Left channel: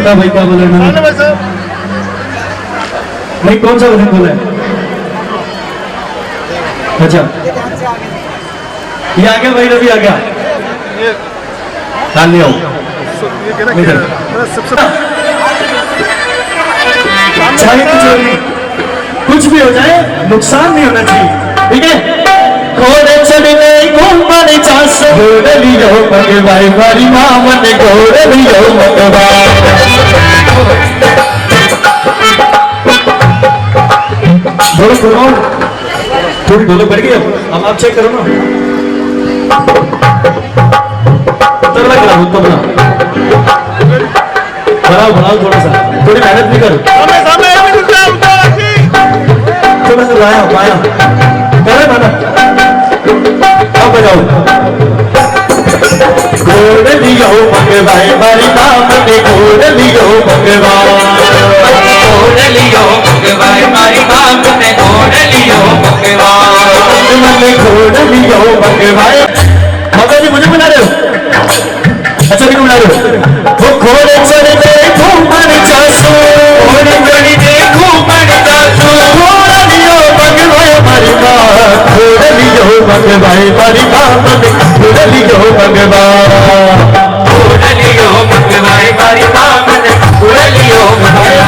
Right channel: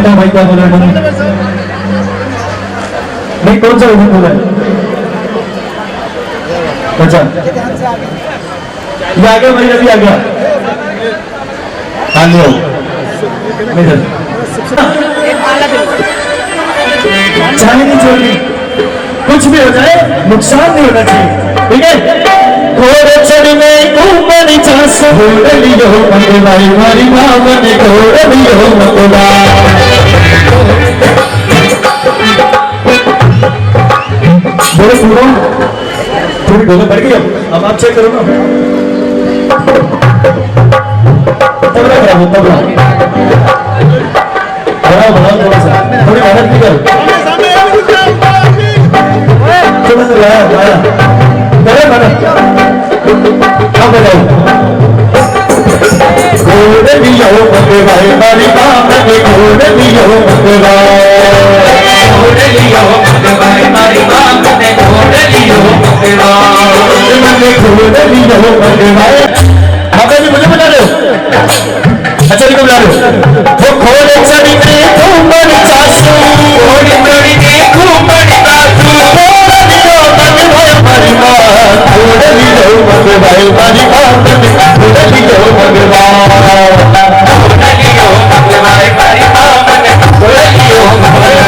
बता भाई क्या बोला भाई, कौन सा वजन बोला है? अच्छा ये आ गया भाई, अभी आ गया। हाँ ले आओ चाहे तो चोरी कुछ भी हो जाए नुकसान नहीं होना चाहिए, ठीक है। घोड़े चढ़ने घूमन चास घोड़ लियो भगवाई मारी मामन घोड़ लियो भगवा। बोलो सुनो, थोड़ी बोलो बढ़ गई, अब आप चेक करो ना। तबला कराओ, तबला बढ़ाओ बढ़ाओ थोड़ा सा, थोड़ी मेहनत भी करो। थोड़ा सा लाया लाया करो माना, अब बजाओ। घोड़ लियो भगवाई मारी मामन घोड़ लियो भगवा। घोड़ लियो भगवाई मारी मामन घोड़ लियो भगवा। घोड़ लियो भगवाई बाबा जी मुझे बुला रहे हो? अच्छा देखो बुला रहे हो। वो घोड़े चढ़ने घूमन चासू, घोड़े चढ़ने घूमन चासू, घोड़ लियो भगवाई मारी मां, घोड़ लियो भगवाई मारी मामन घोड़ लियो भगवा। घोड़ लियो भगवाई मारी मामन घोड़ लियो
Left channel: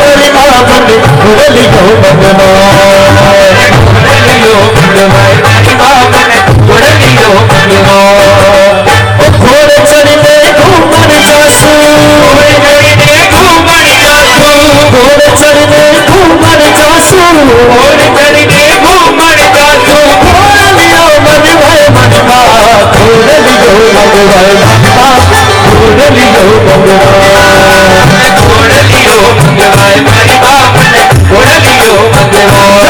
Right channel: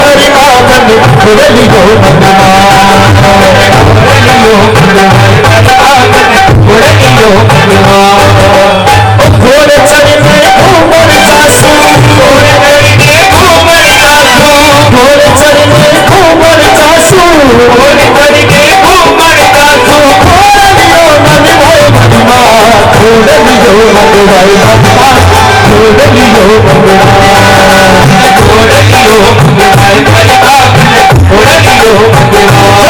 मारी मामन घोड़ लियो भगवा। घोड़ लियो भगवाई मारी मामन घोड़ लियो भगवा। घोड़े चढ़ने घूमन चासू, घोड़े चढ़ने घूमन चासू, घोड़े चढ़ने घूमन चासू, घोड़े चढ़ने घूमन चासू, घोड़ लियो भगवाई मारी मां, घोड़ लियो भगवाई मारी मां, घोड़ लियो भगवा। घोड़ लियो भगवाई मारी मां, घोड़ लियो भगवा।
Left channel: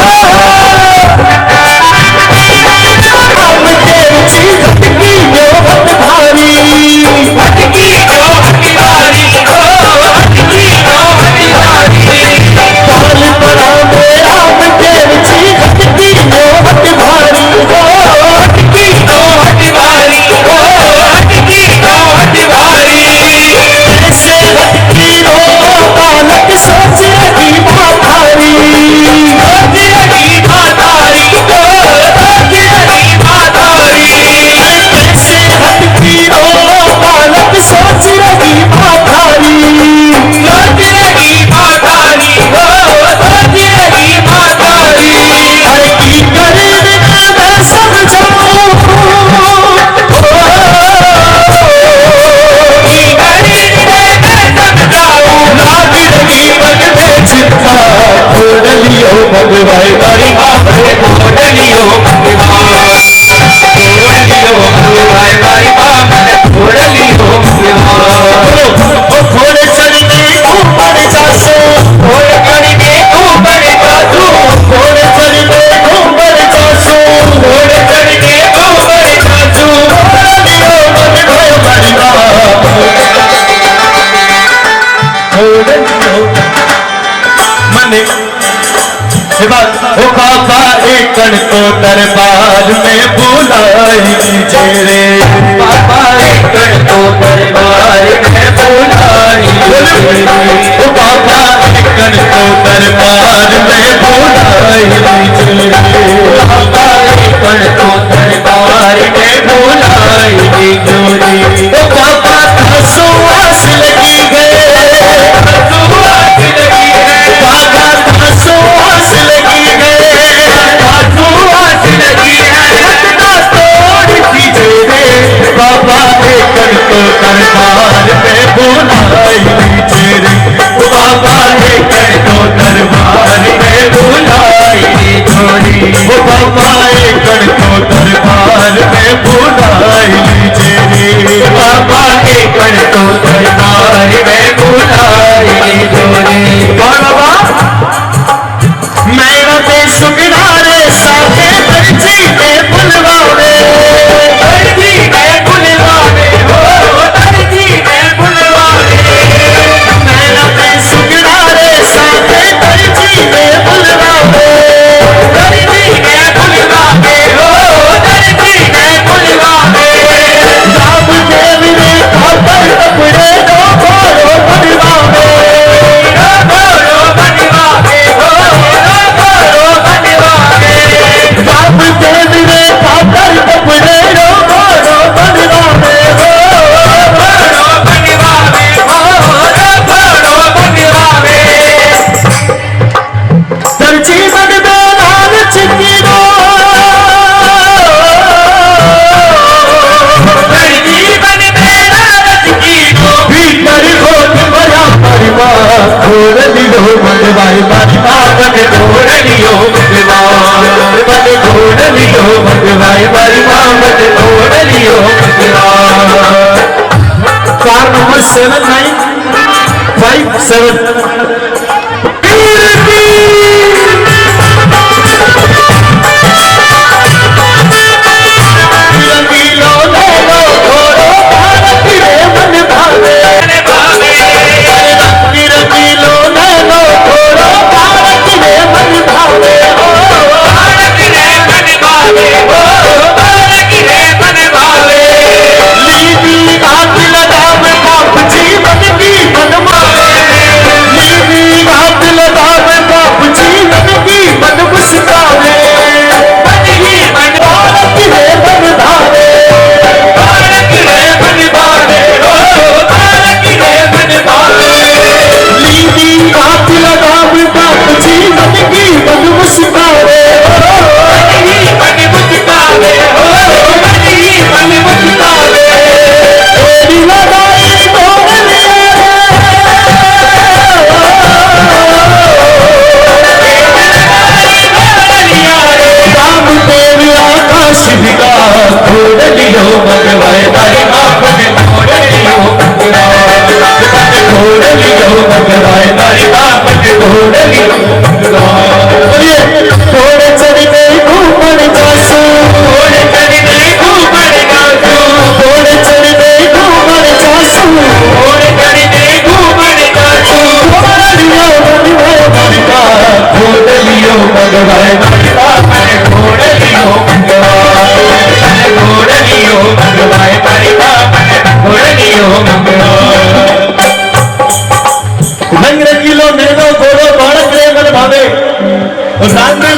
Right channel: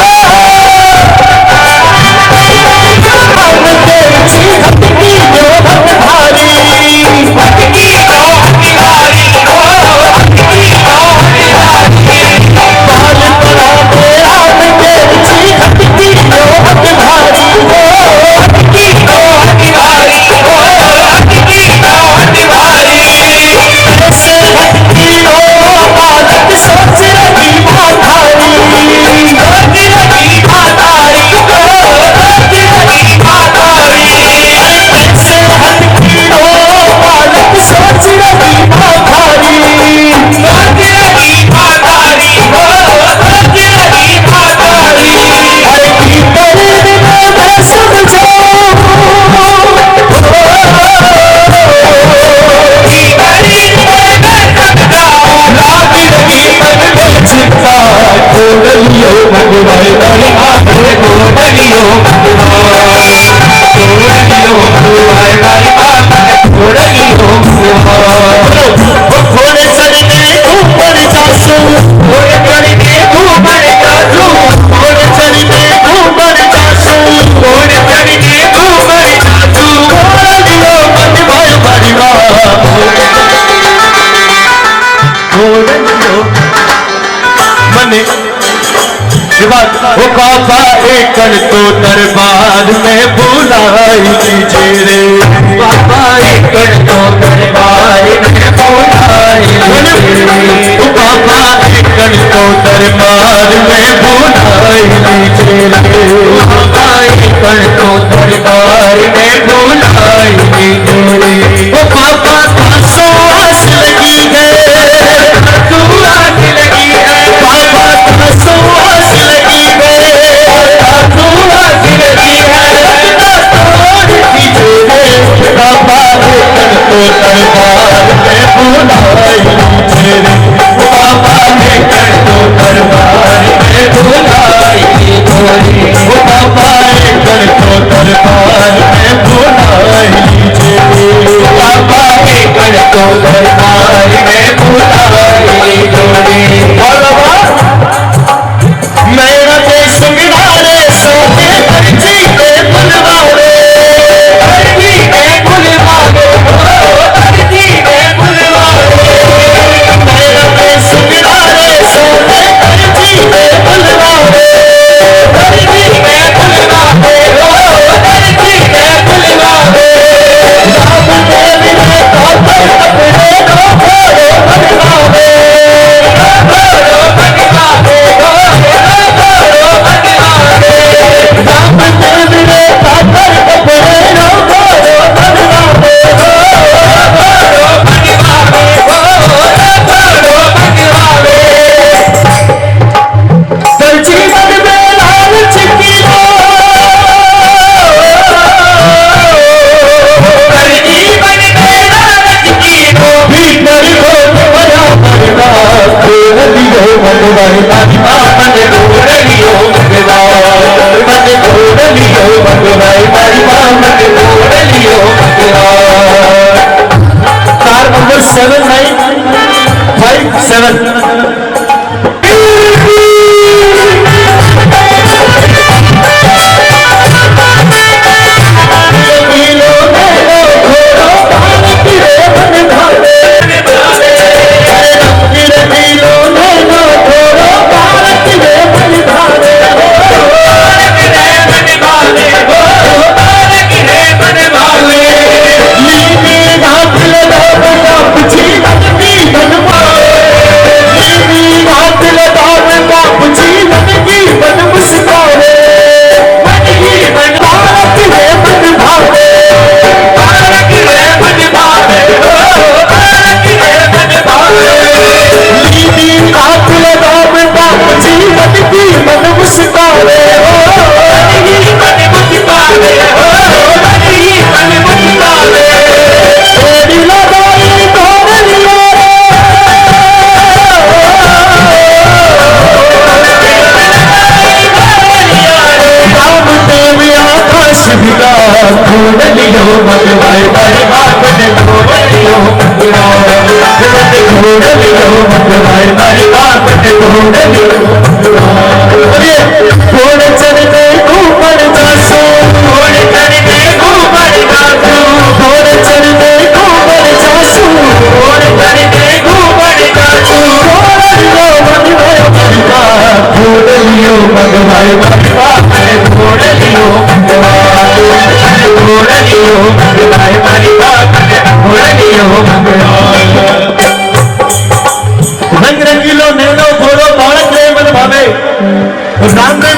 वो काफा एकड़ को दरबार में बुलाई लीजिए रे, काफा एकड़ को दरबार में बुलाई लीजिए रे, वो काफा एकड़ को दरबार में बुलाई लीजिए रे, काफा एकड़ को दरबार में बुलाई लीजिए रे। वो काफा खासो आस लगी है, आस लगी है, काफा खासो आस लगी है, काफो आस लगी है, रत्ना तोड़ दीजिए रे, बाबा एकड़ को दरबार में बुलाई लीजिए रे, बाबा एकड़ को दरबार में बुलाई लीजिए रे, वो बाबा एकड़ को दरबार में बुलाई लीजिए रे, बाबा एकड़ को दरबार में बुलाई लीजिए रे। और बाबा मेरा देश सुंगड़ारे साथे धरती पे बुलवावे, धरती पे बुलवावे, हो धरती पे बुलवावे, मेरा देश सुंगड़ारे साथे धरती पे बुलवावे, धरती पे बुलवावे, हो धरती पे बुलवावे। भगवान मारी माँ मन घोड़ लियो भगवान, मन घोड़ लियो भगवान मारी माँ मन घोड़ लियो भगवान। कार नंबर 7957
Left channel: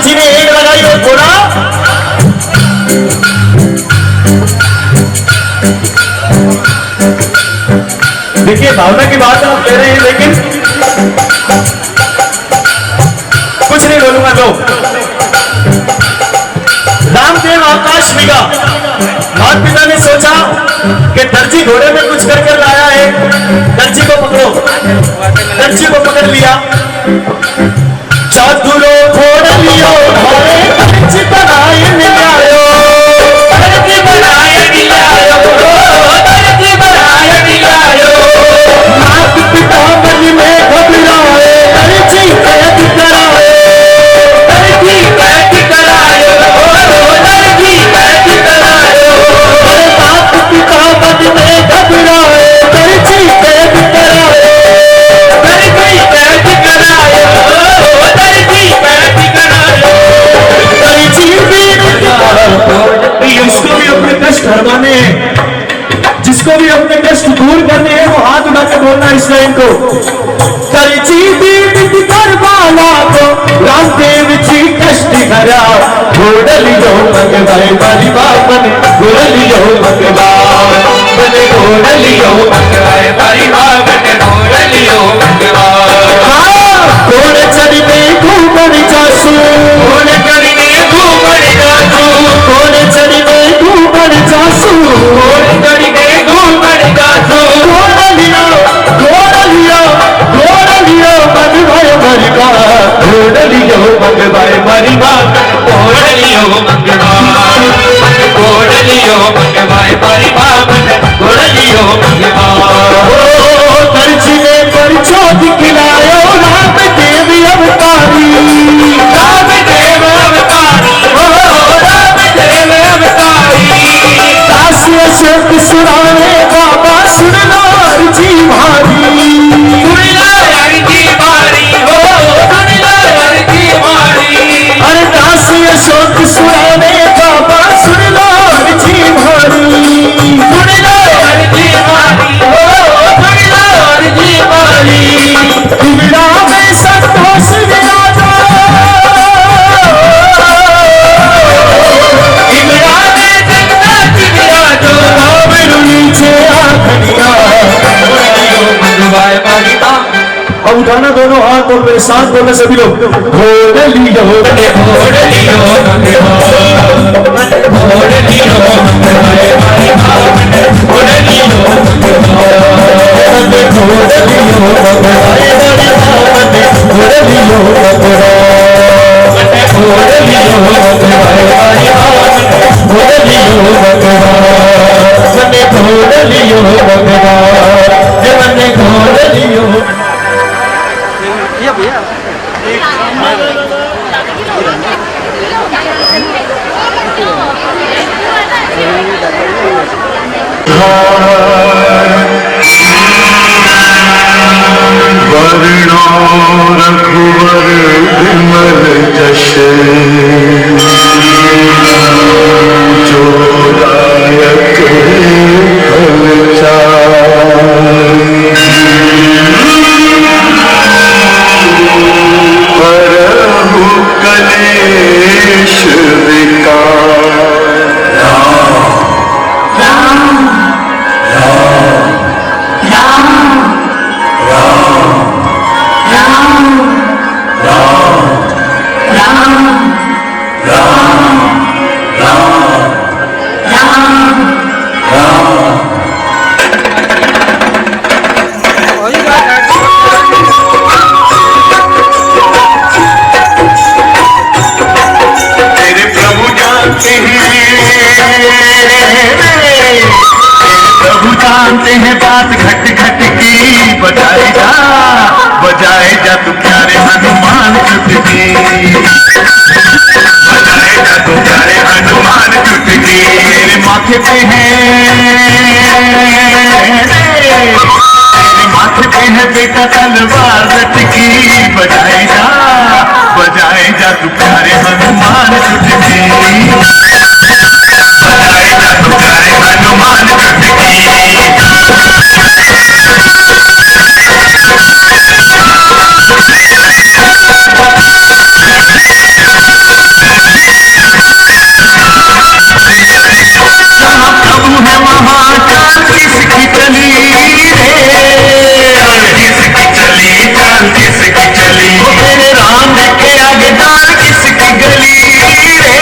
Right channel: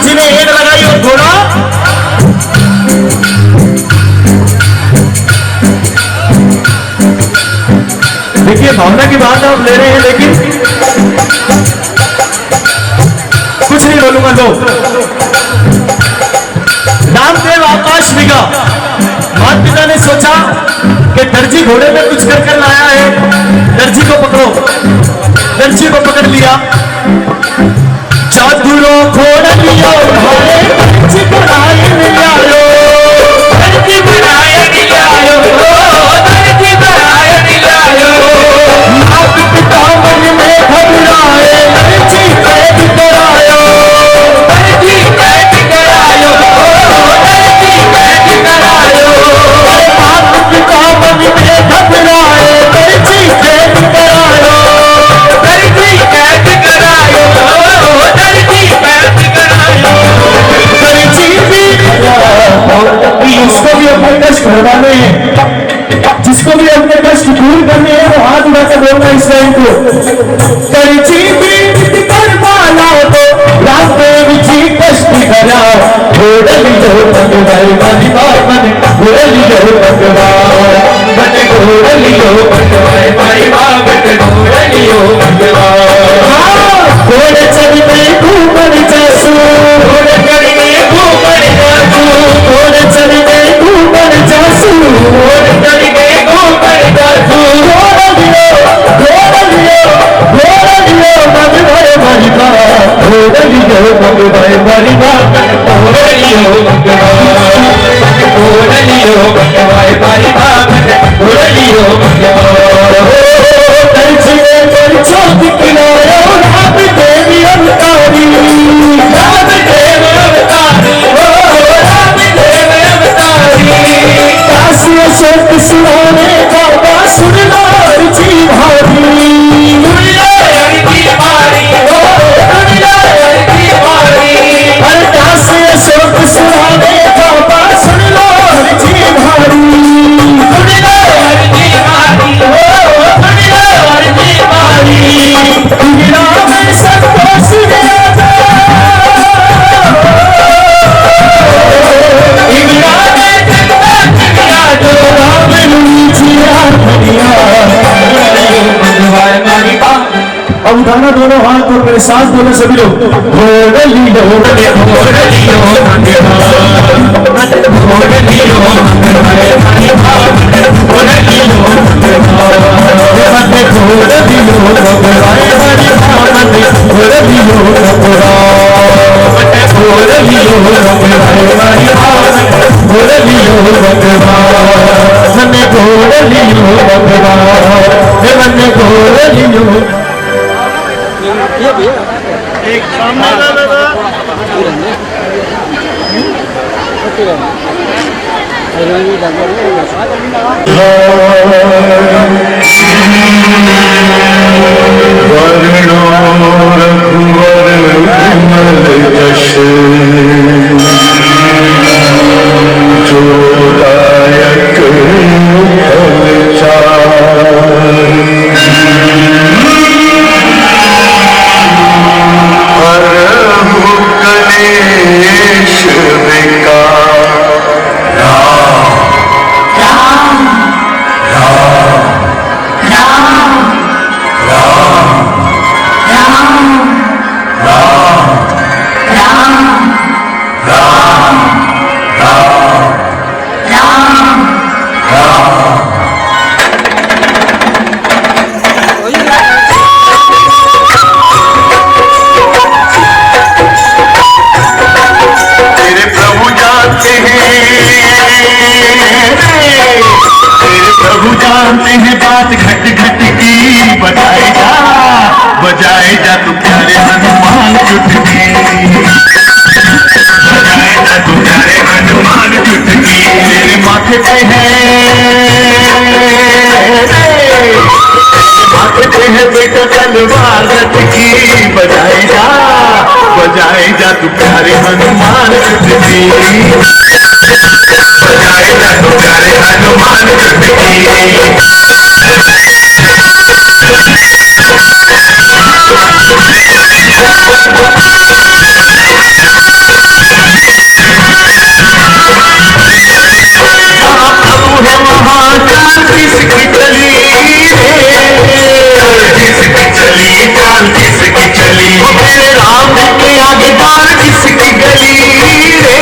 जी ने एड लगाई और घोड़ा देखिए भावना की बात आप ले रहे हैं, लेकिन कुछ नहीं बोलूंगा। लो रामदेव आकाश बिगा, माता पिता ने सोचा कि दर्जी घोड़े पे कुछ कर कर लाया है, दर्जी को पकड़ो। दर्जी को पकड़ लिया, चादुरो फोड़ लियो घोड़े दर्जी बनाए मिलायो, दर्जी बनाए मिलायो, दर्जी बनाए मिलायो। माता पिता मन में घबराए, दर्जी कैद करायो, दर्जी कैद करायो, दर्जी कैद करायो। माता पिता मन में घबराए, दर्जी कैद करायो, दर्जी कैद करायो, उसको भी अपने कष्ट भरवाने हैं, जिसको भी अपने कष्ट दूर करने हैं वो हाथ उठा के बोलना इस लाइन को। करची पीड़ित करवाला को रामदेव जी कष्ट करा, घोड़ लियो भगवान मारी बापन, घोड़ लियो भगवान मन, घोड़ लियो भगवान मारी बापन, घोड़ लियो भगवान। घोड़ चढ़ने घूमर जासू, घोड़ चढ़ने घूमर जासू, घोड़ चढ़ने घूमर जासू, घोड़ चढ़ने घूमर जासू। घोड़ लियो, घोड़ लियो, घोड़ लियो भगवान मारी बाप, घोड़ लियो भगवान मारी बाप, घोड़ लियो भगवान, घोड़ लियो भगवान मारी बाप, घोड़ लियो भगवान। दर्जी ने दर्जो दिखलायो राम देवी अवतारी, राम देव अवतारी, हो राम देव अवतारी। काशी अशोक सुराने बाबा सुन लो अर्जी भारी, सुन लो अर्जी भारी, हो सुन लो अर्जी भारी। हर काशी अशोक सुराने बाबा सुन लो अर्जी भारी, सुन लो अर्जी भारी, हो सुन लो अर्जी भारी। तुम्हारा में संतोष विराजो, इमरा में जन्नत विराजो, राम नीचे आखड़िया, भगवान मारी बाप। अब उठाना दोनों हाथ और मेरे साथ बोले सभी लोग। घोड़ लियो, घोड़ लियो भगवान, घोड़ लियो भगवान मारी बाप, घोड़ लियो भगवान, घोड़ लियो भगवान मारी बाप, घोड़ लियो मैंने घोड़ लियो। वर्णो रघुवर विमल जश जो दायक हरहु कलेश विकार। बजाए जा तू प्यारे हनुमान चुटकी, बजाए जा तू प्यारे हनुमान चुटकी। मेरे माथे पे है, मेरे माथे पे है बेटा तलवार लटकी। बजाए जा तू प्यारे हनुमान चुटकी, बजाए जा तू प्यारे हनुमान चुटकी। किसकी चली मेरे राम के आगे डाल किसकी गली रे,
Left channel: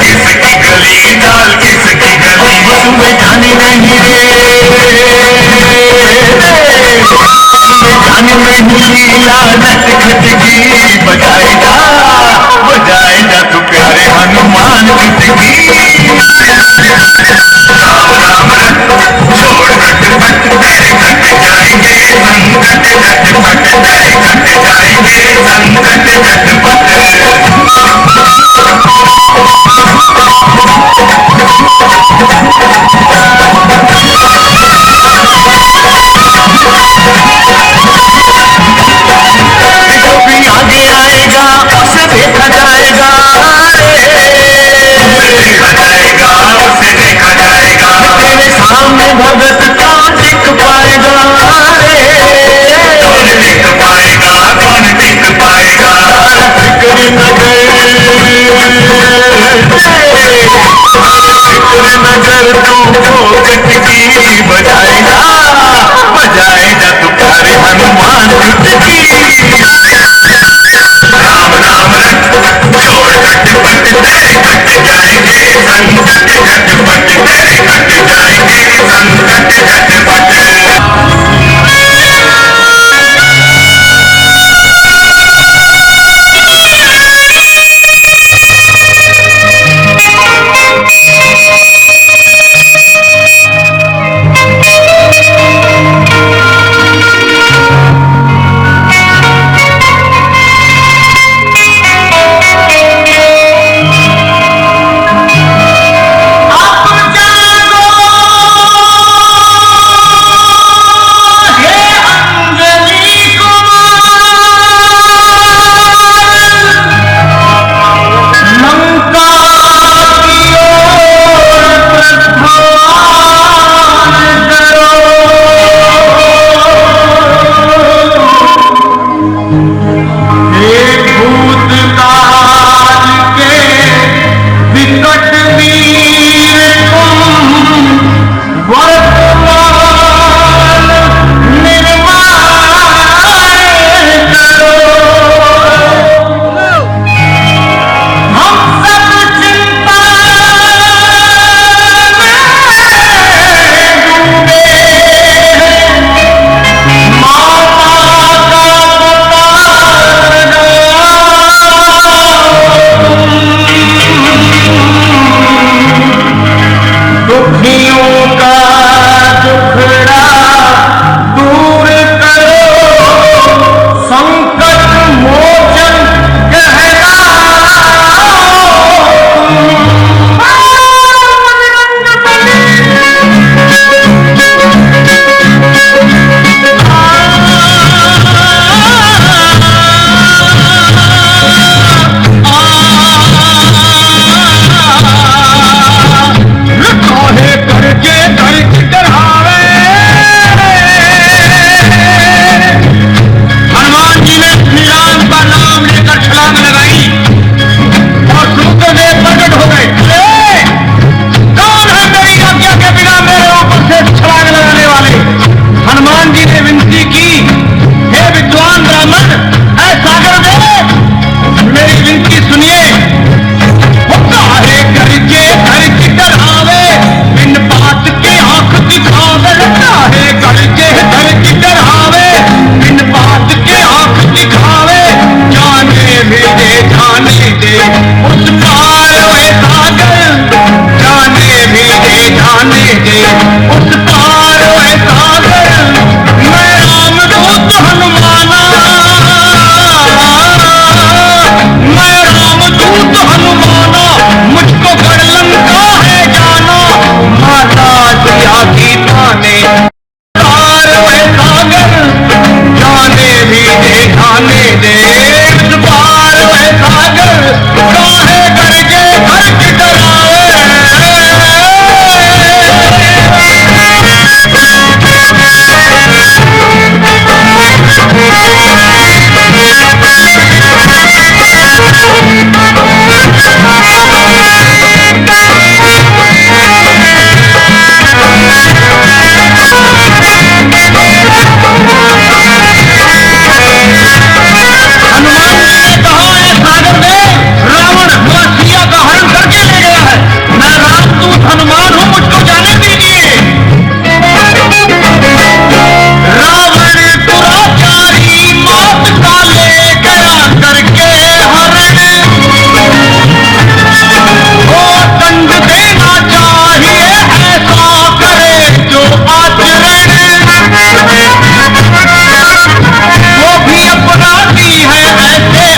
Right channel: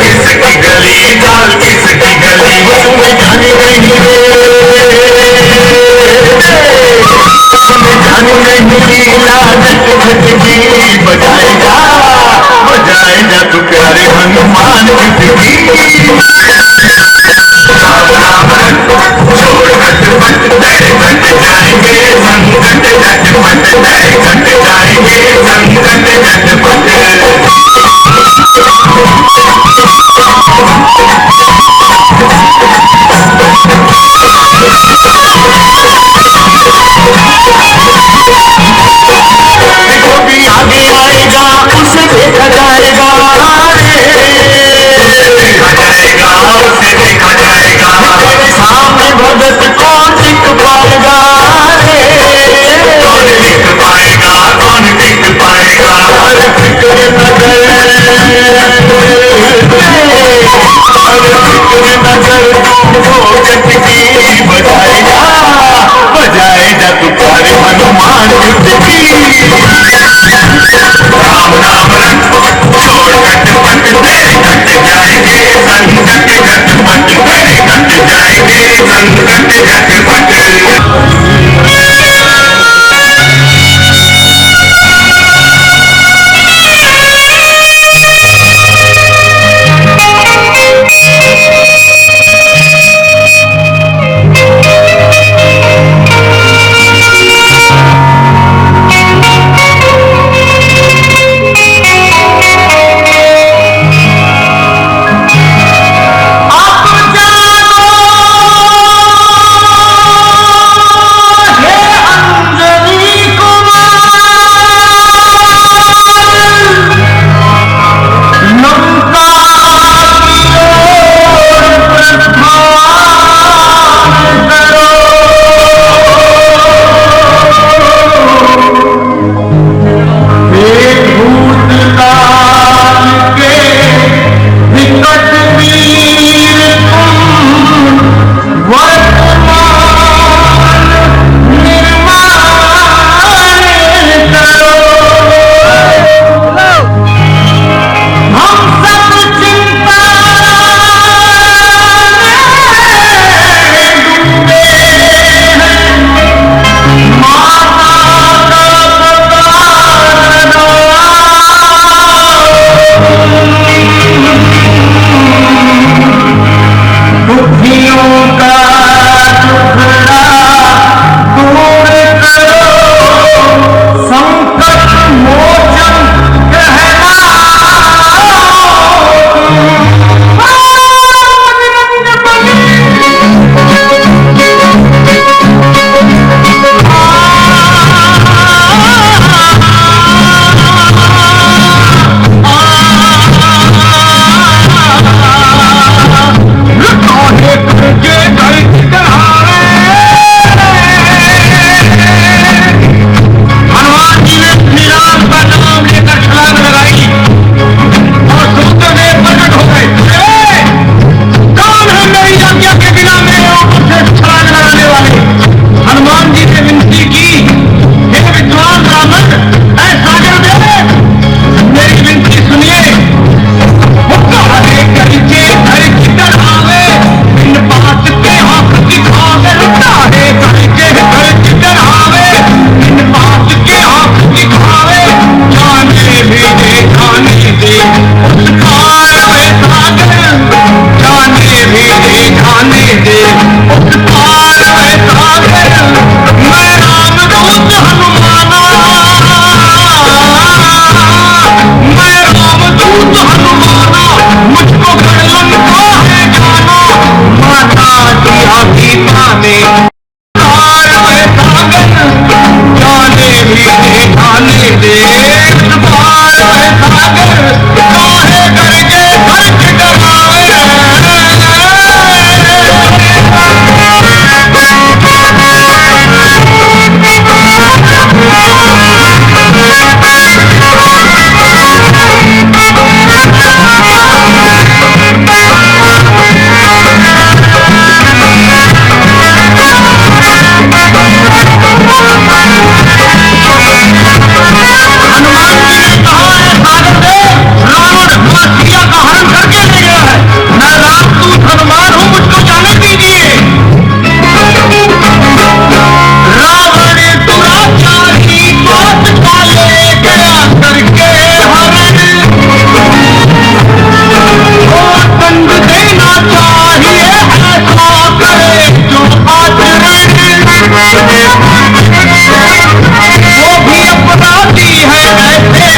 किसकी गली डाल किसकी गली। तुम्हें जानी नहीं रे, तुम्हें जानी नहीं लीला नट खटकी। बजाए जा तू प्यारे हनुमान चुटकी। राम राम छोड़ खटपट तेरे कट जाएंगे संकट झटपट, तेरे कट जाएंगे संकट झटपट। जो भी आगे आएगा उसे देखा जाएगा, देखा जाएगा उसे देखा जाएगा। तेरे सामने भगत कौन टिक पाएगा रे, कौन टिक पाएगा, कौन टिक पाएगा। अरे फिक्र न कर, अरे फिक्र न कर तू भोगत की। बजाए जा तू प्यारे हनुमान चुटकी। राम राम छोड़ खटपट तेरे कट जाएंगे संकट झटपट, तेरे कट जाएंगे संकट झटपट।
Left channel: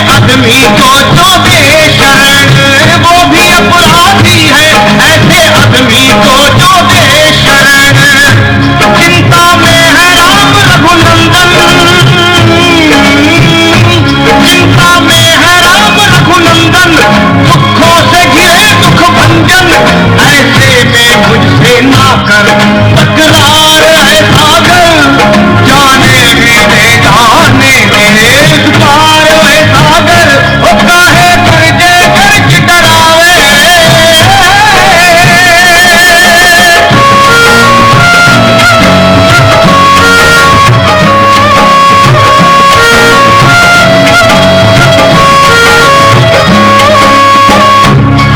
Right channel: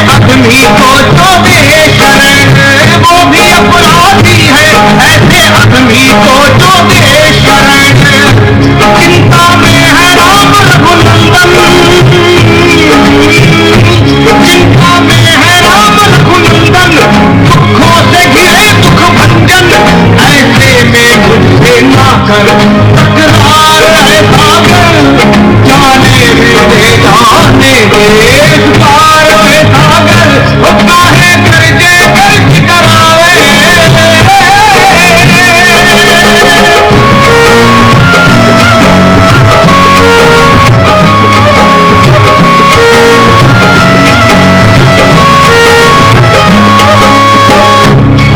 आदमी को जो दे शरण वो भी अपराधी है, ऐसे आदमी को जो दे शरण। चिंता में है राम रघुनंदन, चिंता में है राम रघुनंदन, दुखों से घिरे दुख भंजन, ऐसे में मुझसे ना कर तकरार है सागर, जाने भी दे जाने दे पार है सागर, वो काहे करके कर्ज करावे।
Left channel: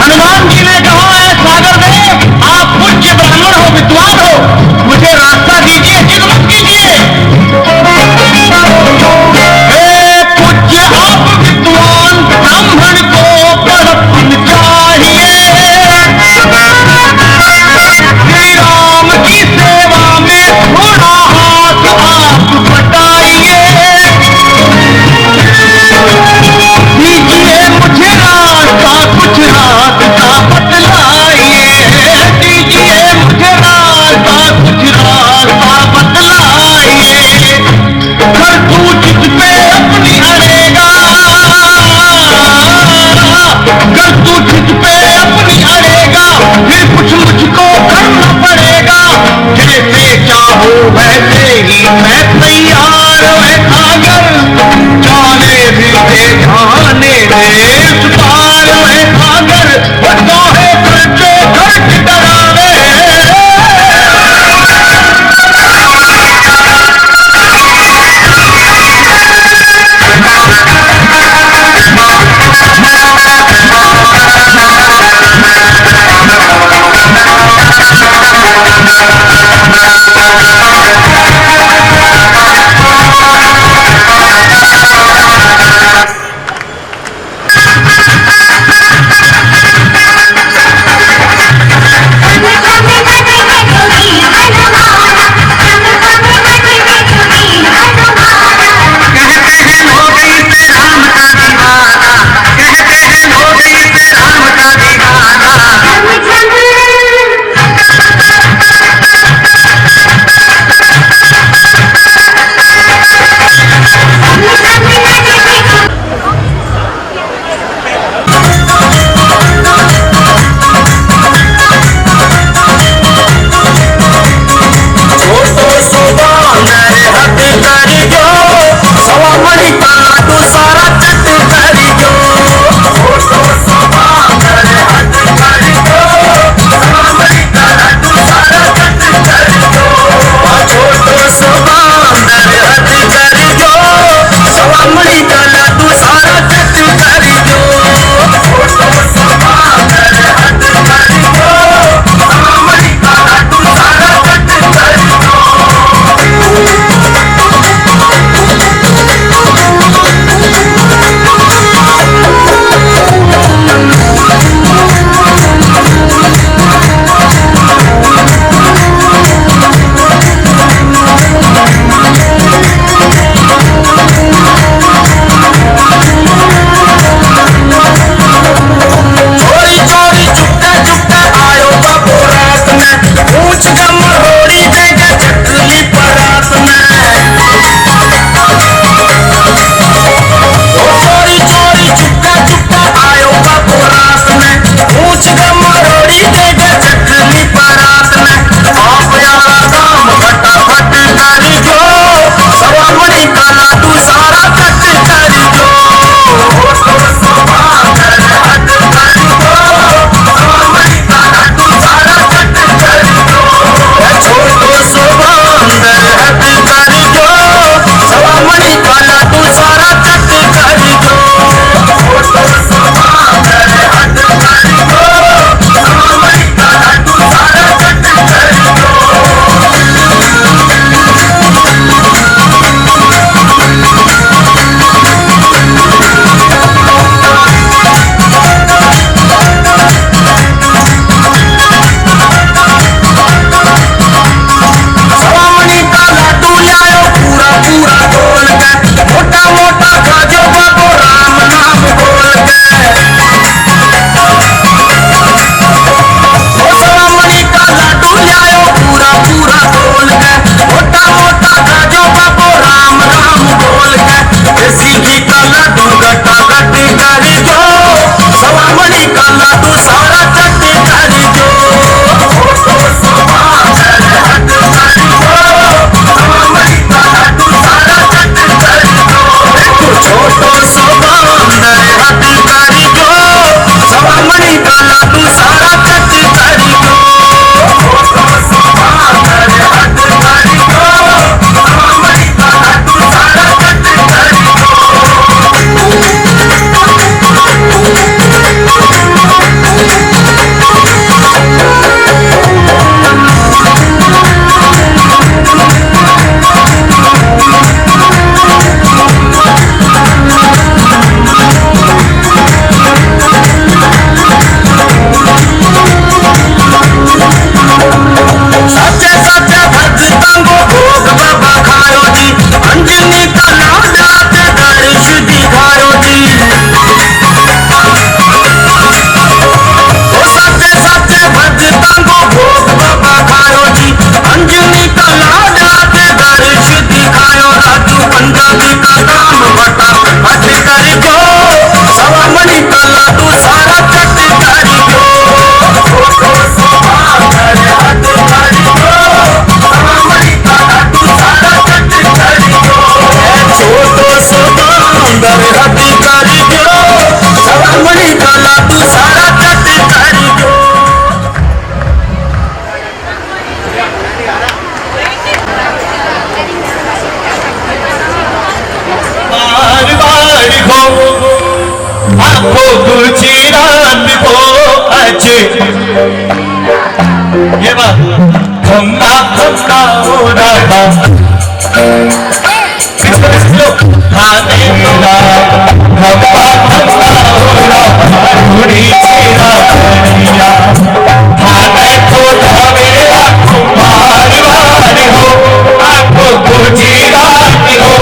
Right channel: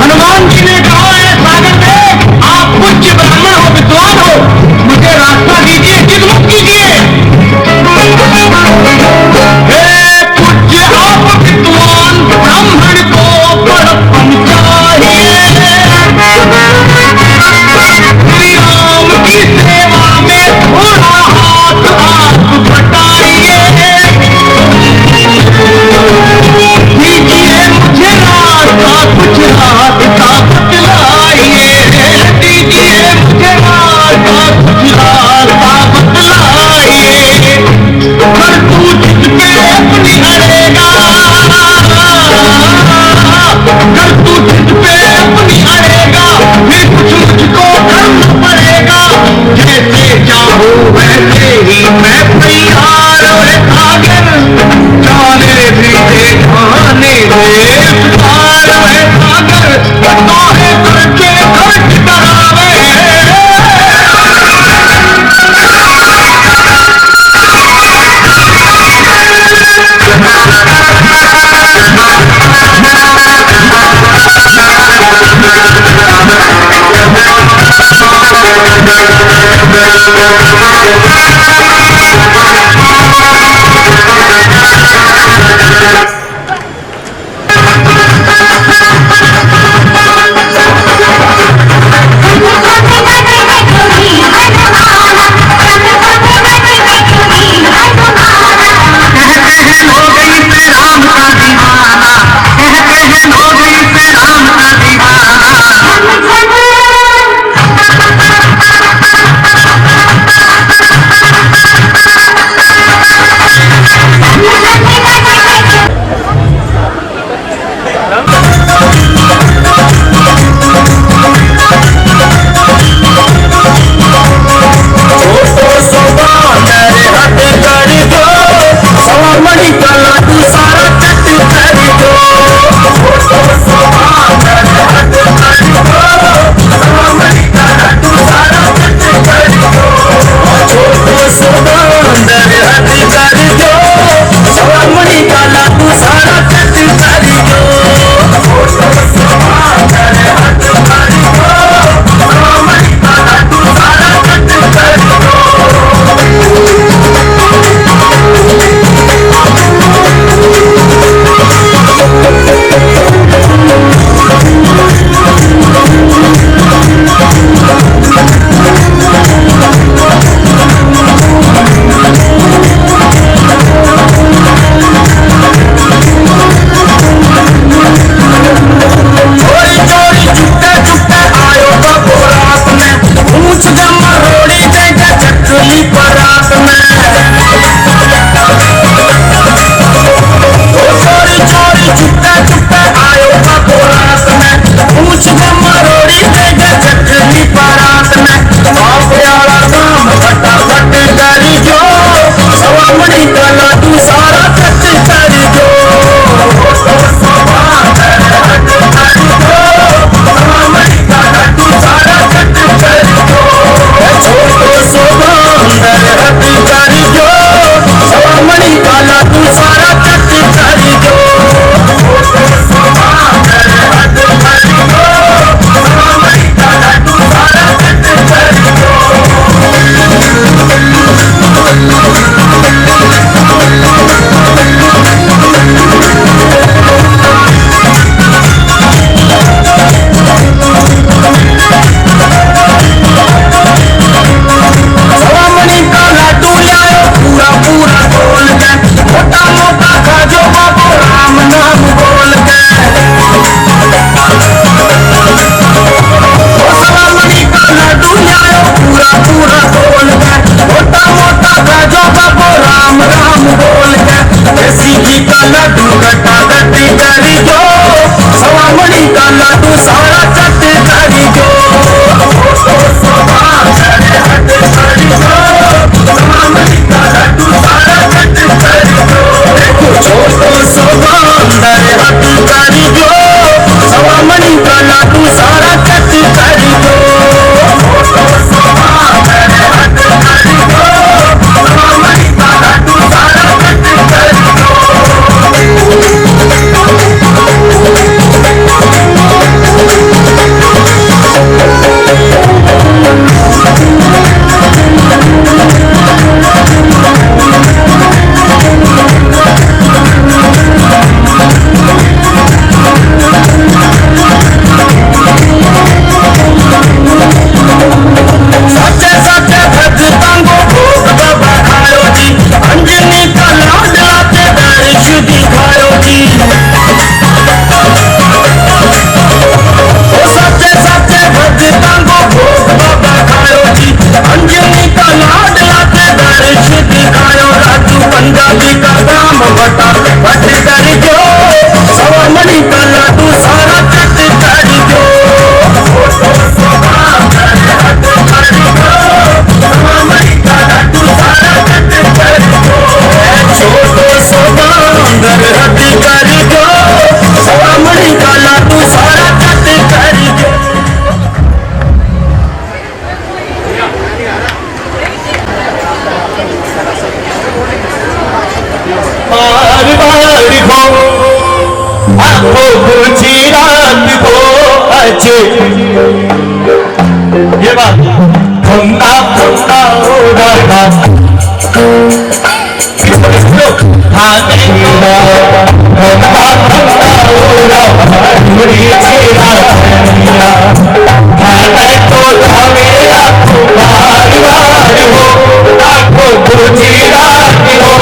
हनुमान जी ने कहा है सागर में, आप पूज्य ब्राह्मण हो, विद्वान हो, मुझे रास्ता दीजिए, जिद मत कीजिए। पूज्य आप विद्वान ब्राह्मण को बड़पन चाहिए, श्री राम की सेवा में थोड़ा हाथ आप बटाइए, दीजिए मुझे रास्ता कुछ रात का बतलाइए, दीजिए मुझे रास्ता कुछ रास्ता बतलाइए। कर तू जिस पे अपनी अड़ेगा, कर तू जिस पे अपनी अड़ेगा, फिर कुछ मुझको करना पड़ेगा, जैसे चाहो वैसे ही मैं तैयार है सागर, जाने भी दे जाने दे पार है सागर, तो है खर्चे खर्च करावे। आंखों बुझी रात को अच्छे ये बात खंगा खंगा हो रहा हाँ मेरा खंगा खंगा हो रहा ढूंढी चेरा करिया खाने तो मेरा कुमार वार हो आंखों बुझी रात हो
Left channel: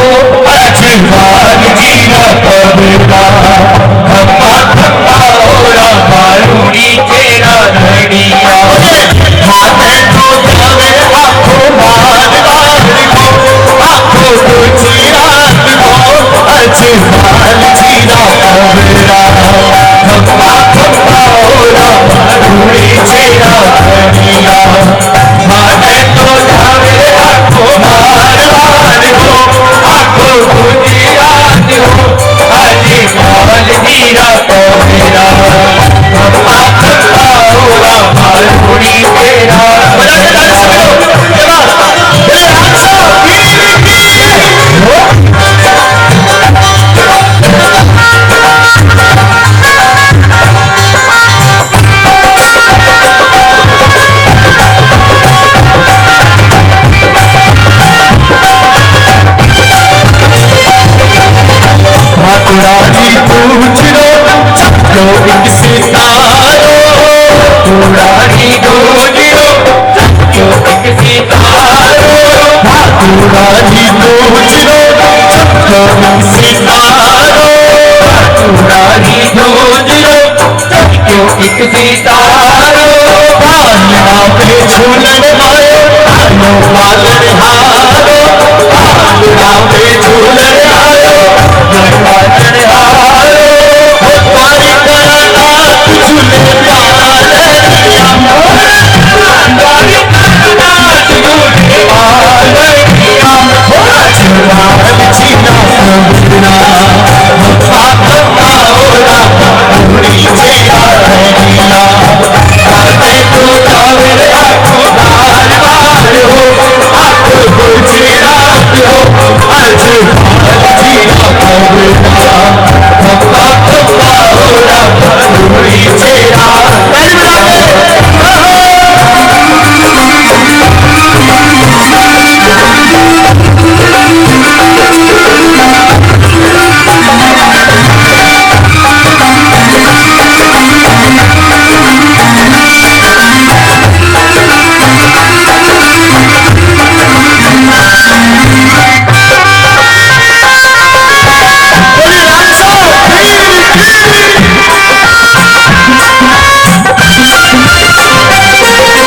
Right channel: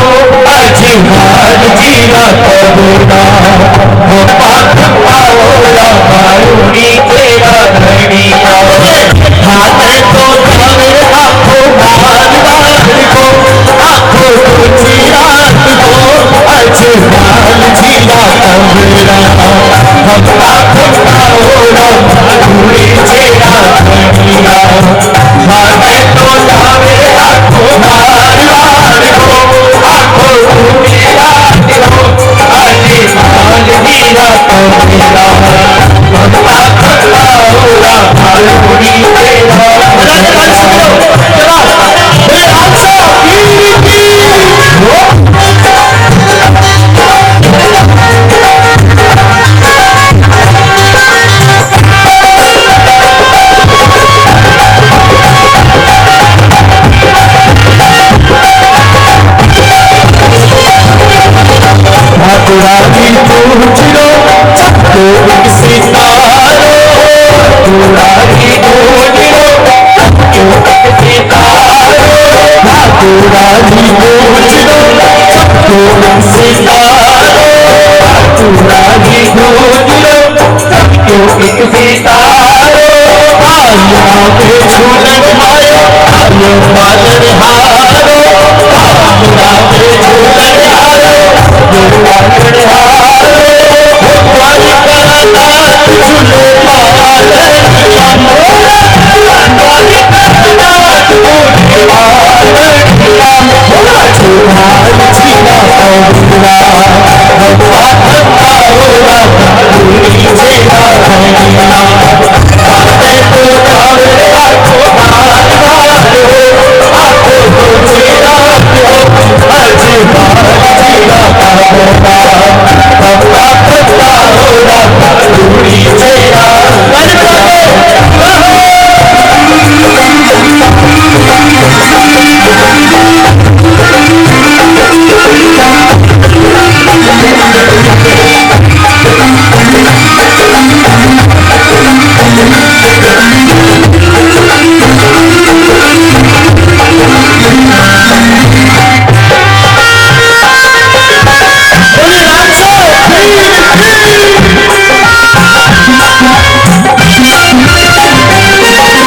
अच्छे मार जीरा कबरा खंगा खंगा हो रहा ढूंढी चेरा करिया खाने तो मेरा कुमार वार हो आंखों बुझी रात हो अच्छे मार जीरा कबरा खंगा खंगा हो रहा ढूंढी चेरा करिया खाने तो मेरा कुमार वार हो आंखों बुझी रात हो अच्छे मार जीरा कबरा खंगा खंगा हो रहा ढूंढी चेरा ठाकुरानी पूछ लो चक्को एक सितारो ठाकुरानी पूछ लो चक्को एक सितारो ठाकुरानी पूछ लो चक्को एक सितारो ठाकुरानी पूछ लो चक्को एक सितारो आया पे झूलन आयो आयो पालन हारो आया पे झूलन आयो पालन हारो द्वारी करनाथ झूले पालनिया द्वारी करनाथ झूले पालनिया झूलान जीना कबरा खंगा खंगा हो रहा ढूंढी चेरा करिया खाने तो मेरा कुमार वार हो आंखों बुझी रात हो अच्छे मार जीरा कबरा खंगा खंगा हो रहा ढूंढी चेरा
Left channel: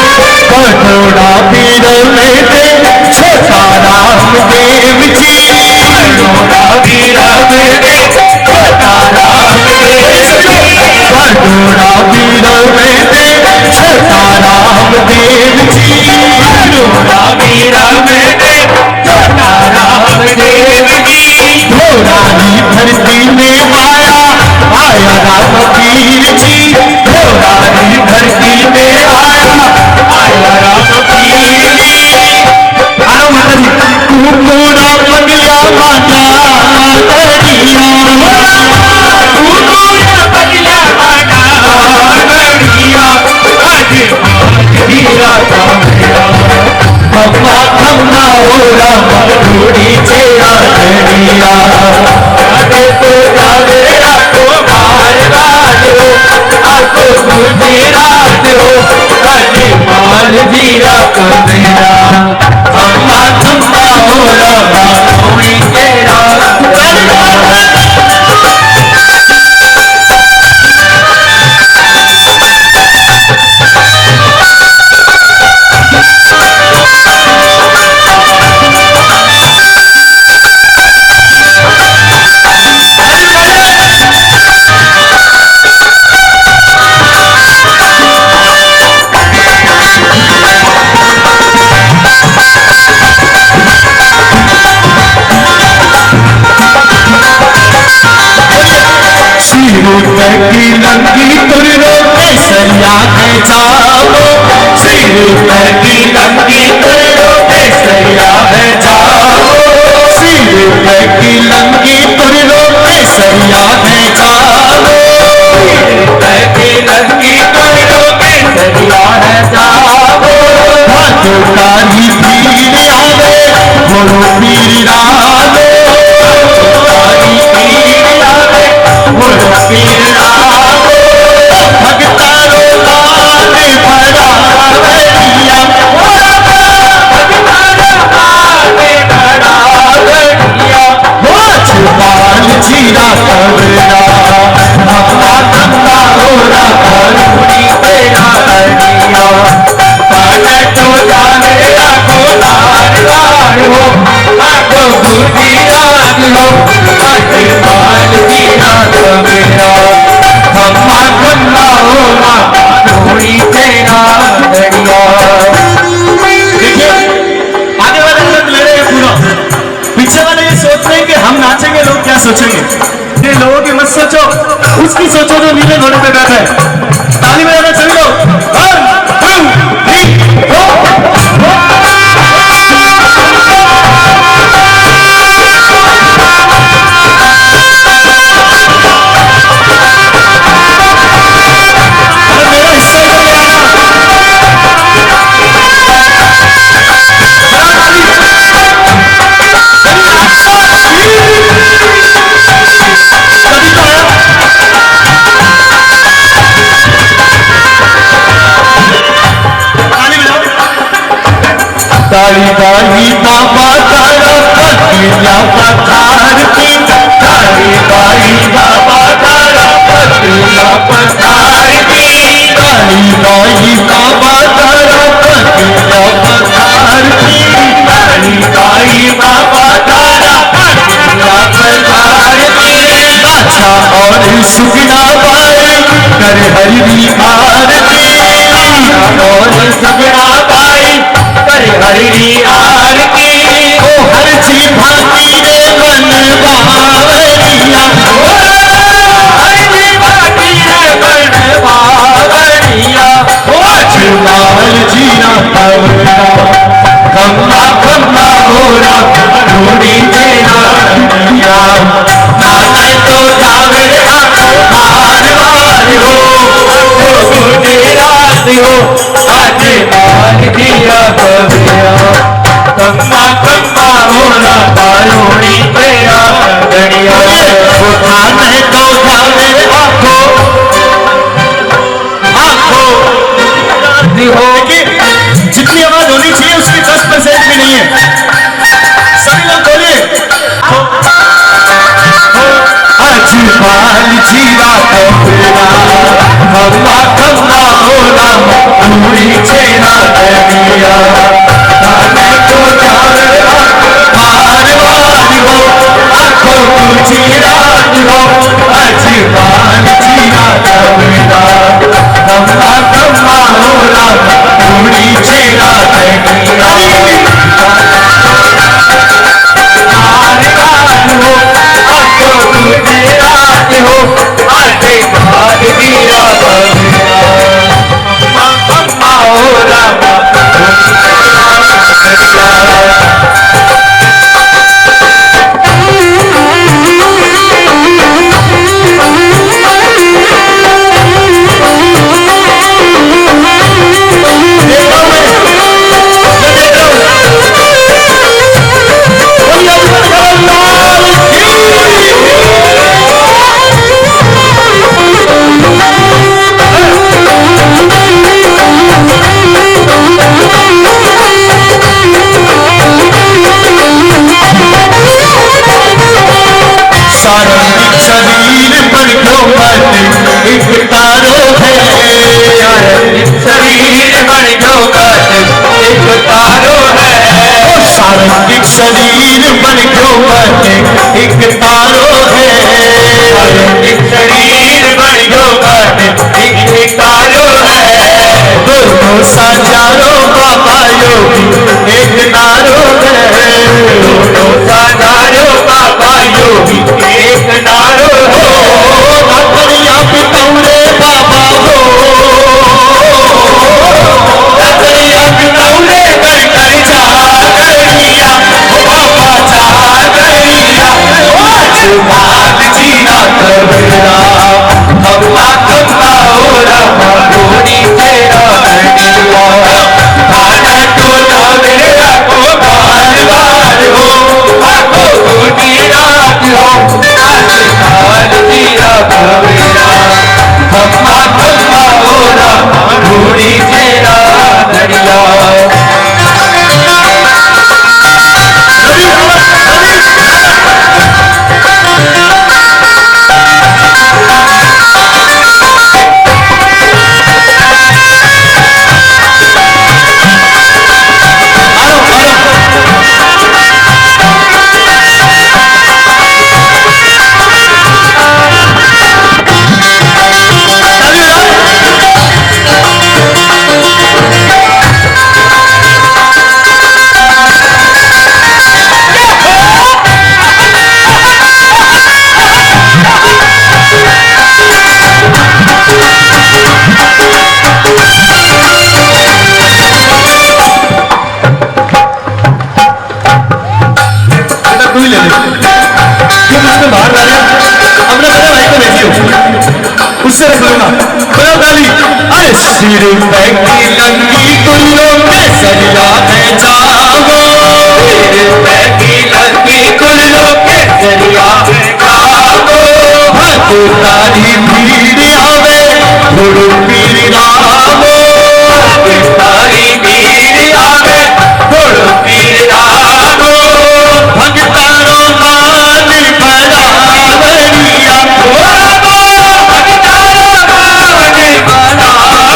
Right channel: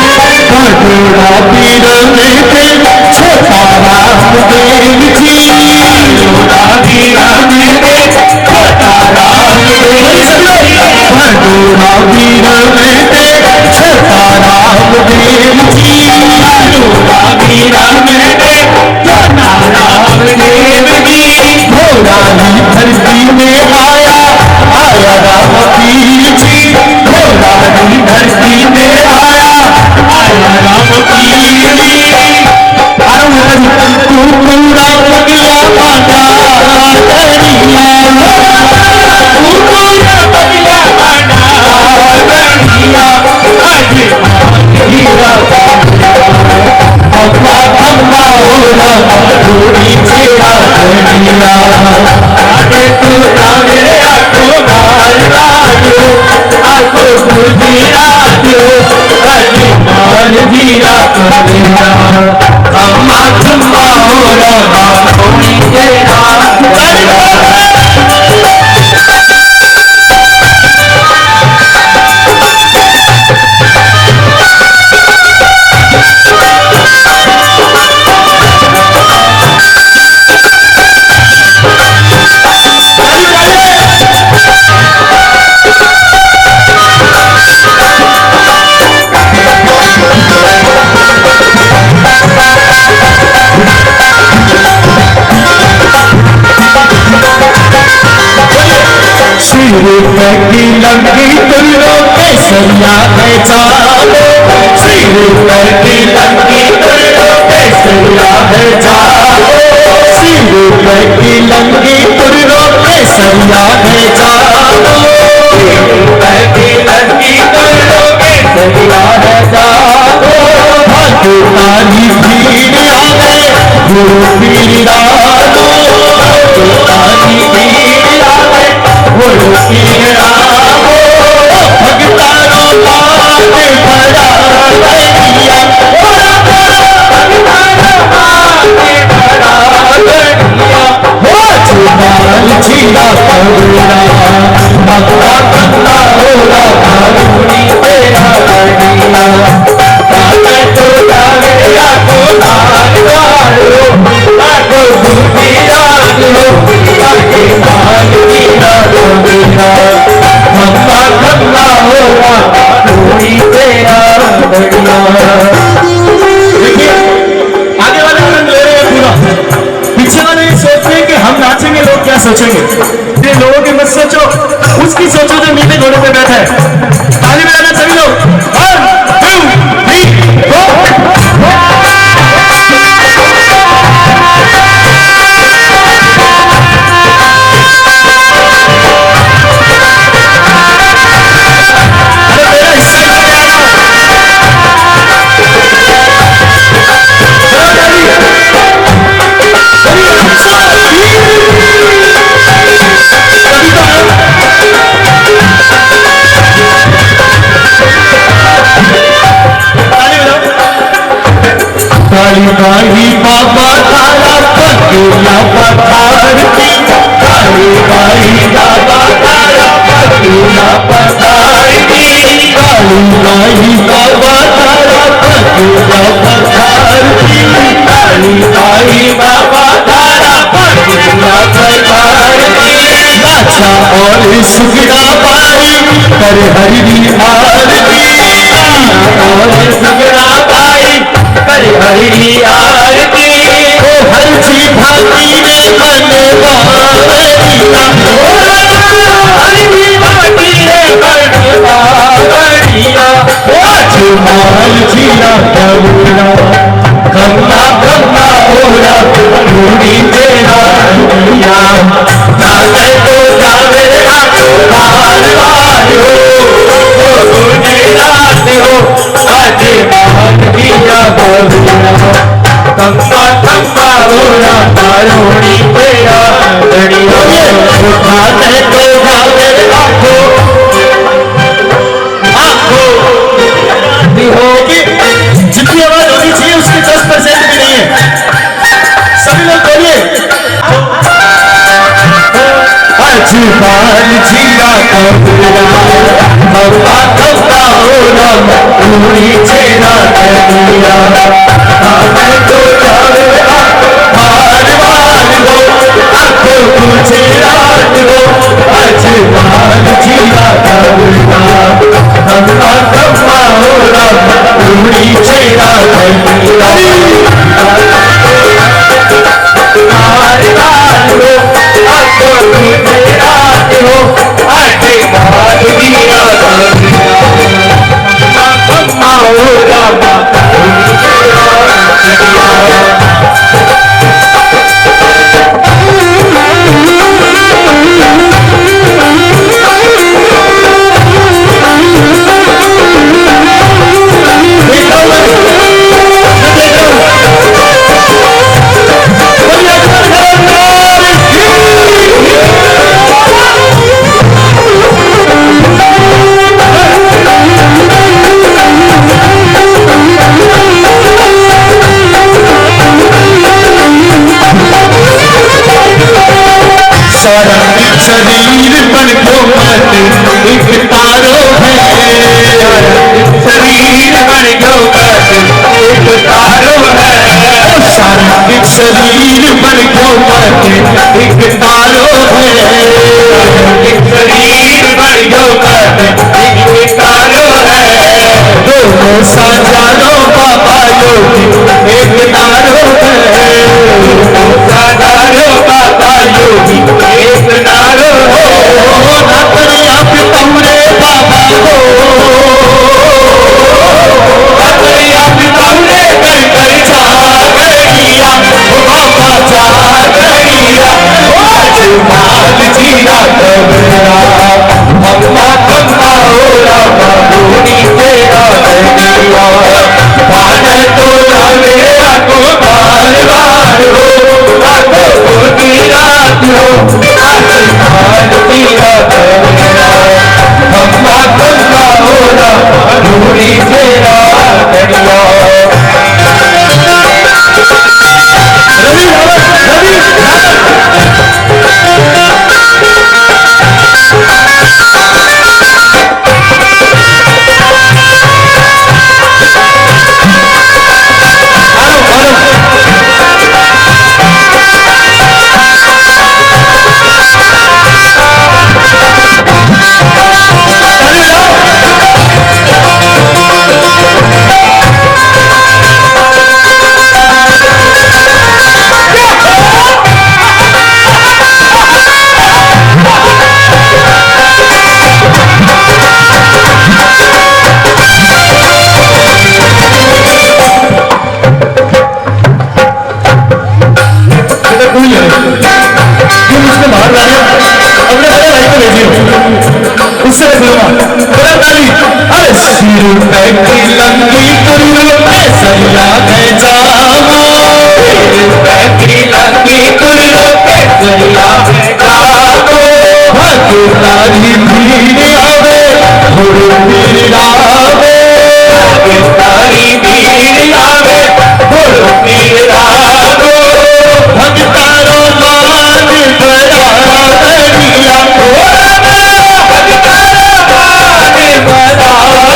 कटोरा पीर में थे छोटा राम देव जी कटोरा पीर में थे छोटा राम देव जी कटोरा पीर में थे छोटा राम देव जी कटोरा पीर में थे छोटा राम देव जी घोड़ानी धरती में आया आया राम पीर जी घोड़ानी धरती में आया आया राम पीर जी कुकुड़ा पगला माना दरिया कुकुड़ा पगला माना दरिया आज हीरा खंगा खंगा हो रहा ढूंढी चेरा करिया खाने तो मेरा कुमार वार हो आंखों बुझी रात हो अच्छे मार जीरा कबरा खंगा खंगा हो रहा ढूंढी चेरा करिया की लंगी तुरो केसरिया है जाओ सिर पर की लंगी तुरो केसरिया है जाओ सिर पर की लंगी तुरो केसरिया है जाओ लड़की लड़की कमरों में सरिया है जाओ तारी पीर आवे वो पीर डालो तारी पीर आवे वो पीर डालो भगतारो लाल भरा गरिया छुपाल छीरा कबरा अपना कंधा होला करूनी तेरा गरिया काटे तो जावे आखो लाल लाल हो आखो भूती रात हो काटे माल छीरा कबरा खम्मा खम्मा होला करूनी तेरा गरिया। देखिए आगे वाले तुरंत ले रहे हैं पूरा, पीछे वाले ये सोच रहे हैं कि हम नाचेंगे लोग क्या सोचेंगे। ये लोगों की मत सोचो, उसकी सोचो जो नीले घोड़े पे बैठे हैं। ताली बजाना सभी लोग। 1 2 3 4। काली बाही बाबा तारा पतिया पठार की काली बाही बाबा तारा पतिया पठार की काली बाही बाबा तारा पतिया पठार की काली बाही बाबा तारा पतिया पठार की अच्छा और सुगना बाई करे हरी आरती और सुगना बाई करे हरी आरती ओ हर जी भाती रे बनवावरिया हर जी भाती रे बनवावरिया ओ अजमाल जीना कवरा कमला कमला होरा रूड़ी तेरा दुनिया नाचे तो जावे आको बार बार हो गुनी रात हो अजमाल दिया बबिया कम्मा कम्मा होरा तारोड़ी तेरा गड़िया उठाने तो जावे आखो आखो हो कि जितनी आवाज होनी चाहिए उसकी 10% भी नहीं है। सभी लोग बोलिए अजमाल जीरा कबरा खम्मा खम्मा होला पूरी चेरा गरिया ताने को जावे हार वार हो आखो तुझे रात हो अजमाल जीरा कबरा खम्मा खम्मा होला पूरी चेरा गरिया हार वार हो आखो तुझे रात हो आटे भाग दिया खम्मा खम्मा होला शरीर पर क्यों मत एक तारो है शरीर पर क्यों मत एक तारो है सारंगिक शरीर पर क्यों मत एक तारो है शरीर पर क्यों मत एक तारो है दोनों साजारो बाबा योगी एक तारो है दोनों साजारो बाबा योगी एक नारो हो नाकरिया पितौरे बाबा हो नाकरिया पितौरे कर कर जा गरिया ओ बाबा जा गरिया ओ अजमाल जीरा कबरा खम्मा खम्मा हो उससे रख लूंगा। बड़ा ताली। अरे सिर पे की लंगी कुल्लो में सरिया है जाओ, सिर पे की लंगी कुल्लो में सरिया है जाओ, भगतारी भीड़ आवे गुरु पीर रावे, भगतारी भीड़ आवे गुरु पीर रावे, भगतारो मान बड़ा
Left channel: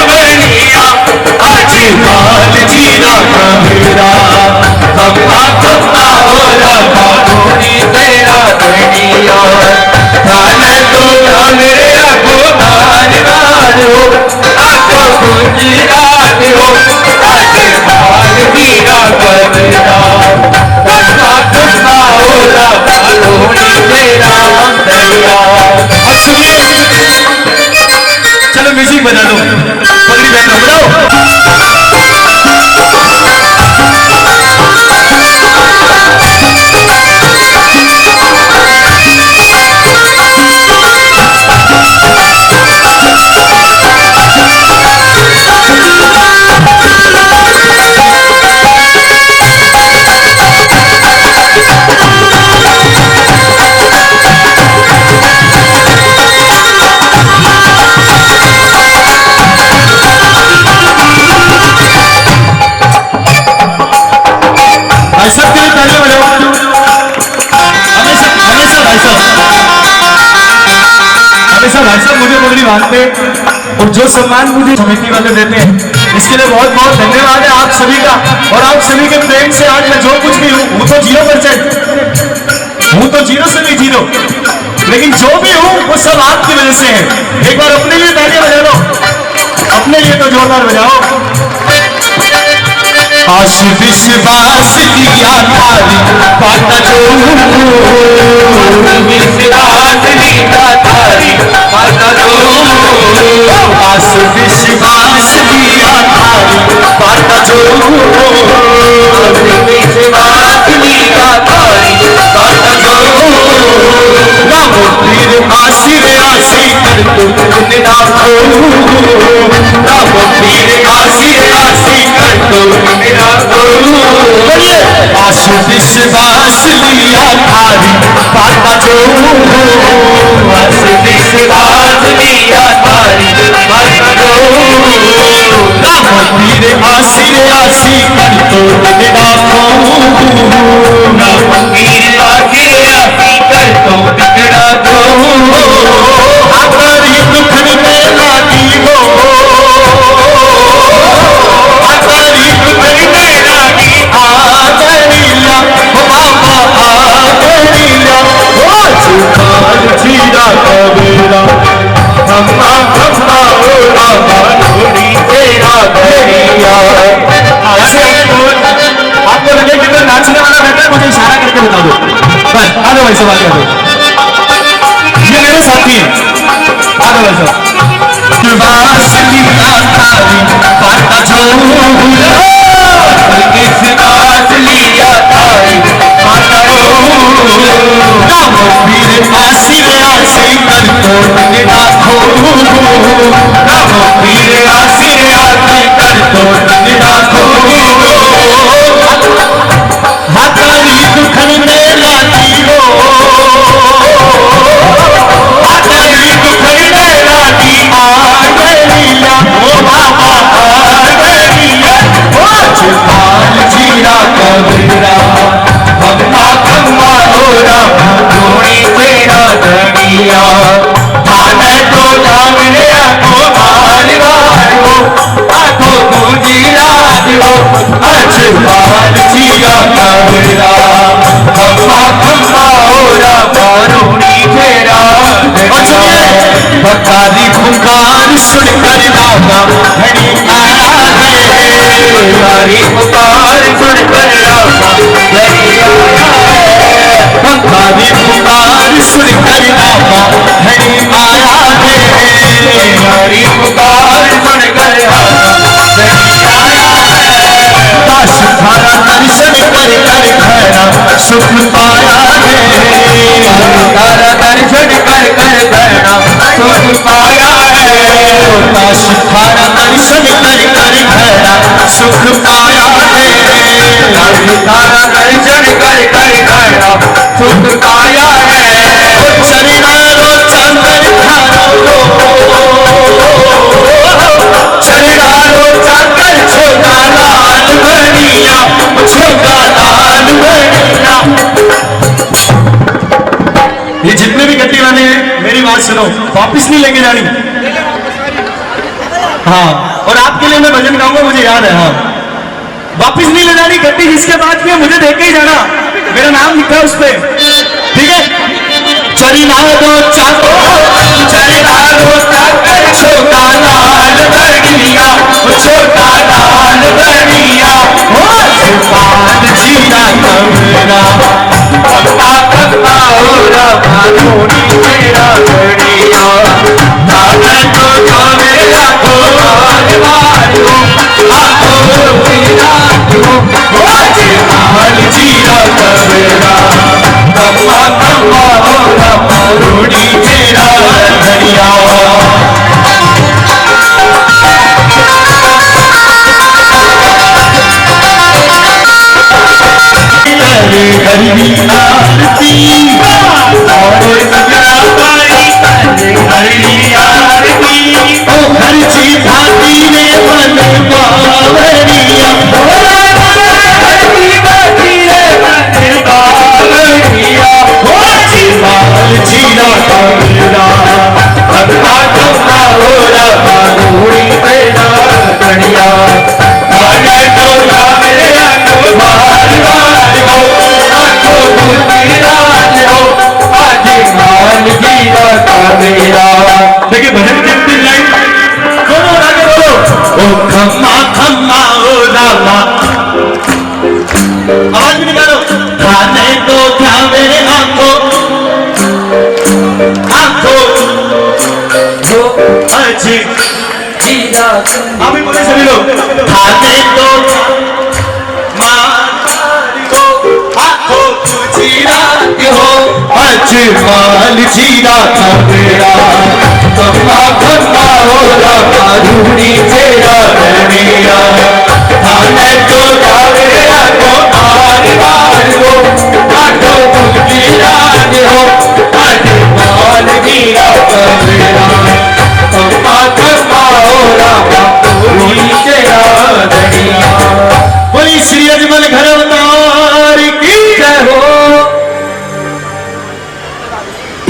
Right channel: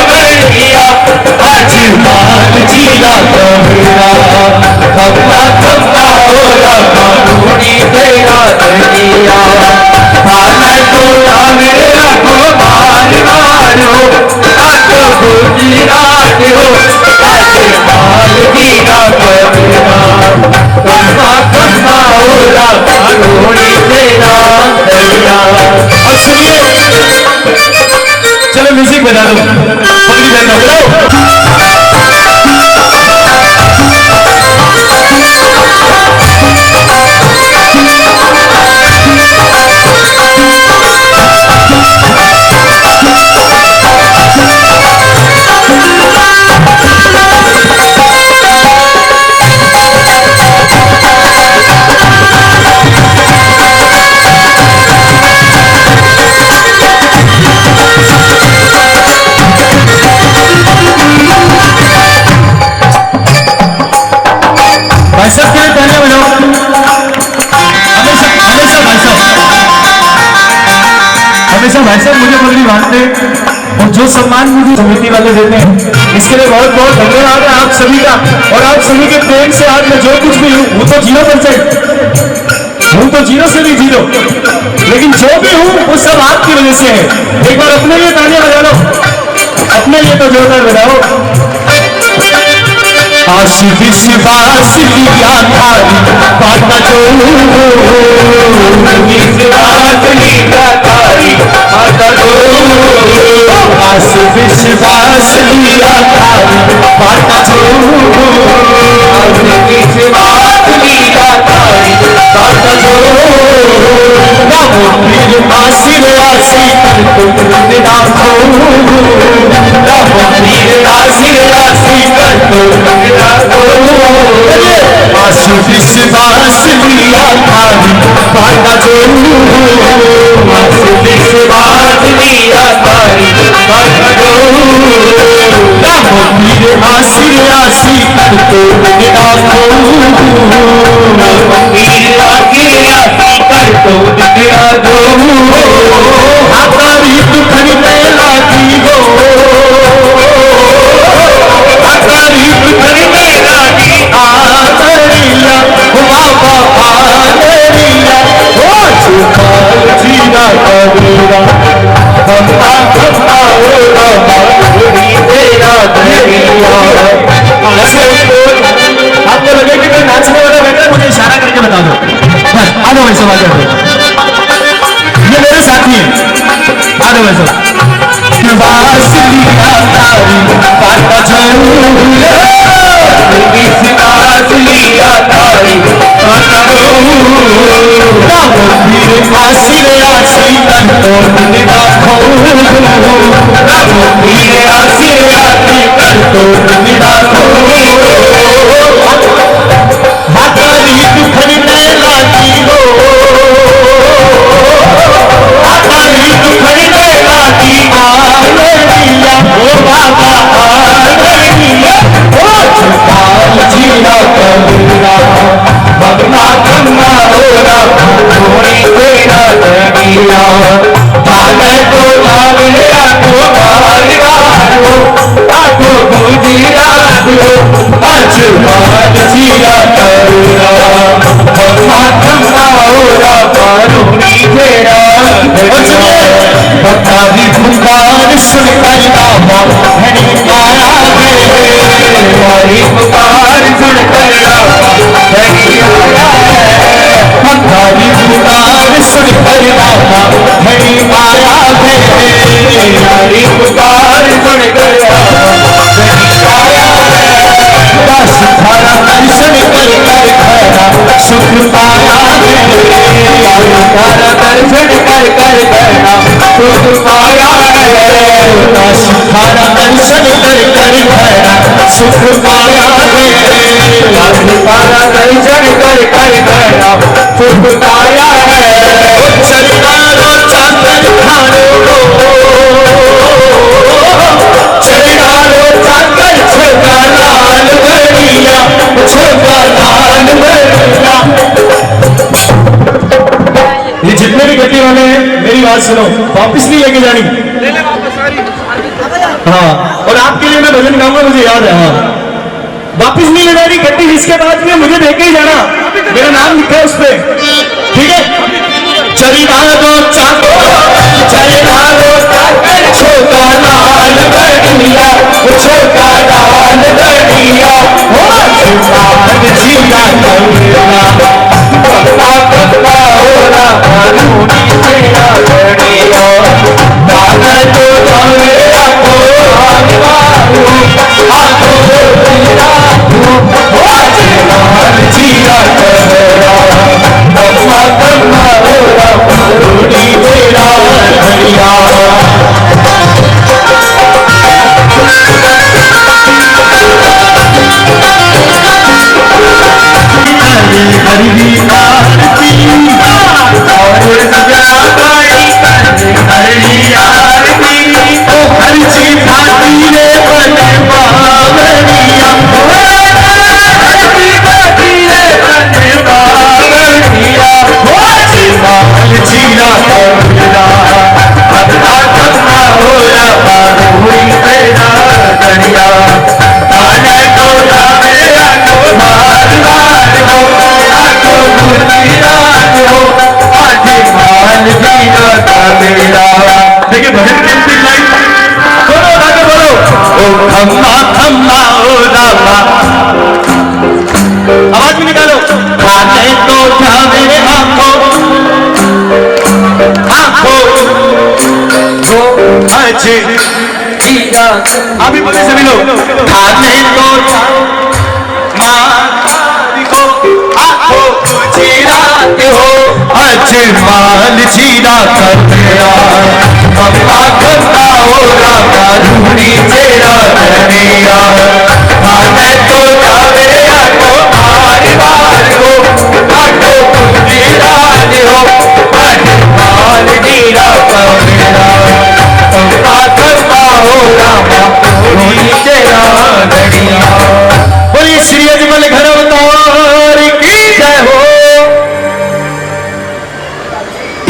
बढ़िया, आज माल जीरा कमरा खम्मा खम्मा होरा कानूनी तेरा दरिया, थाने तो मेरे रखो मान मारो आको गुजरात हो, आज माल जीरा कमरा खम्मा खम्मा होरा कानूनी तेरा दरिया। और सुनिए, चलो म्यूजिक बजा दो, पगड़ी पहन लो, बजाओ। भाई साहब के लिए पहले बजाओ, हमेशा हमेशा भाई साहब, हमेशा भाई साहब मुझे पगड़ी बांधते और जो सम्मान मुझे समिति वाले देते हैं, इसके लिए बहुत बहुत धन्यवाद है आप सभी का। और आप सभी के प्रेम से आज मैं जो कुछ भी हूँ तो 0%, हूँ तो 0 से भी 0, लेकिन जो भी हूँ वो सब आपकी वजह से है। एक बार अपने लिए तालियां बजा लो, अपने लिए तो जोरदार बजाओ। आश विश्वास लिया थारी बाटा जो, विश्वास लिया थारी बाटा जो, आश विश्वास लिया थारी बाटा जो, विश्वास लिया थारी बाटा जो, नाम पीर आसिर आसी कर तुम नाखो, नाम पीर आसिर आसी कर तुम आश विश्वास लिया थारी बाटा जो, आश विश्वास लिया थारी बाटा जो, नाम पीर आसिर आसी कर तुम नाखो, नाम पीर आसिर आसी कर तुम नाखो, हमारी दुखन में लागी हो, हमारी दुखन में लागी आजरिया, बाबा आजरिया, ओ जुबान जीरा कबीरा, खम्मा खम्मा होरा मानोरी तेरा दरिया। आपको लगे कि कोई नाचने वाला बैठा है, मुझे इशारा करके बता दो, बस आ जाओ वैसे बात करो, ये मेरे साथी हैं, आ जाओ वैसे। विश्वास लिया थारी बाटा जो, विश्वास लिया थारी बाटा जो, नाम पीर आसिर आसी कर तुम नाखो, नाम पीर आसिर आसी कर तुम नाखो, हमारी दुखन में लागी हो, हमारी दुखन में लागी आजरिया, ओ बाबा आजरिया, ओ जुबान जीरा कबीरा, भगवा खम्मा होरा थोड़ी तेरा दरिया, थाने तो जागले आको मारवाड़ो आको गुजरात हो, आज माल जीरा कबीरा, भगवा खम्मा होरा कानूनी तेरा दरिया, भतारी पुकार सुन कर बाबा घड़ी आया है, भतारी पुकार सुन कर बाबा घड़ी आया है, भतारी पुकार सुन कर बाबा घड़ी आया है, भतारी पुकार सुन कर बाबा घड़ी आया है, दास थारा दर्शन कर कर खैरा सुख पाया है, तारा दर्शन कर कर खैरा सुख पाया काशी थारा दर्शन कर कर घड़ा सुख पाया है। काशी थारा दर्शन कर कर घड़ा सुख पाया है। चरना रो चाकर खारो चरना रो चाकर छोटा लाल बनिया छोटा लाल बनिया। ये जितने भी गद्दी वाले हैं मेरी बात सुनो, वापिस नहीं लेके जानी। हाँ, और आपके लिए मैं भजन गाऊंगा, मुझे याद है। हाँ, वापिस नहीं ले जानी गद्दी, जिसके बाद में मुझे देके ही जाना, मेरा नाम लिखा है उस पे, ठीक है। चरिना दो चाको चरिना दो चाकर छोटा लाल बनिया छोटा लाल बनिया। जीना कमरा पप्पा पप्पा हो रहा धोनी मेरा बनिया। दादा तो मेरा को आगवायो आगो पीरा हो जीवाल जीना कमरा पप्पा पप्पा हो रहा धोनी मेरा बनिया। हरी आरती और जगाई हरी आरती ओ हर जी भाती रे मन बावरिया हरी भाती रे मन बावरिया ओ जीवाल जीरा कमरा भगवा कमरा हो रहा धूरी तेरा करिया। आने तो मेरा को मार मार हो देखिए भजन के बोलो आगे बोलो। ओ खम्मा खम्मा ओ रामा, आवाज भी निकालो। खाने तो जावे आंखों आंखों वो अच्छे आप भी बोले सभी लोग। खाने तो माल जीरा कमरा पप्पा पप्पा हो रहा धूनी तेरा बनिया। खाने तो जावे को मार मार हो आटो जीरा हो माल जीरा कमरा पप्पा पप्पा हो रहा धूनी तेरा बनिया। बोली श्री अजमल घर अवतार की जय हो।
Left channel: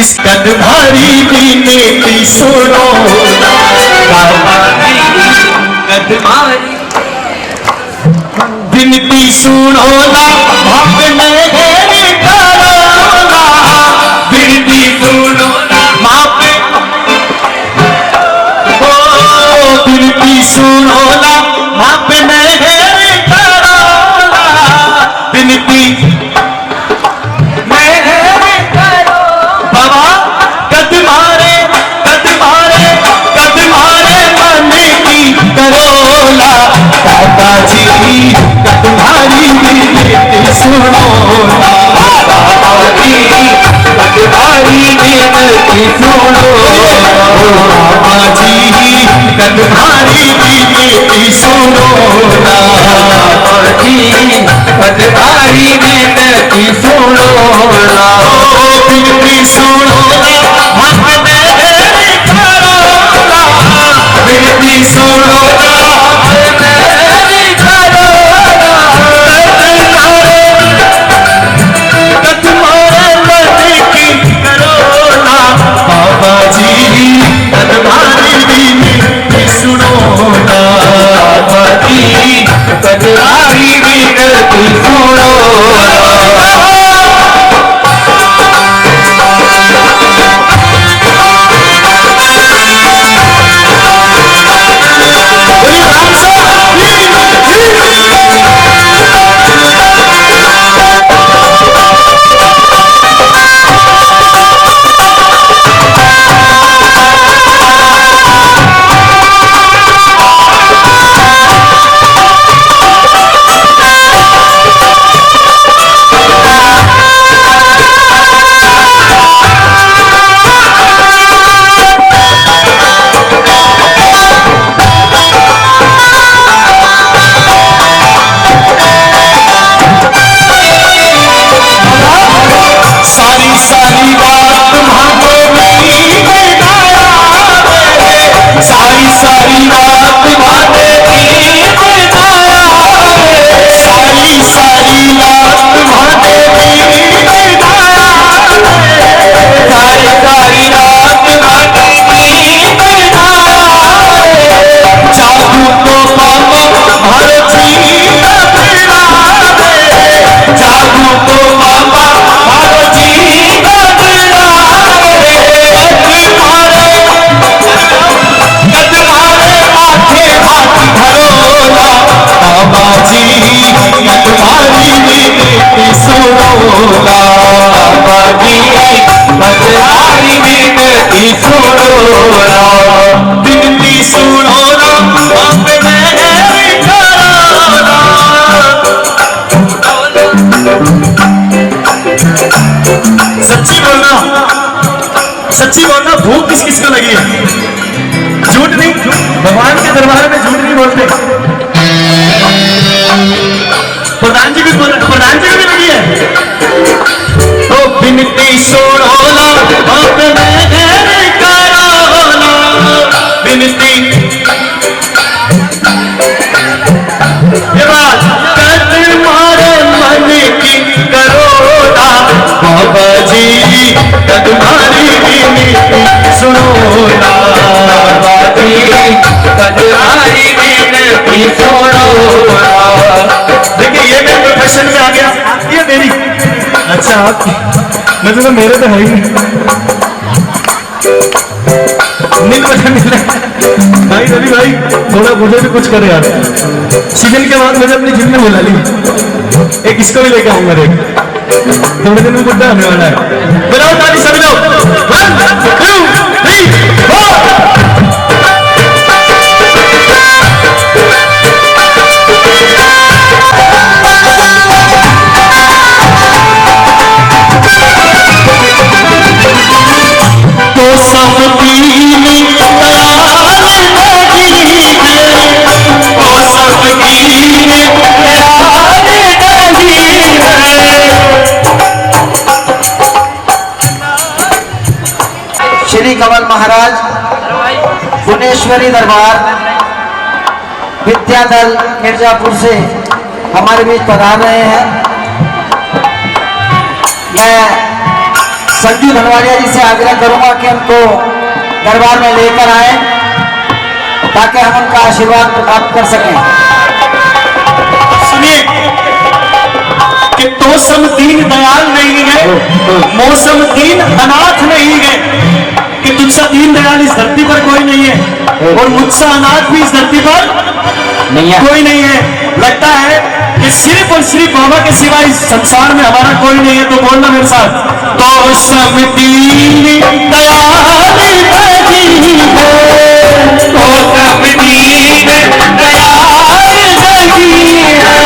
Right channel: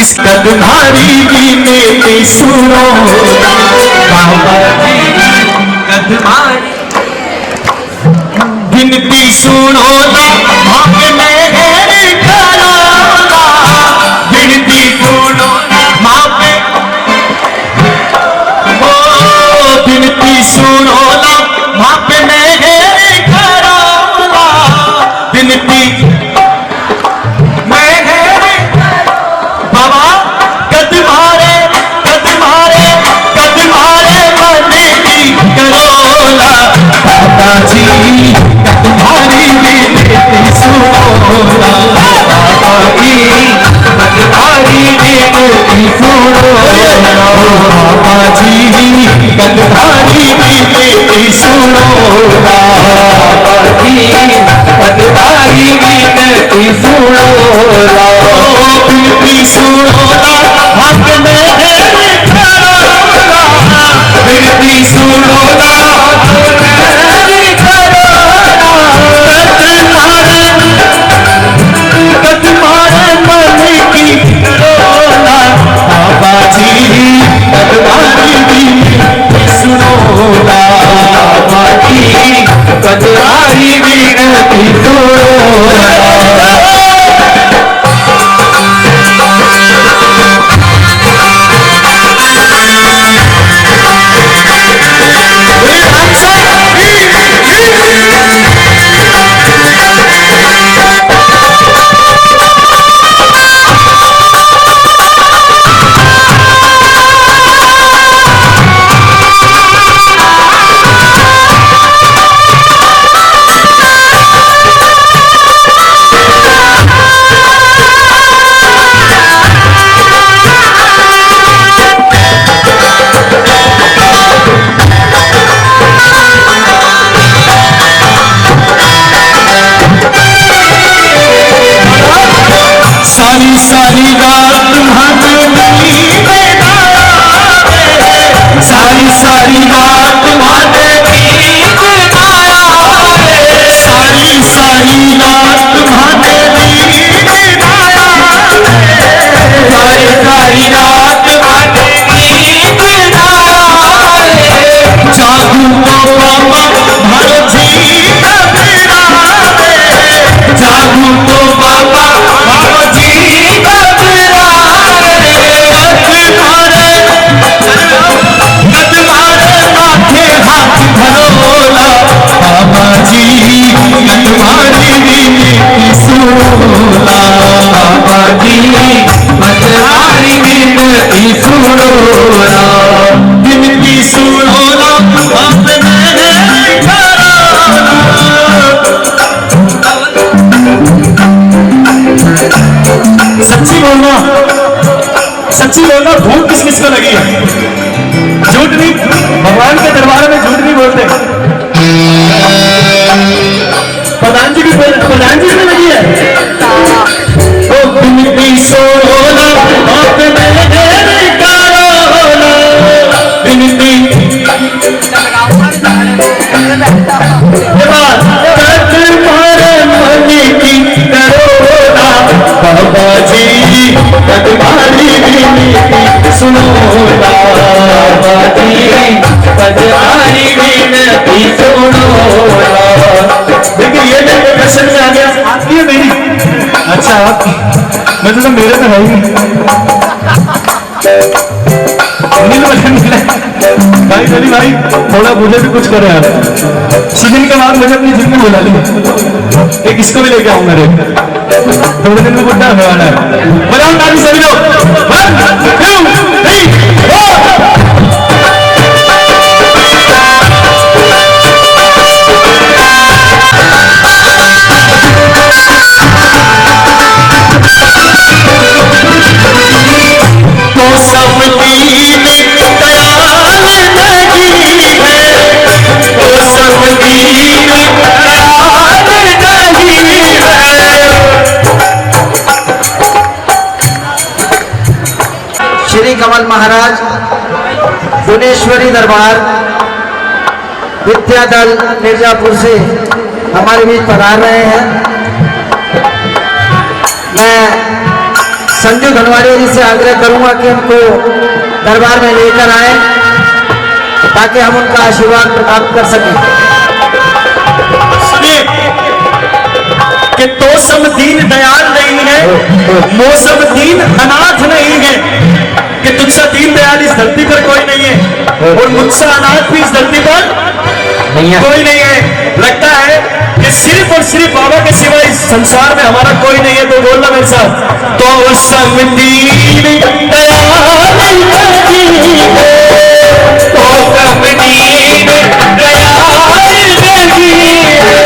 इस कदमारी विनती सुनो बाबा जी कदमारी विनती सुनो ना भागने करोना विनती सुनो ना मापे ओ विनती सुनो ना भागने करोना विनती तुम्हारी विनती सुनो ना बाबा जी तुम्हारी विनती सुनो बाबा जी तुम्हारी विनती सुनो ना बाबा जी तुम्हारी विनती सुनो ना विनती सुनो ना विनती सुनो ना कदमारी विनती सुनो। बाबा जी पटवारी विनती सुनो ना, विनती सुनो ना, बाप मेरे कराना। सच्ची बोलना, सच्ची बोलना, भूख किस किस को लगी है? झूठ नहीं, भगवान के दरबार में झूठ नहीं बोलते। प्रधान जी भी लगी है। तो विनती सुनो ना, बाप मेरे कराना, विनती तुम्हारे मन की करो ना, बाबा जी तुम्हारी विनती सुनो ना, बाबा जी तुम्हारी विनती सुनो ना। देखिए ये मेरे प्रोफेशन में आ गया, आपकी है मेरी? अच्छा आपकी, मैं तो मेरे तो है ही नील मुझे मिले भाई। रवि भाई थोड़ा मुझे भी कुछ करे यार, सिविल के बाद मुझे अपनी जिम में बुला ली, एक इसको भी लेके आऊंगा रे, थोड़े दिन में बुढ़ा होने वाला है। बनाओ ताली सभी लोग, 1 2 3 4। तो सब दीन दयाल नहीं है, तो सब दीन दयाल नहीं है। श्री कमल महाराज गुणेश्वरी दरबार विद्यादल मिर्जापुर से हमारे बीच पधार रहे हैं। मैं संजू धनवाड़िया जी से आग्रह करूंगा कि उनको दरबार में लेकर आए ताकि हम उनका आशीर्वाद प्राप्त कर सकें। सुनिए कि तो सब दीन दयाल नहीं है, मौसम दीन अनाथ नहीं है, कि तुमसा दीन दयाल इस धरती पर कोई नहीं है और मुझसा अनाथ भी इस धरती पर नहीं है, कोई नहीं है। लगता है कि सिर्फ और सिर्फ बाबा के सिवा इस संसार में हमारा कोई नहीं है। तो बोलना मेरे साथ, तो सब दीन दयाल नहीं है, तो सब दीन दयाल नहीं है,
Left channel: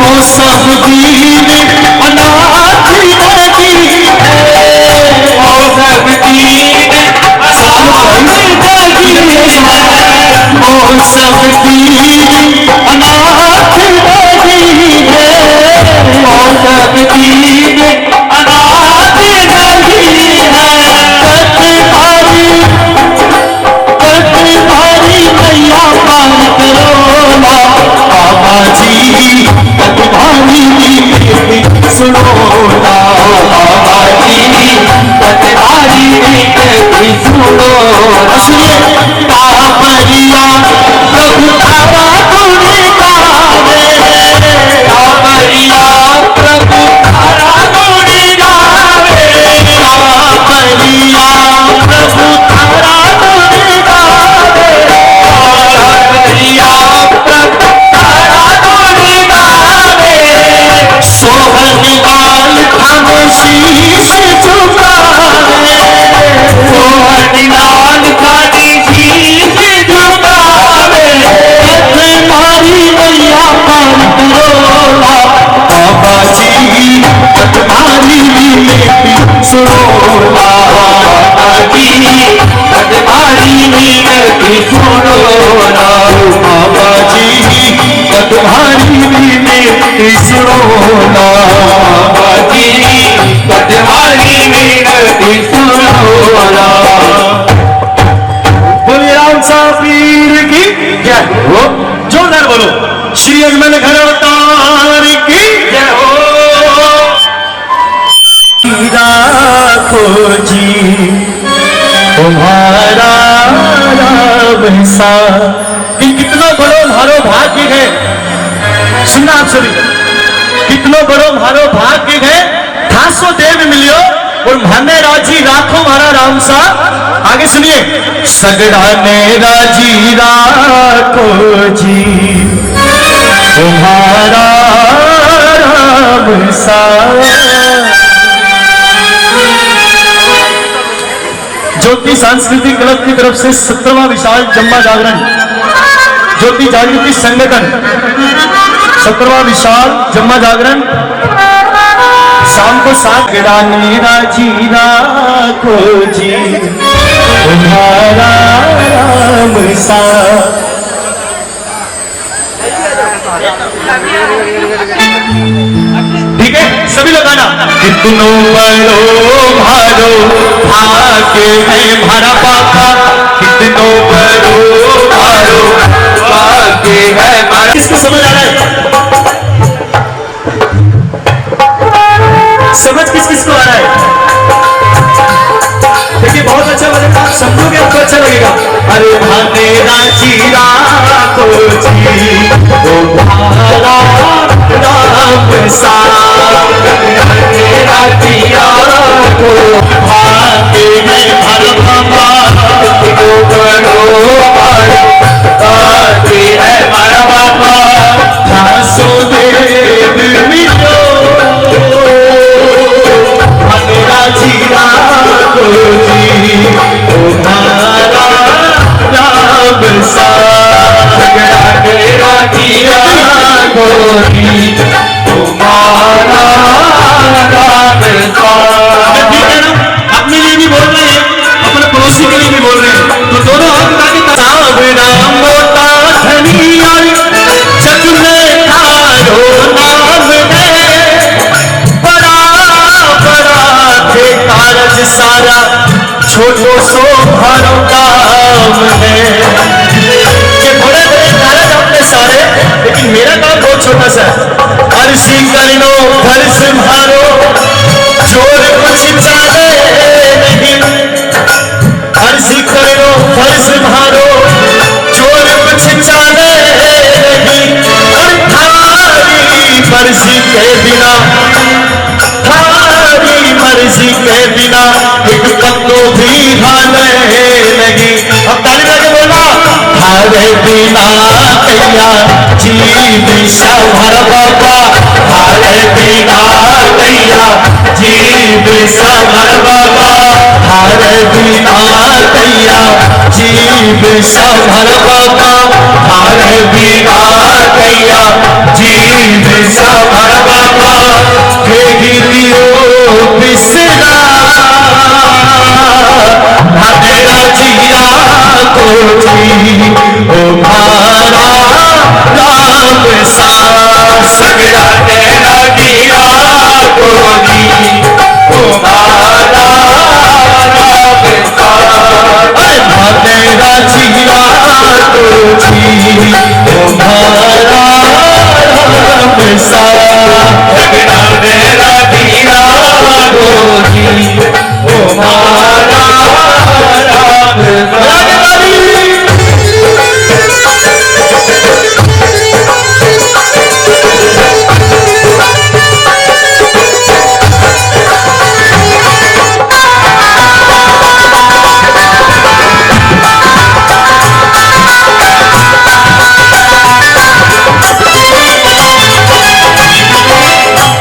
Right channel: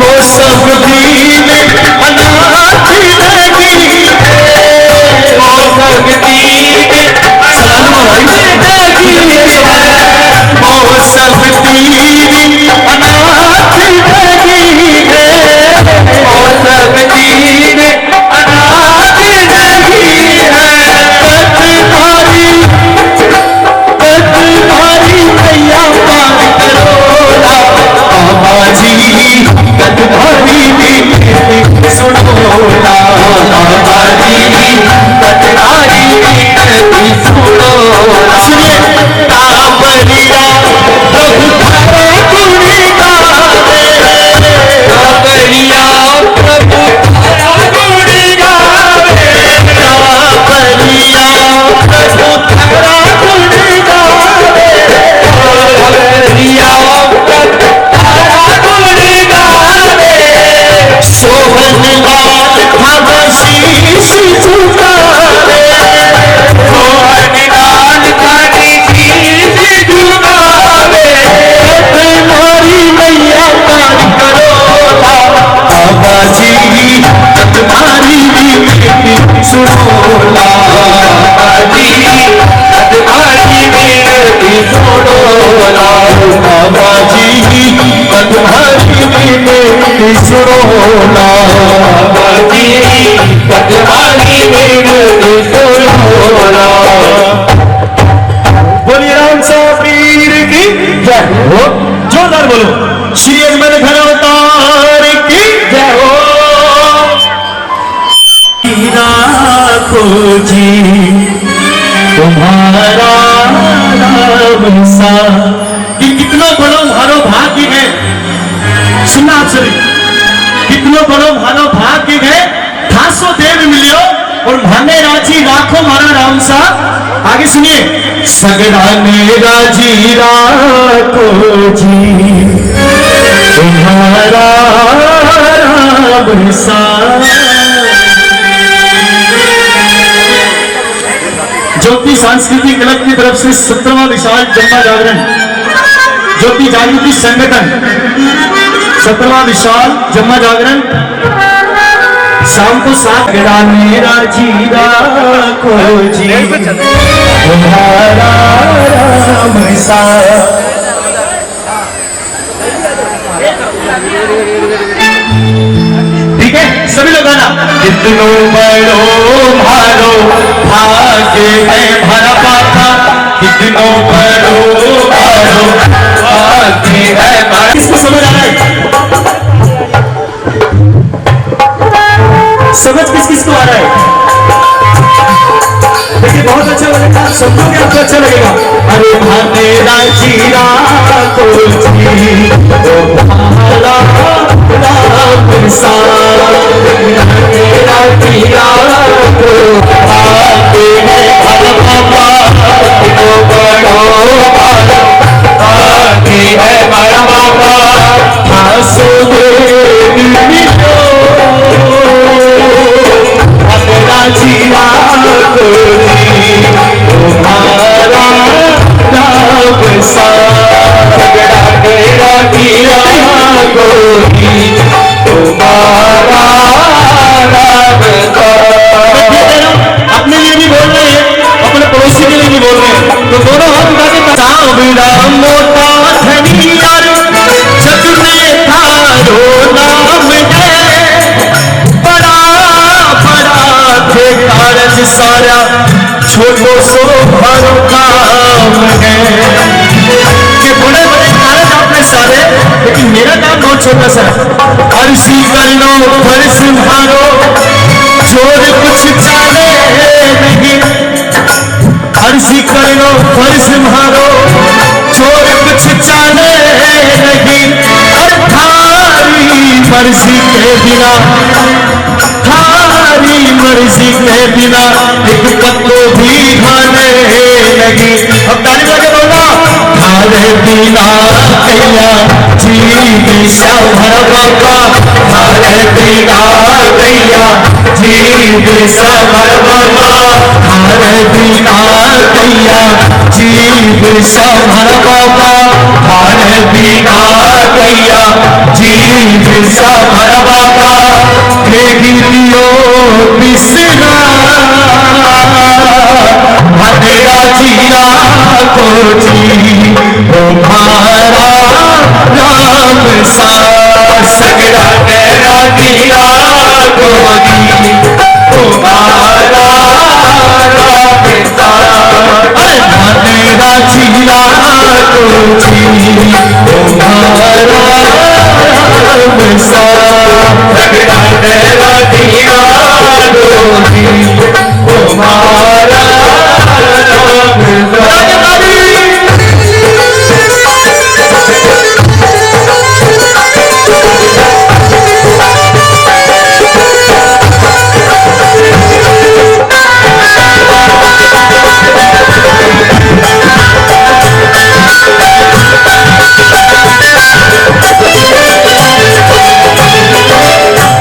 वो सब दीन अनाथ नहीं है, वो सब दीन अनाथ नहीं है, वो सब दीन अनाथ नहीं है, वो सब दीन अनाथ नहीं है। कटधारी मैया पार करो ना, बाबा जी कटधारी विनती सुनो ना, बाबा जी कटधारी विनती सुनो ना। सुनिए, कांवरिया प्रभु तारा गुणी गावे, कांवरिया प्रभु तारा गुणी गावे, कांवरिया प्रभु तारा गुणी गावे, कांवरिया प्रभु तारा गुणी गावे। सोहन लाल भव शीश झुकावे, सोहन लाल खानी शीश झुकावे। तुम्हारी मैया पार करो ना, बाबा जी तुम्हारी विनती सुनो ना, बाबा जी तुम्हारी विनती सुनो ना, बाबा जी तुम्हारी विनती सुनो ना, बाबा जी तुम्हारी विनती सुनो ना। बोलिए राम साहब पीर की जय हो, जोरदार बोलो, श्री अजमल घर अवतार की जय हो। राखो जी तुम्हारा राम सा, कितनो बड़ो भारो भाग्य है, सुनना आप सभी, कितनो बड़ो भारो भाग्य है, खासो देव मिलियो और माने राजी राखो मारा राम सा। आगे सुनिए, सगड़ा ने राजी राखो जी तुम्हारा राम सा, ज्योति सांस्कृतिक क्लब की तरफ से 17वां विशाल जम्मा जागरण ज्योति जागृति संगठन 17वां विशाल जम्मा जागरण शाम को 7 मेरा जीरा खोजी तुम्हारा राम सा। ठीक है सभी लोग गाना। कितनो बड़ो भारो भाग्य है भरा पापा, कितनो बड़ो भारो भाग्य है भरा। किसको समझ आ रहा है? समझ किस को आ रहा है? देखिए बहुत अच्छा लगेगा, आप समझोगे आपको अच्छा लगेगा। अरे भानेरा जीरा को जी ओ भाला राम सा, भानेरा जीरा को भाते हैं भर बाबा, कितनो बड़ो भाते हैं भर बाबा, खासो देव मिलो भानेरा जीरा को जी ओ भाला राम सा, मेरा जीरा गोरी तुम्हारा राम सा। अपने लिए भी बोल रहे हैं, अपने पड़ोसी के लिए भी बोल रहे हैं, तो दोनों हाथ उठा के सावड़ा मोटा धनियार चतुर में थारो नाम है, बड़ा बड़ा थे कारज सारा छोटो सो हर काम है। ये बड़े बड़े कारज आपने सारे, लेकिन मेरा काम बहुत छोटा सा है। अर्शी कर लो फर्ज भारो चोर कुछ चाले नहीं, अर्शी कर लो फर्ज भारो चोर कुछ चाले नहीं, और थारी मर्जी के बिना, थारी मर्जी के बिना एक पत्तो भी हाले नहीं। अब ताली बजा के बोलो, थारे बिना कैया जीव भर बाबा, थारे बिना कैया जीव भर बाबा, थारे बिना कैया जीव भर बाबा, थारे बिना कैया जीव भर बाबा, हे गिरियो बिसरा भानेरा जीरा को जी ओ भारा राम सा, सगड़ा तेरा जीरा को जी ओ भारा राम सा। भानेरा जीरा को जी ओ भारा राम सा, सगड़ा तेरा जीरा को जी ओ भारा राम सा।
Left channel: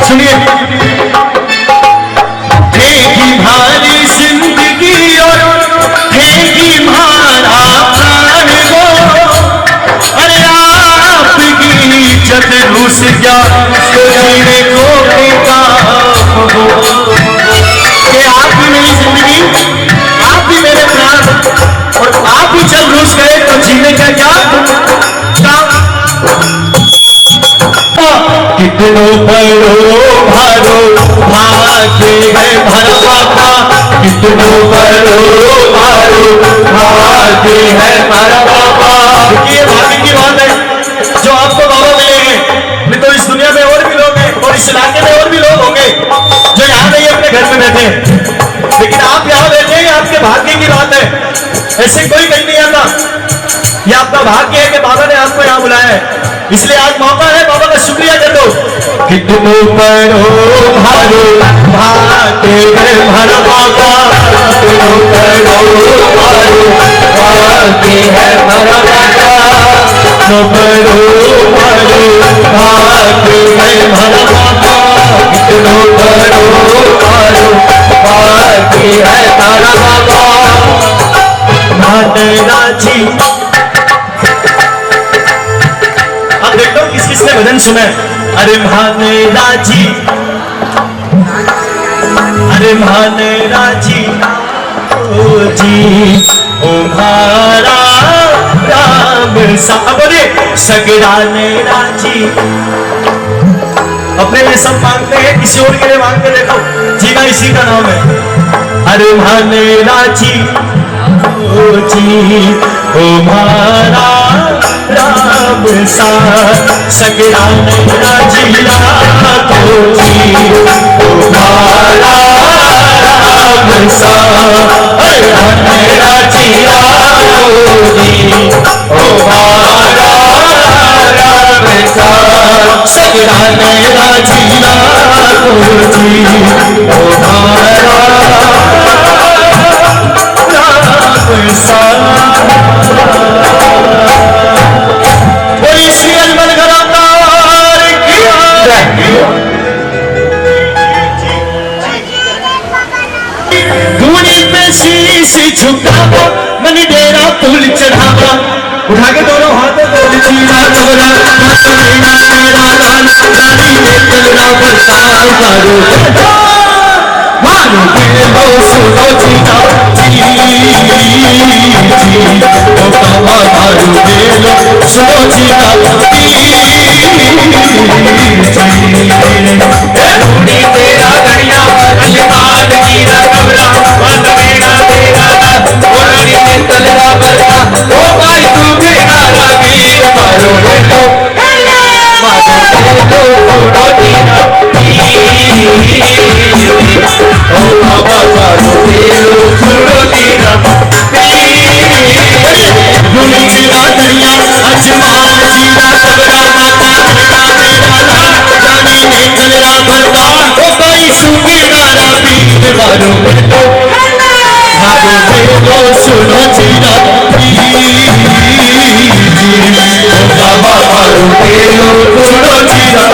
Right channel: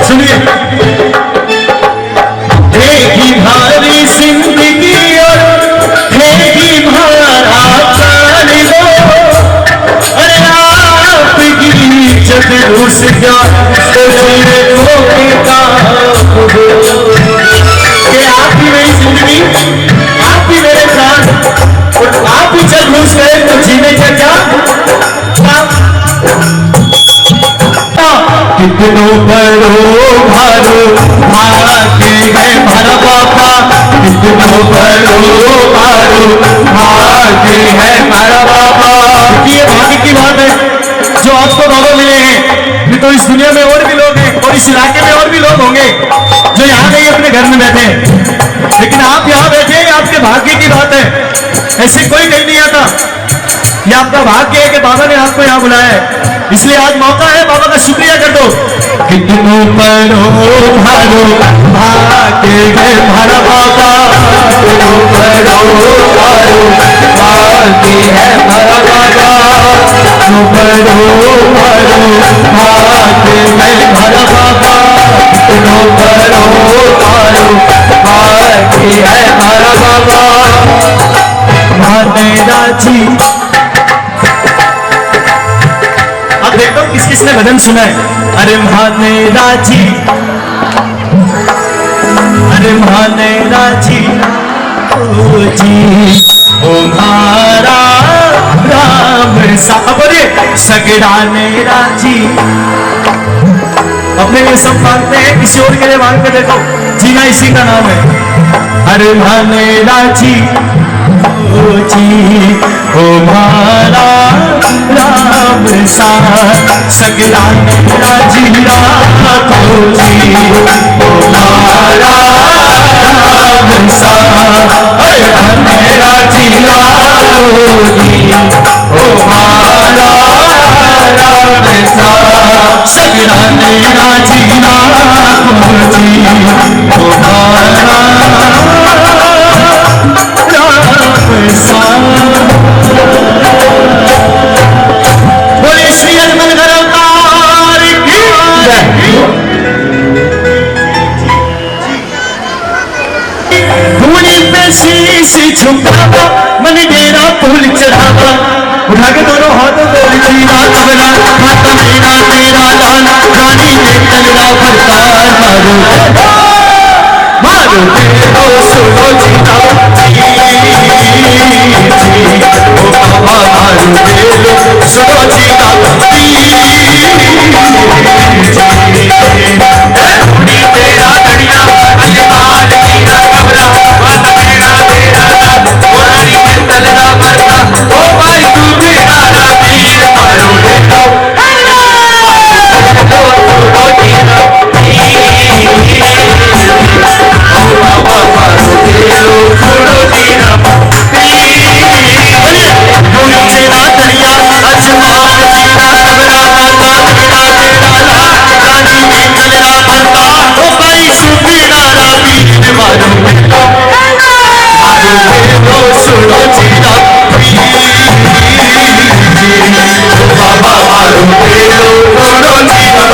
सुनिए, देगी भारी जिंदगी और देगी भारा प्राण हो, अरे आपकी इज्जत रूस क्या तो जीने को बेकाम हो। ये आप ही मेरी जिंदगी, आप ही मेरे प्राण, और आप ही जब रूस गए तो जीने का क्या काम। कितनो बड़ो भारो भाग्य है भर बाबा, कितनो बड़ो भारो भाग्य है भर बाबा। देखिए भाग्य की बात है जो आपको बाबा मिले हैं, नहीं तो इस दुनिया में और भी लोग हैं और इस इलाके में और भी लोग होंगे जो यहाँ नहीं अपने घर में बैठे हैं, लेकिन आप यहाँ बैठे हैं, आपके भाग्य की बात है। ऐसे कोई मिल नहीं आता, ये आपका भाग्य है कि बाबा ने आपको यहाँ बुलाया है, इसलिए आज मौका है, बाबा का शुक्रिया कर दो। कितनो बड़ो भारो भाग्य है भर बाबा, कितनो बड़ो भारो भाग्य है भर बाबा, कितनो बड़ो भारो भाग्य है भर बाबा, कितनो बड़ो भारो भाग्य है भर बाबा, महानैना जी। अब देखो किस किसने भजन सुना है। अरे महानैना जी, अरे महानैना जी, ओ जी ओ मारा राम सा। अरे सगड़ा नैना जी, अपने लिए सब मांगते हैं, किसी और के लिए मांगते देखो, जीना इसी का नाम है। अरे महानैना जी, ओ जी ओ मारा राम सा, सगड़ा नैना जी रातो जी ओ मारा राम सा। अरे महानैना जी रातो जी ओ मारा राम सा, सगड़ा नैना जी रातो जी ओ मारा बोली श्री अजमल अवतार की जय। धूनी पे शीश झुकावा, मन डेरा फूल चढ़ावा, उठा के दोनों हाथों को जीना तगड़ा, माता मेरा तेरा लाल, रानी ने तेरा बरतार। मारो बेलो सुनो जीना ओ बाबा, मारो बेलो सुनो जीना तेरा गड़िया अजमान कीरा कमरा, मन मेरा तेरा नाम, रानी ने तेरा बरता। ओ भाई तू मेरा वीर, मारो बेलो सुनो जीना ओ बाबा, मारो बेलो सुनो जीना। जीना दरिया अजमान जीना कबरा, माता मेरा तेरा लाल, रानी ने तेरा बरता। ओ भाई सुखी नारा वीर, मारो बेलो सुनो जीना ओ बाबा, मारो बेलो सुनो जीना।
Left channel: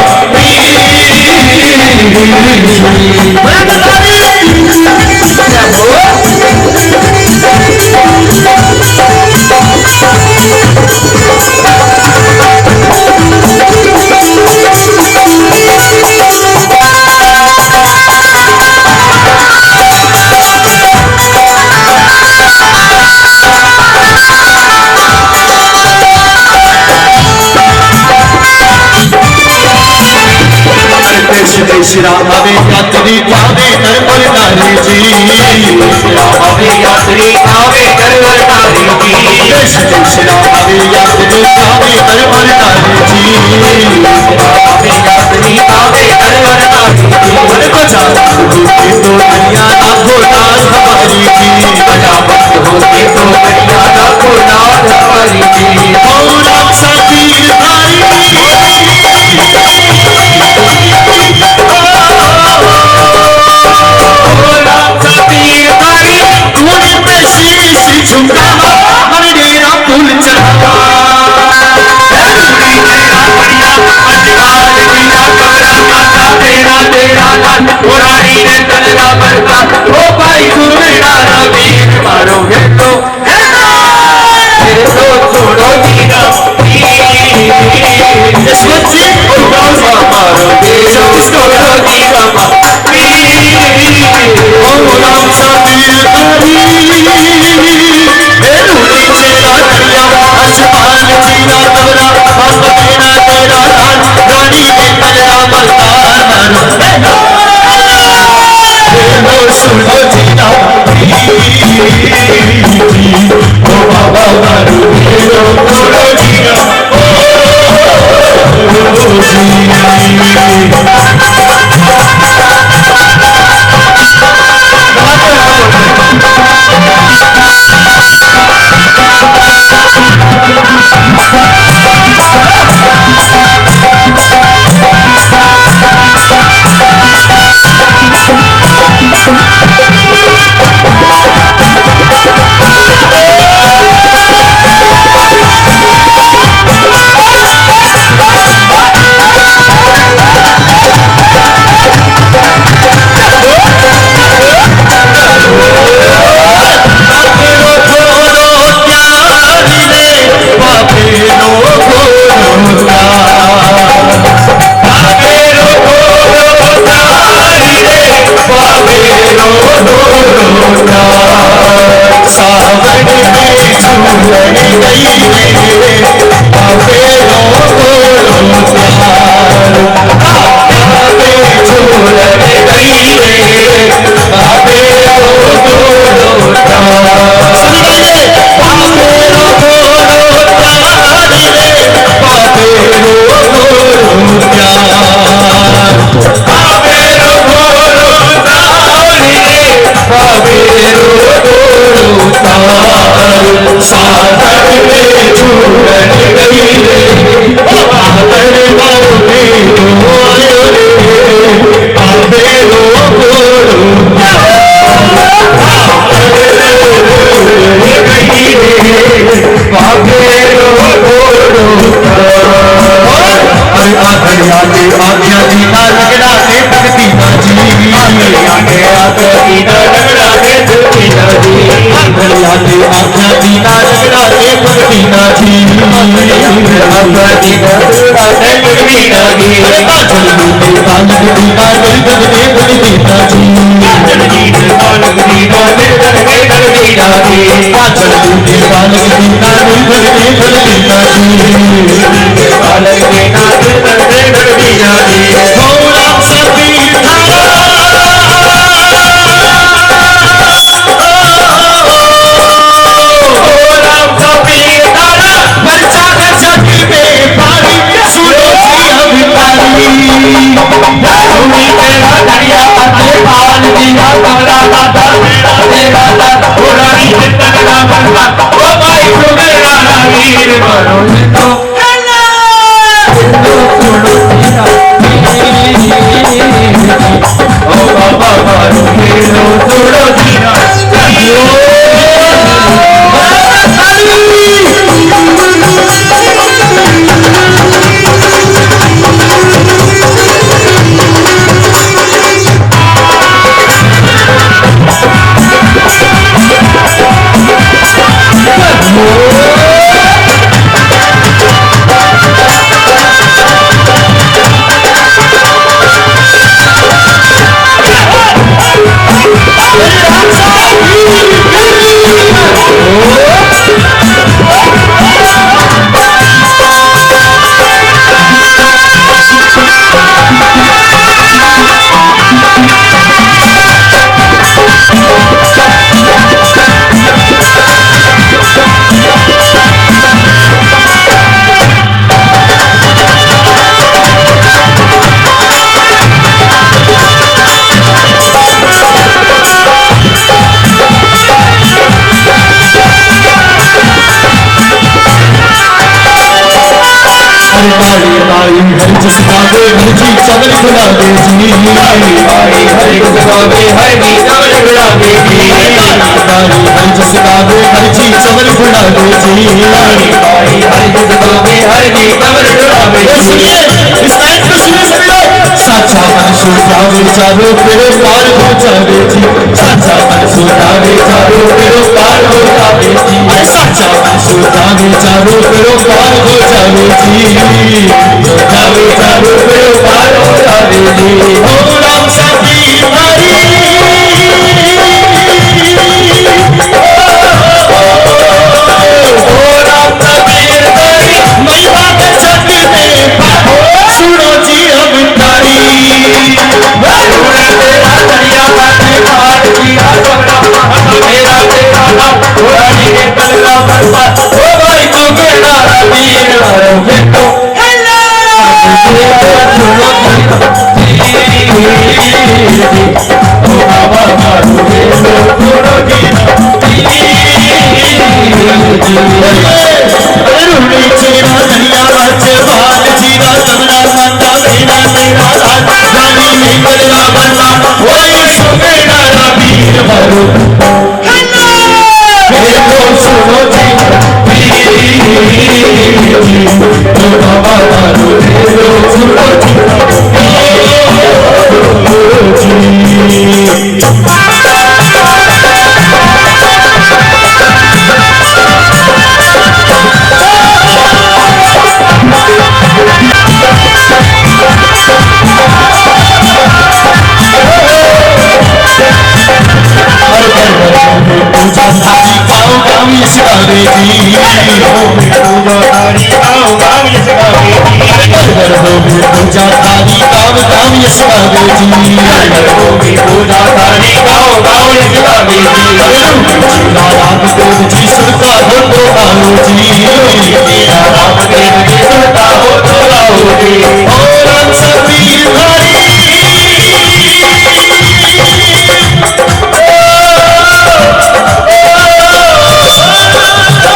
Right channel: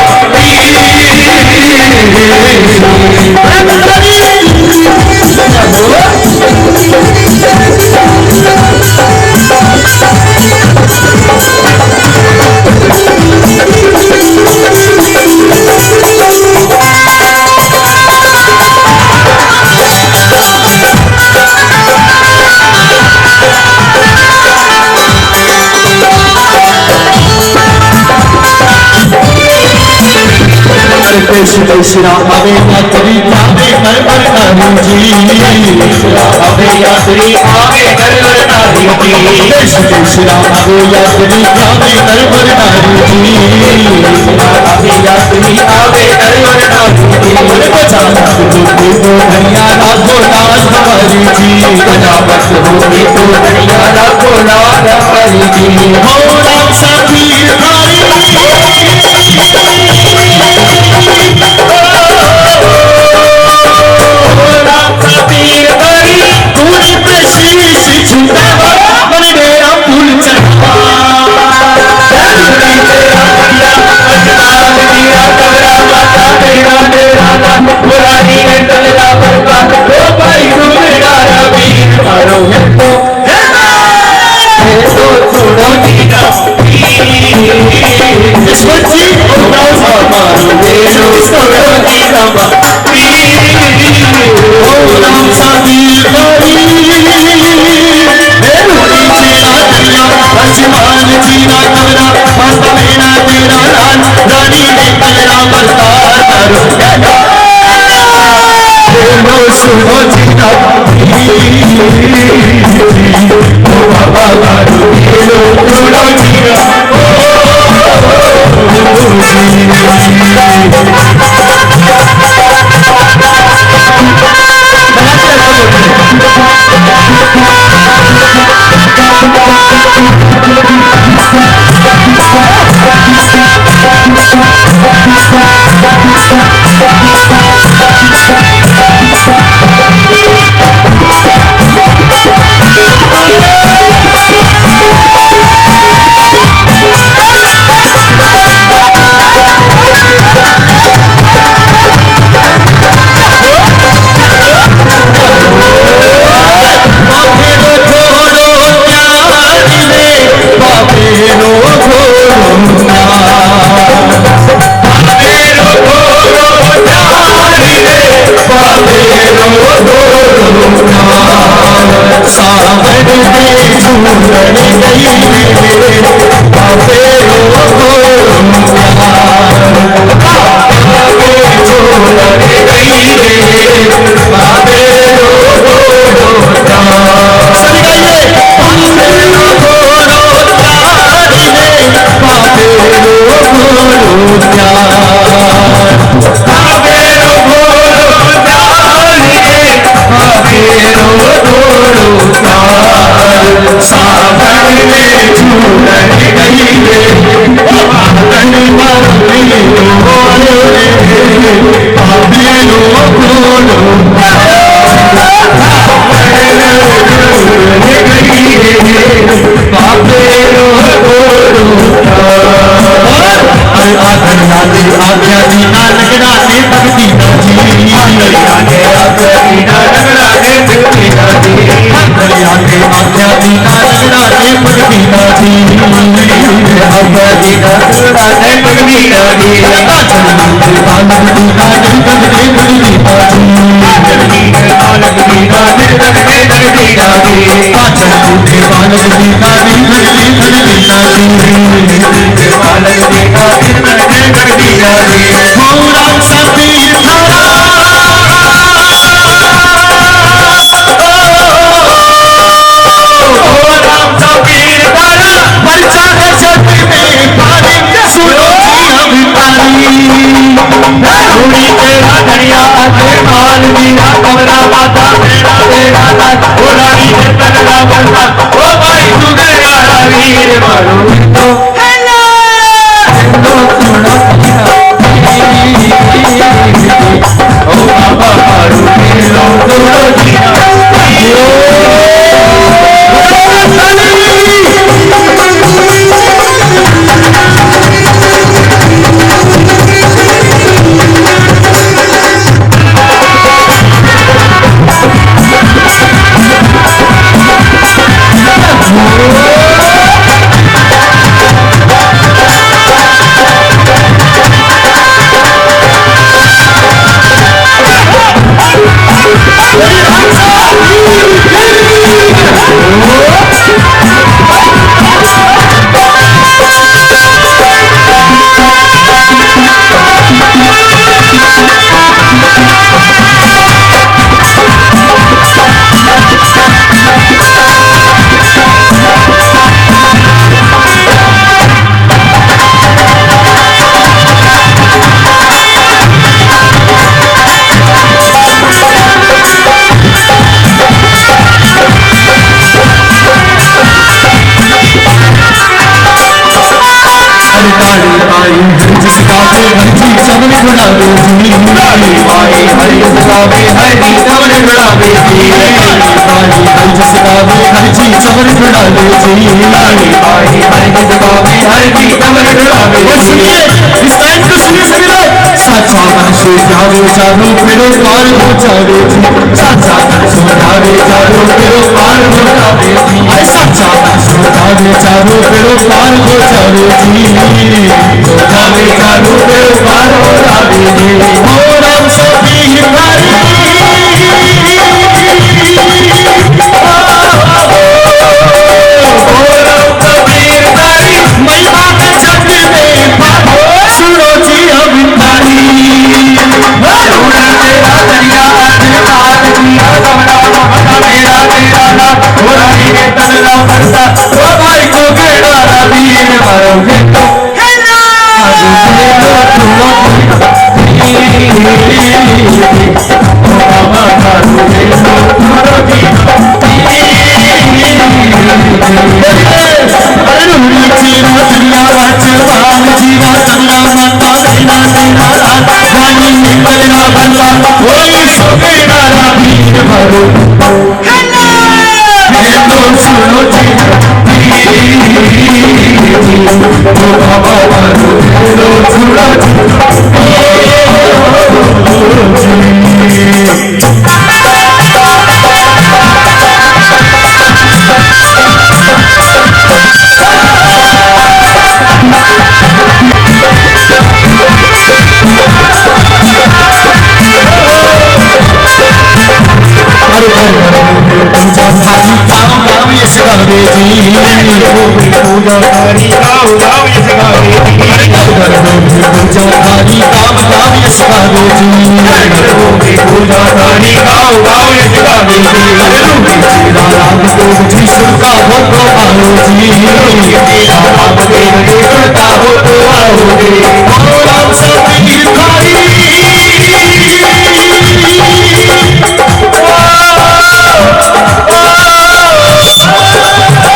श्री राम आवे यात्री आवे नरवर नारी जी, आवे यात्री आवे नरवर नारी जी, श्री राम आवे यात्री आवे नरवर नारी जी, आवे यात्री आवे नरवर नारी जी। बजावत होगी तो धनिया लाखों लाल हमारी जी, बजावत होगी तो धनिया लाखों लाल हमारी जी। हो राम सा पीर भारी, झुकावा, मन डेरा फूल चढ़ावा, तेरा बढ़िया अजमान कीरा कमरा, माता मेरा तेरा लाल, रानी ने तेरा बरता। ओ भाई तू मेरा वीर, मारो हेलो छोड़ो जीना जी, मारो बेलो छोड़ो जीना राम सा वीर अजमान जीना कमरा, माता मेरा तेरा लाल, रानी ने तेरा बरतार। सुनो जीना ओ बाबा, मारो बेलो छोड़ो जीना सागर में झूलन गई रे बादल वाले तो आए रे पावे लो बोलो गई रे पावे लो बोलो आज्ञा दीना लगड़ा दे भक्ति ना जी आज्ञा दीना लगड़ा दे भक्ति ना जी आज्ञा दीना लगड़ा दे भक्ति ना जी आज्ञा दीना लगड़ा दे भक्ति ना जी बालक दीना निर्धन दे भक्ति ना जी बालक दीना निर्धन दे भक्ति ना जी बालक दीना निर्धन दे भक्ति ना जी बालक दीना निर्धन दे भक्ति ना जी राम सतीर चमन गुलाबे जी भाई हरि गुलाबे हरि चमन गुलाबे जी भाई हरि गुलाबे हरि चमन गुलाबे जी भाई हरि गुलाबे हरि चमन गुलाबे जी सुनिए इस लाइन को सुनिए सभी लोग साचा मन सुधावे चारो पेरो पार हो जावे जी साचा मन सुधावे चारो पेरो पार हो जावे जी अरे साचा मन सुधावे चारो पेरो पार हो जावे जी सुधावे चारो पेरो पार हो जावे जी ओ राम सबीर हरि ओ राम सबीर हरि महिमा का जग में सुनो जी अवतारी तेरा दरिया पार किया मेरा तेरा नाम हरि ने तलरा बरसा ओ भाई तो गड़ा वीर मरोगे तो बाबा मारू दे लो तोरो अरुणी चीरा दरिया चबाल जीवा चंदा मंदा देना तेरा राज रानी निकलना बंदा कोई सोगेड़ा वीर भरो हेलो सुनो जी ओ बाबा मारू हेलो सुनो पूजा थारी गाँव गाँव यश गावे जी पूजा थारी गाँव गाँव यश गावे जी पूजा थारी गाँव गाँव यश गावे जी पूजा थारी गाँव गाँव यश गावे जी राम देव जी सुनता हो तो आओ जी राम देव जी सुनता हो तो आओ जी ओ राम सबीर थारी Oh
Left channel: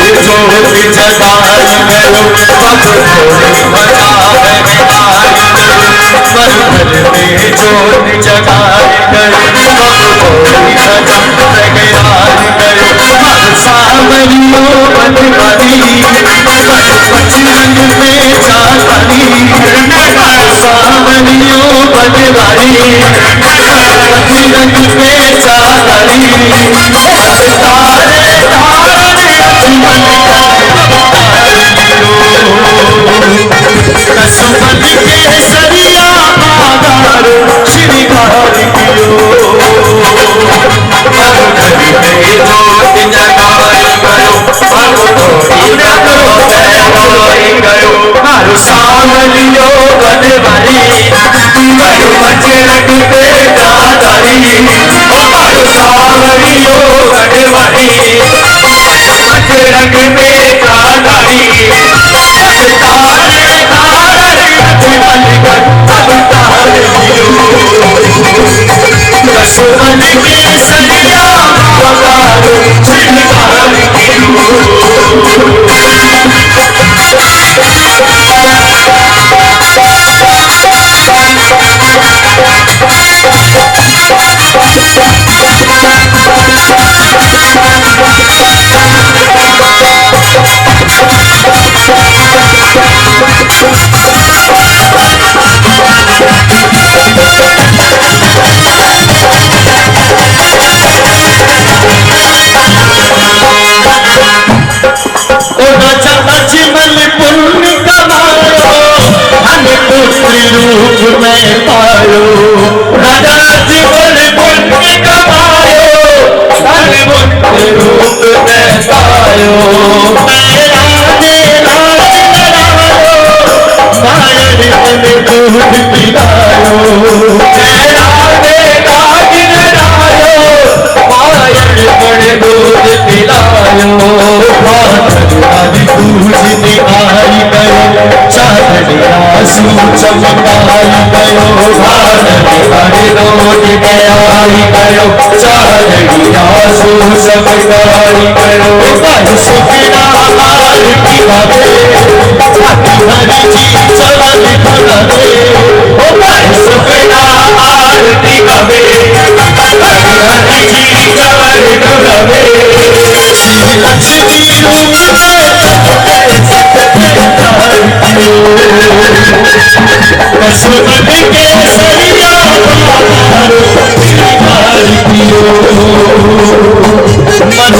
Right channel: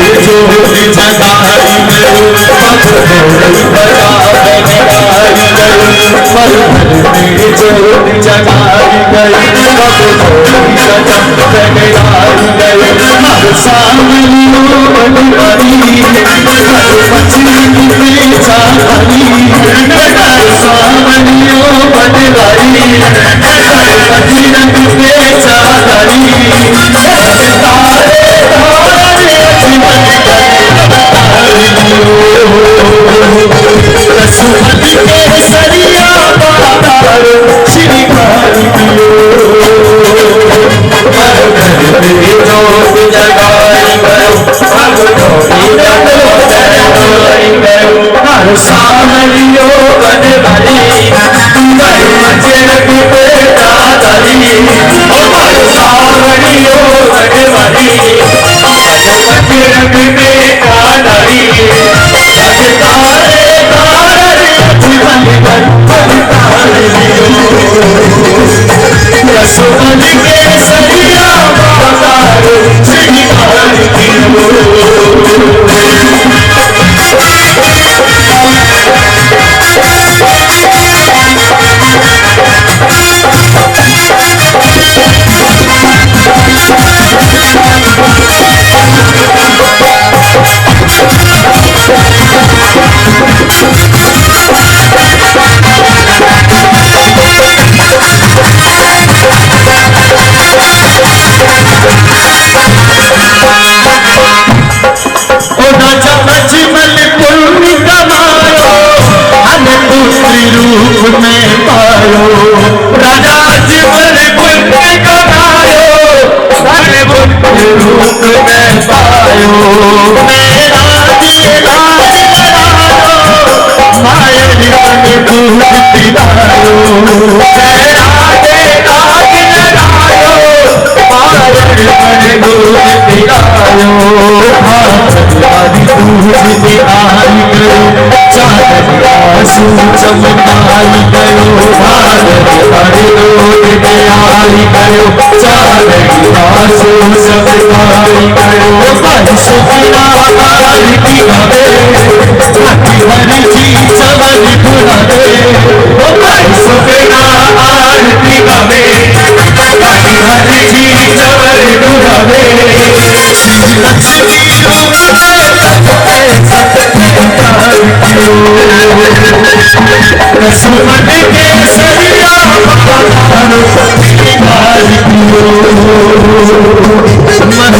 जोत जगाई गयो पग घोड़ी बजावे में आई गयो पल भर में जोत जगाई गयो पग घोड़ी बजावे में आई गयो हर सावरियों बनवारी बचरंग में जातारी हर सावरियों बनवारी बजरंग में जातारी तारे तारे जीवन कसुमत के सरिया बाजार श्रृंगार कियो घर में जोत जगाई गयो पग घोड़ी बजाई गयो हर सावरियो बनवारी बजरंग में जातारी हर सावरियो बनवारी बजरंग में जातारी तारे तारे जीवन अवतार लियो कसुमत के सरिया बाजार श्रृंगार कियो राजा जीवन पुण्य कमायो रूप में पायो मेरा लाल लड़ायो मायर मन दूध पिलायो मेरा लाल लड़ायो मायर मन दूध पिलायो हमारी पूजनी आई गई चादर आंसू चमकाई गयो हमारी रोज में आई गयो चादर आंसू चमकाई गयो परसों बिना हार की गावे छाती भरी जी चमन खुलावे परसों बिना हार की गावे छाती भरी जी चमन खुलावे श्री लक्ष्मी रूप में कसुमत के सरिया बाजार श्रृंगार कियो मन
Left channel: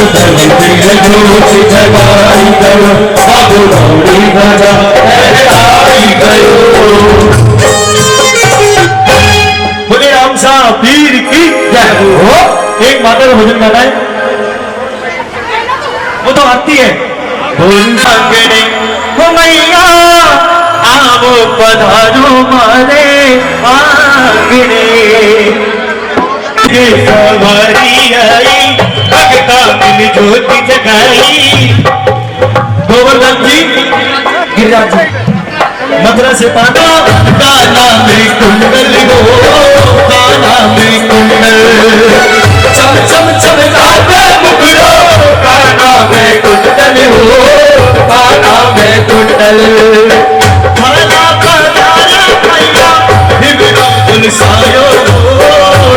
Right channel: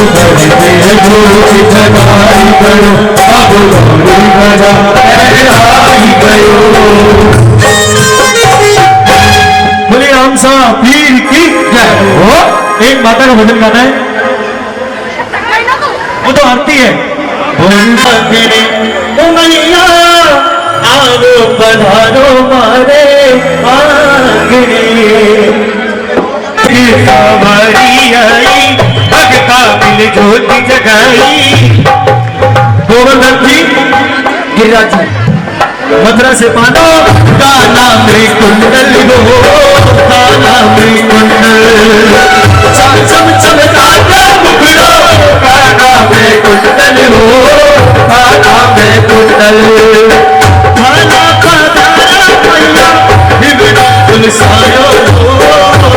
में जोत जगाई गयो पग घोड़ी बजाई गयो बोले राम साहब पीर की जय हो। एक माता का भजन गाना है वो तो आती है मंगने ओ मैया आवो पधारो मारे आंगने सवारी आई भगता मिल ज्योति जगाई गोवर्धन जी गिरिराज जी मथुरा से पाना काला में कुंडल हो काला में कुंडल चम चम जाता मुखड़ो काला में कुंडल हो काला में कुंडल काला पधारा मैया हिबड़ो गुलसायो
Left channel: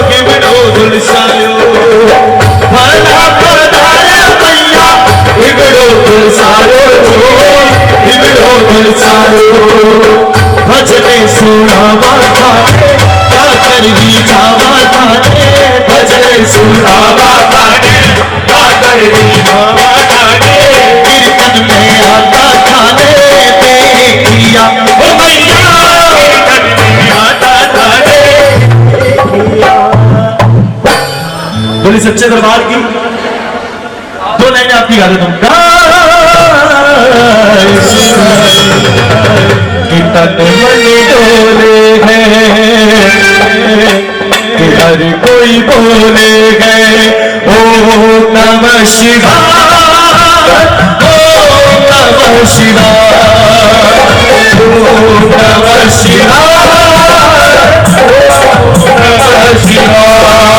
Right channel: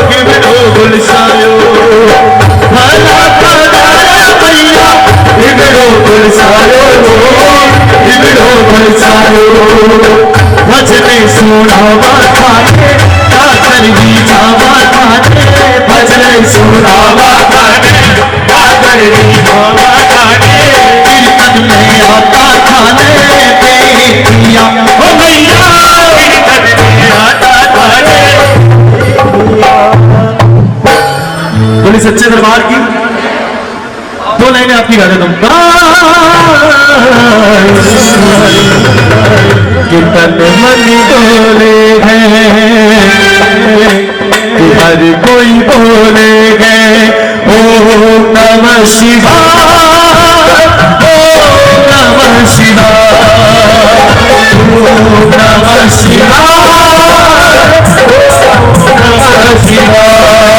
हिबड़ो गुलसायो काला पधारा मैया हिबड़ो गुलसायो हिबड़ो गुलसायो भजने सुनावा थाने काकर ही जावा थाने भजने सुनावा थाने काकर ही जावा थाने कीर्तन में आता थाने देखिया ओ मैया कीर्तन में आता थाने बोले सच्चे दरबार की दो लाइनें आपकी गा देता हूं तन मन डोले हैं कि हर कोई बोले हैं ओम नमः शिवाय ओम नमः शिवाय ओम नमः शिवाय ओम नमः शिवाय।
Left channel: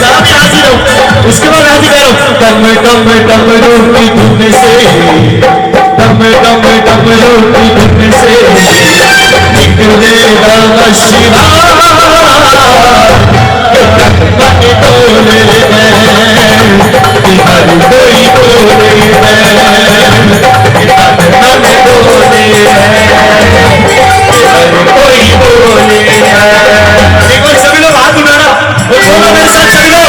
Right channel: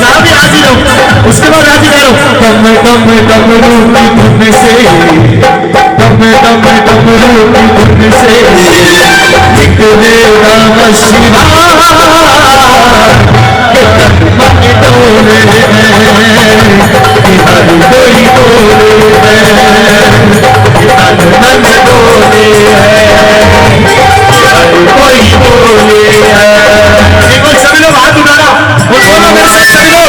मैं भी हाजिर हूँ उसके बाद हाजिर करो कम रूपी धुन से, डम डम डमरू की धुन से निकले नमः शिवाय। मन डोले कि हर कोई बोले मन डोले हर कोई बोले। एक बार सभी लोग हाथ उठाना और बोलो मेरे साथ सभी लोग,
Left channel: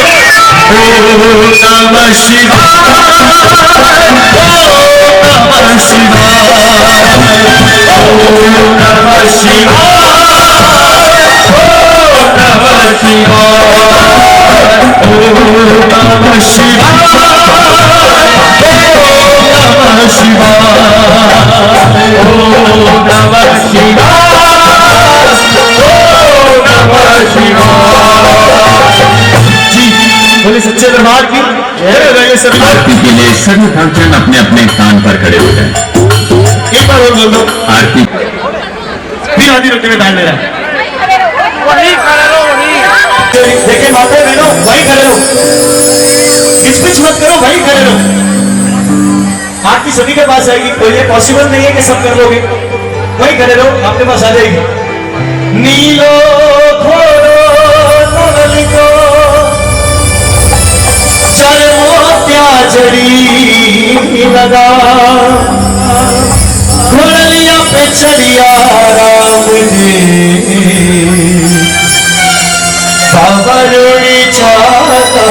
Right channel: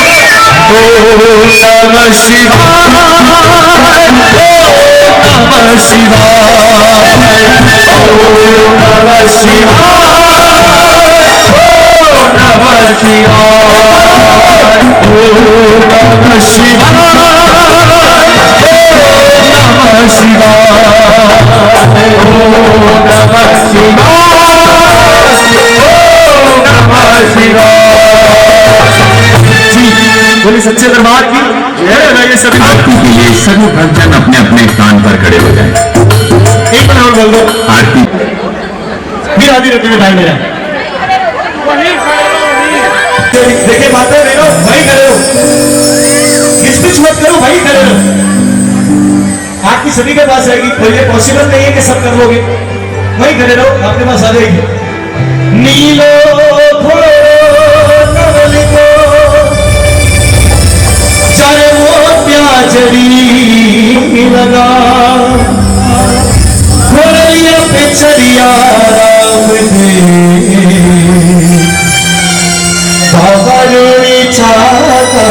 ओम नमः शिवाय, ओम नमः शिवाय, ओम नमः शिवाय, ओम नमः शिवाय, ओम नमः शिवाय, ओम नमः शिवाय, ओम नमः शिवाय। जी बोले सच्चे दरबार की जय। सभी आरती के लिए सभी भक्तजन अपने अपने स्थान पर खड़े हो जाएं। एक बार और बोल दो, आरती फिर आधी रोटी में डाल दे रहा है। देखिए माता बहनों, वही खड़े रहो, किचपिच मत करो, वही खड़े रहो। आरती सभी के पास आएगी, कोई ये पॉसिबल नहीं है कि सब कर लोगे, वही खड़े रहो, आपके पास आ जाएगी। नीलो चढ़ी लगा घोड़िया पे चढ़िया राम ने बाबा रोड़ी चाका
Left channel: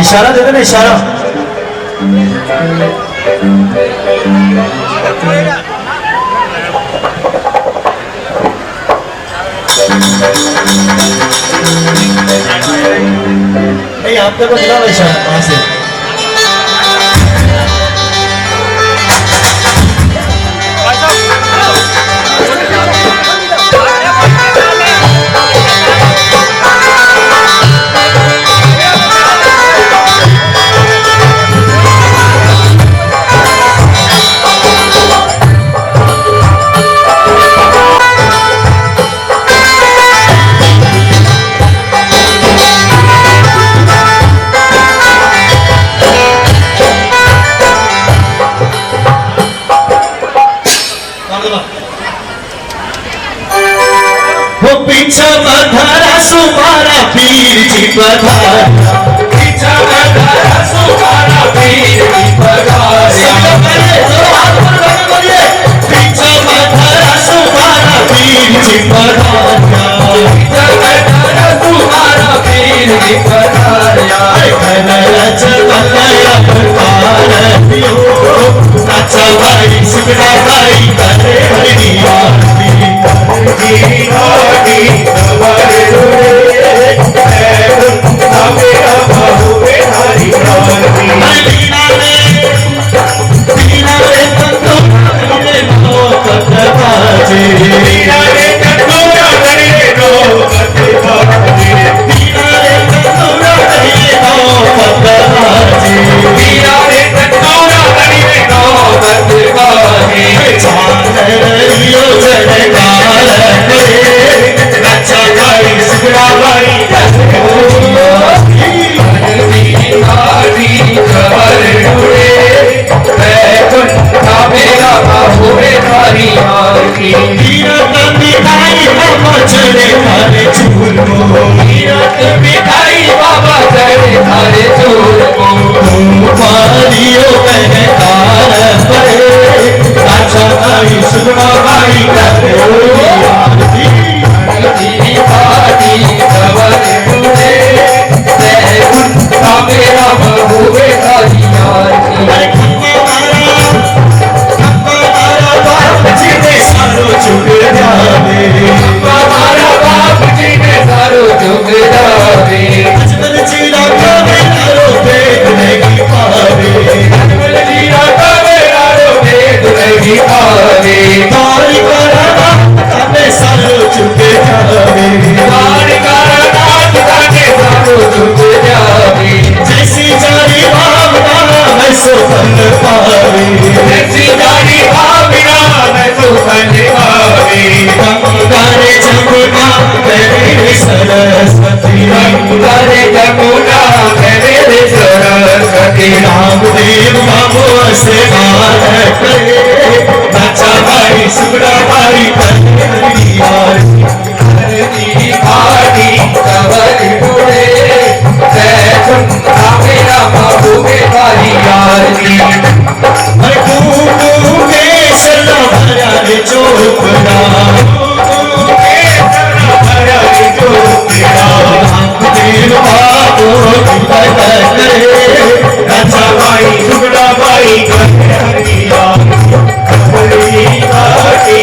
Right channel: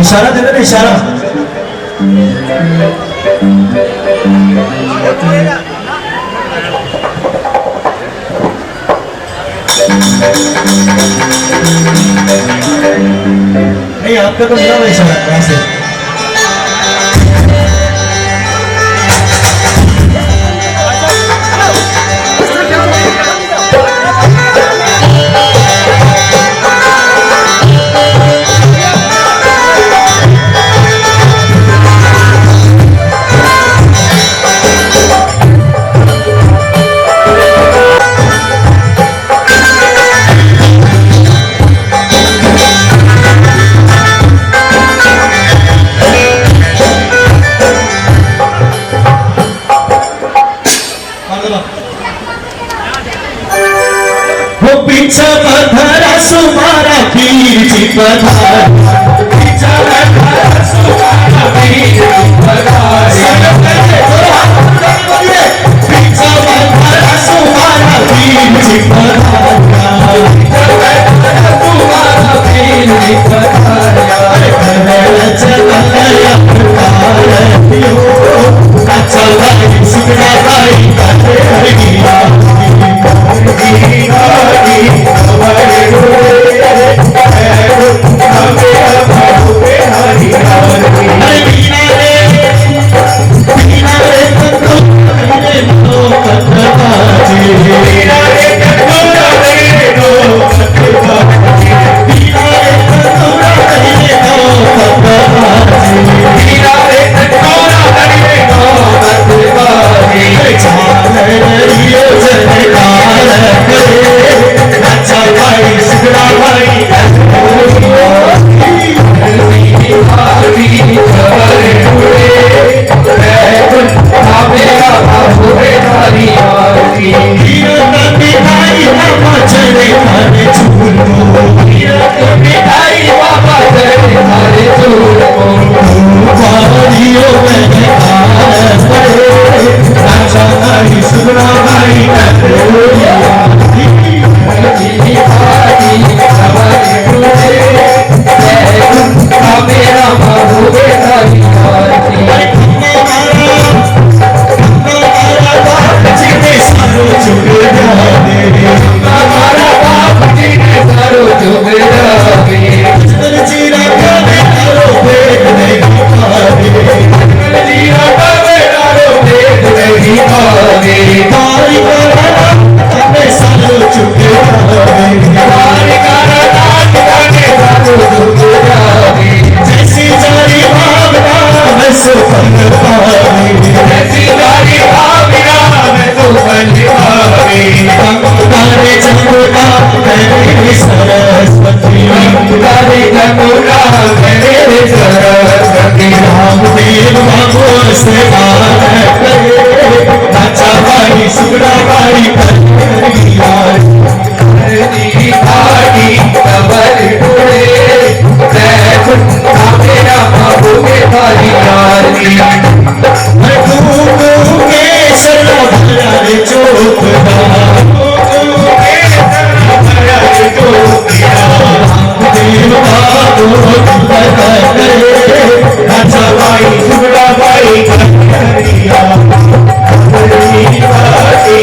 इशारा दे देना, इशारा। नहीं आपका तो मिला इशारा वहां से। वो पीछा पधारा सुमारा पीर जी पधारा, पीछा पधारा सुमारा पीर जी पधारा, पीछा पधारा सुमारा पीर जी पधारा, पीछा पधारा सुमारा पीर जी पधारा। चलया प्रकार पियो नाचा भाई सिकड़ा भाई करे हरिया सो फल पावे ऐसी गाड़ी भाविया मैं सो फल पावे तारे जमुना मेरे सरस्वती तारे जमुना मेरे सरस्वती रामदेव बाबू से करे अच्छा भाई सुगड़ा भाई यार घाटी कबर उड़े मेरा बाबू के भाई यारी सला भरा रे चौकड़ा देव बाबू करे अच्छा भाई सुगड़ा भाई कन्हैया घाटी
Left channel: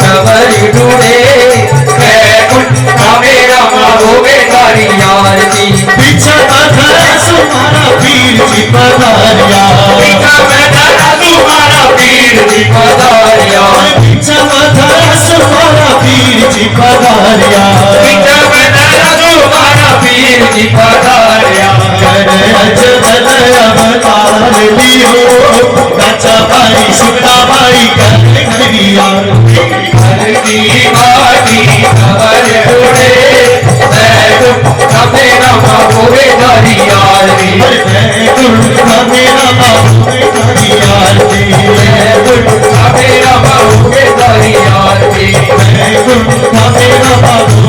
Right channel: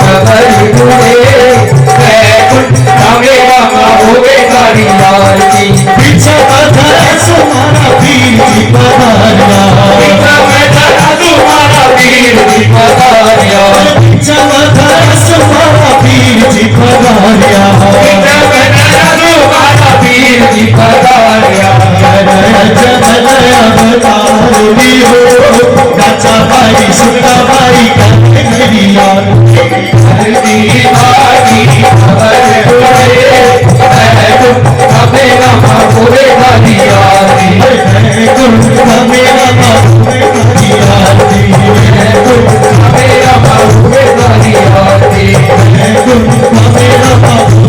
कबर मेरा बाबू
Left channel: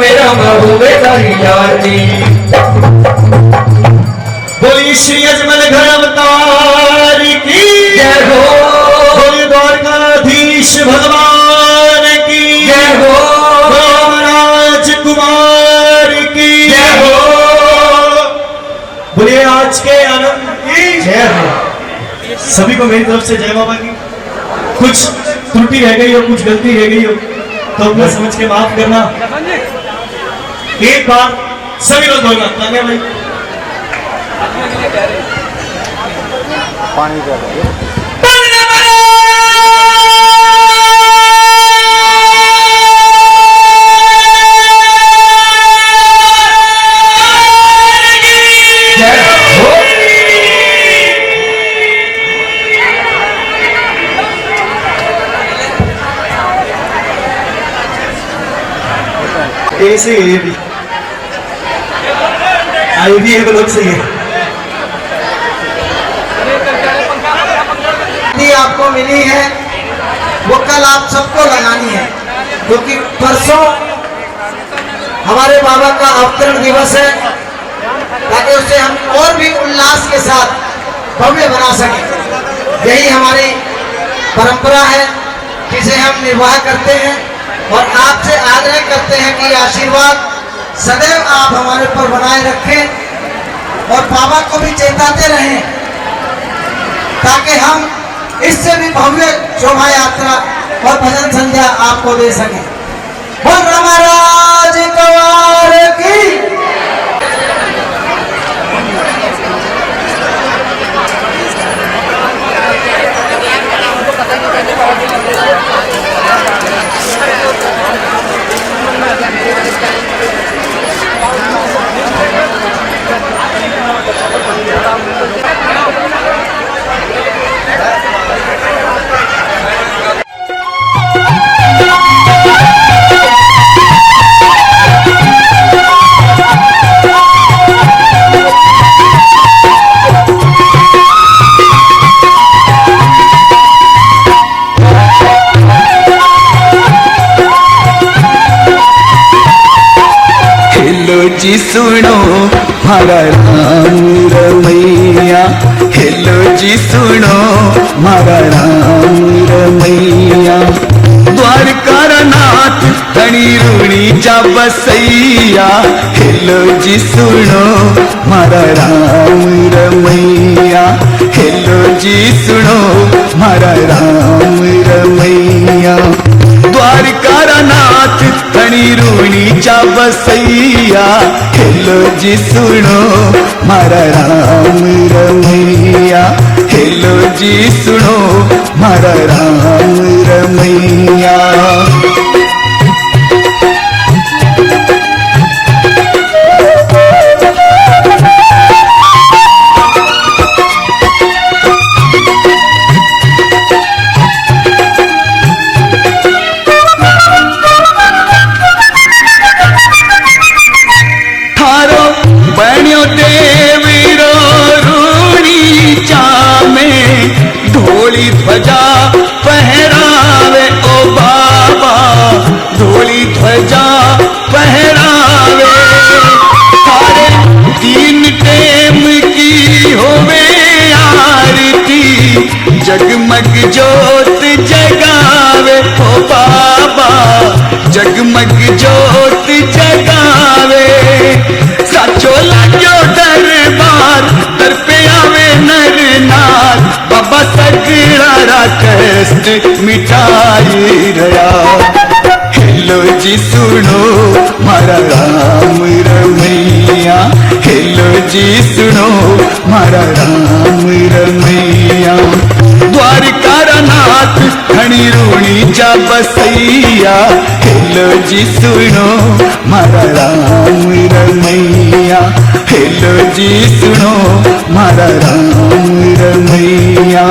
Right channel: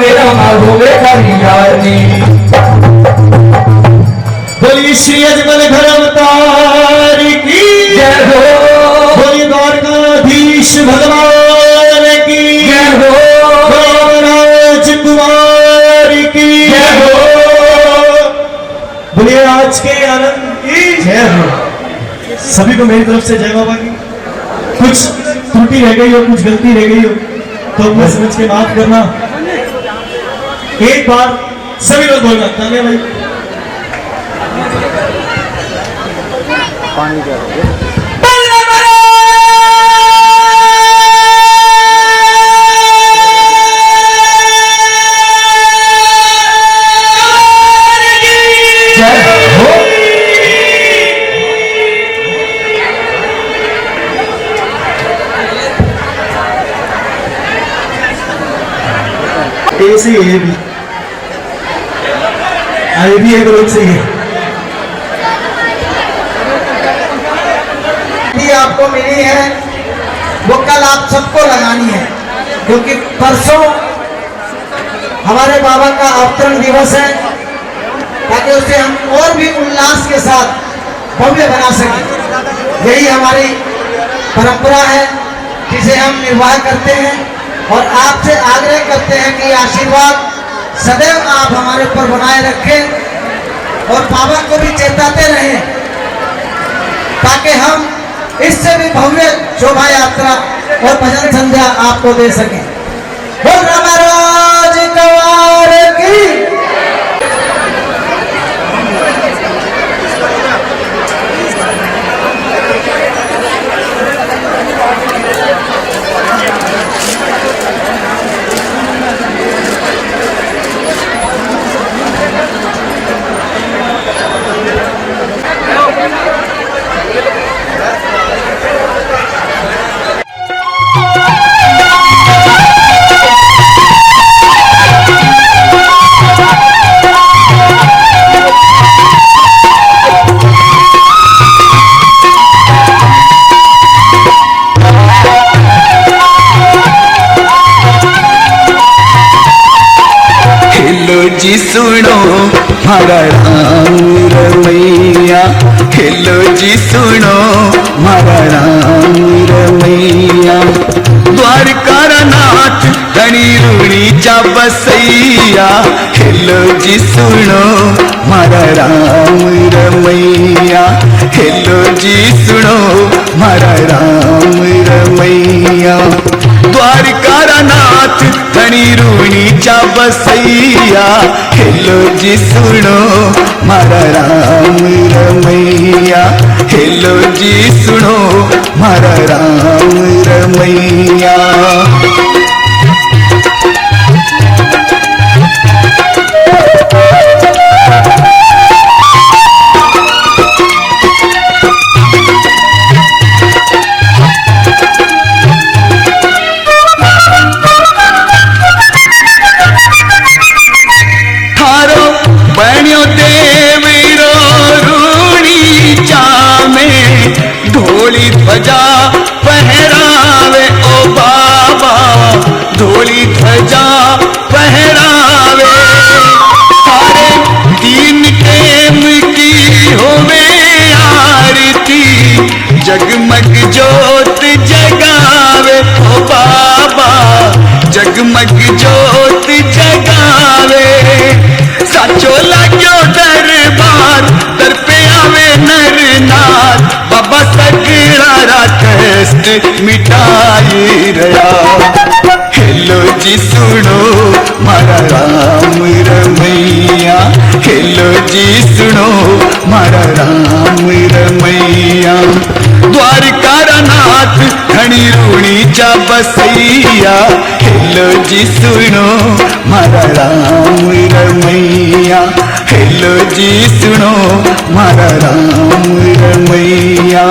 मेरा महबूबे का यार है। सभी को मेरी तरफ से जय बाबा की। कुछ त्रुटि रह गई हो, कुछ गलती रह गई हो तो मैं समझ के माफ करना। एक बार सभी लोग बोलना ताने भाई। ऐसे ही ये भी आई भी एक लोग सही है। आपको मिली है वो कल आप सबको लगानी है, क्योंकि परसों हमारे बाबा का अवतरण दिवस है, ताकि उसे हम और भी उल्लास के साथ भव्य बना सकें। यही हमारी परंपरा है जिसे हम निर्वाह करते हैं और आपसे आग्रह करते हैं कि आशीर्वाद सदैव आप हमारे ऊपर बनाए रखें और बाबा को भी चेताते रहें, ताकि हम इससे भी भव्य शोभा यात्रा और भजन संध्या आपको दे सकें। बोल महाराज कवार की। जी सुनो मारा राम रमैया, हेलो जी सुनो मारा राम रमैया। द्वारका नाथ धनी रूणी जा बसैया, हेलो जी सुनो मारा राम रमैया, हेलो जी सुनो मारा राम रमैया। द्वारका नाथ धनी रूणी जा बसैया, हेलो जी सुनो मारा राम रमैया, हेलो जी सुनो मारा राम रमैया। बण्यो देवीरो रूणी चामे, ढोली ध्वजा पहरावे ओ बाबा, ढोली ध्वजा पहरावे। सारे तीन टेम की होवे आरती, जगमग जोत जगावे ओ बाबा, जगमग जोत जगावे। साचो लाग्यो दरबार, दर पे आवे नर नार, बाबा सगड़ा कष्ट मिटाई रहा। हेलो जी सुनो मारा राम रमैया, हेलो जी सुनो मारा राम रमैया। द्वारका नाथ धनी रूणी जा बसैया, हेलो जी सुनो मारा राम रमैया, हेलो जी सुनो मारा राम रमैया।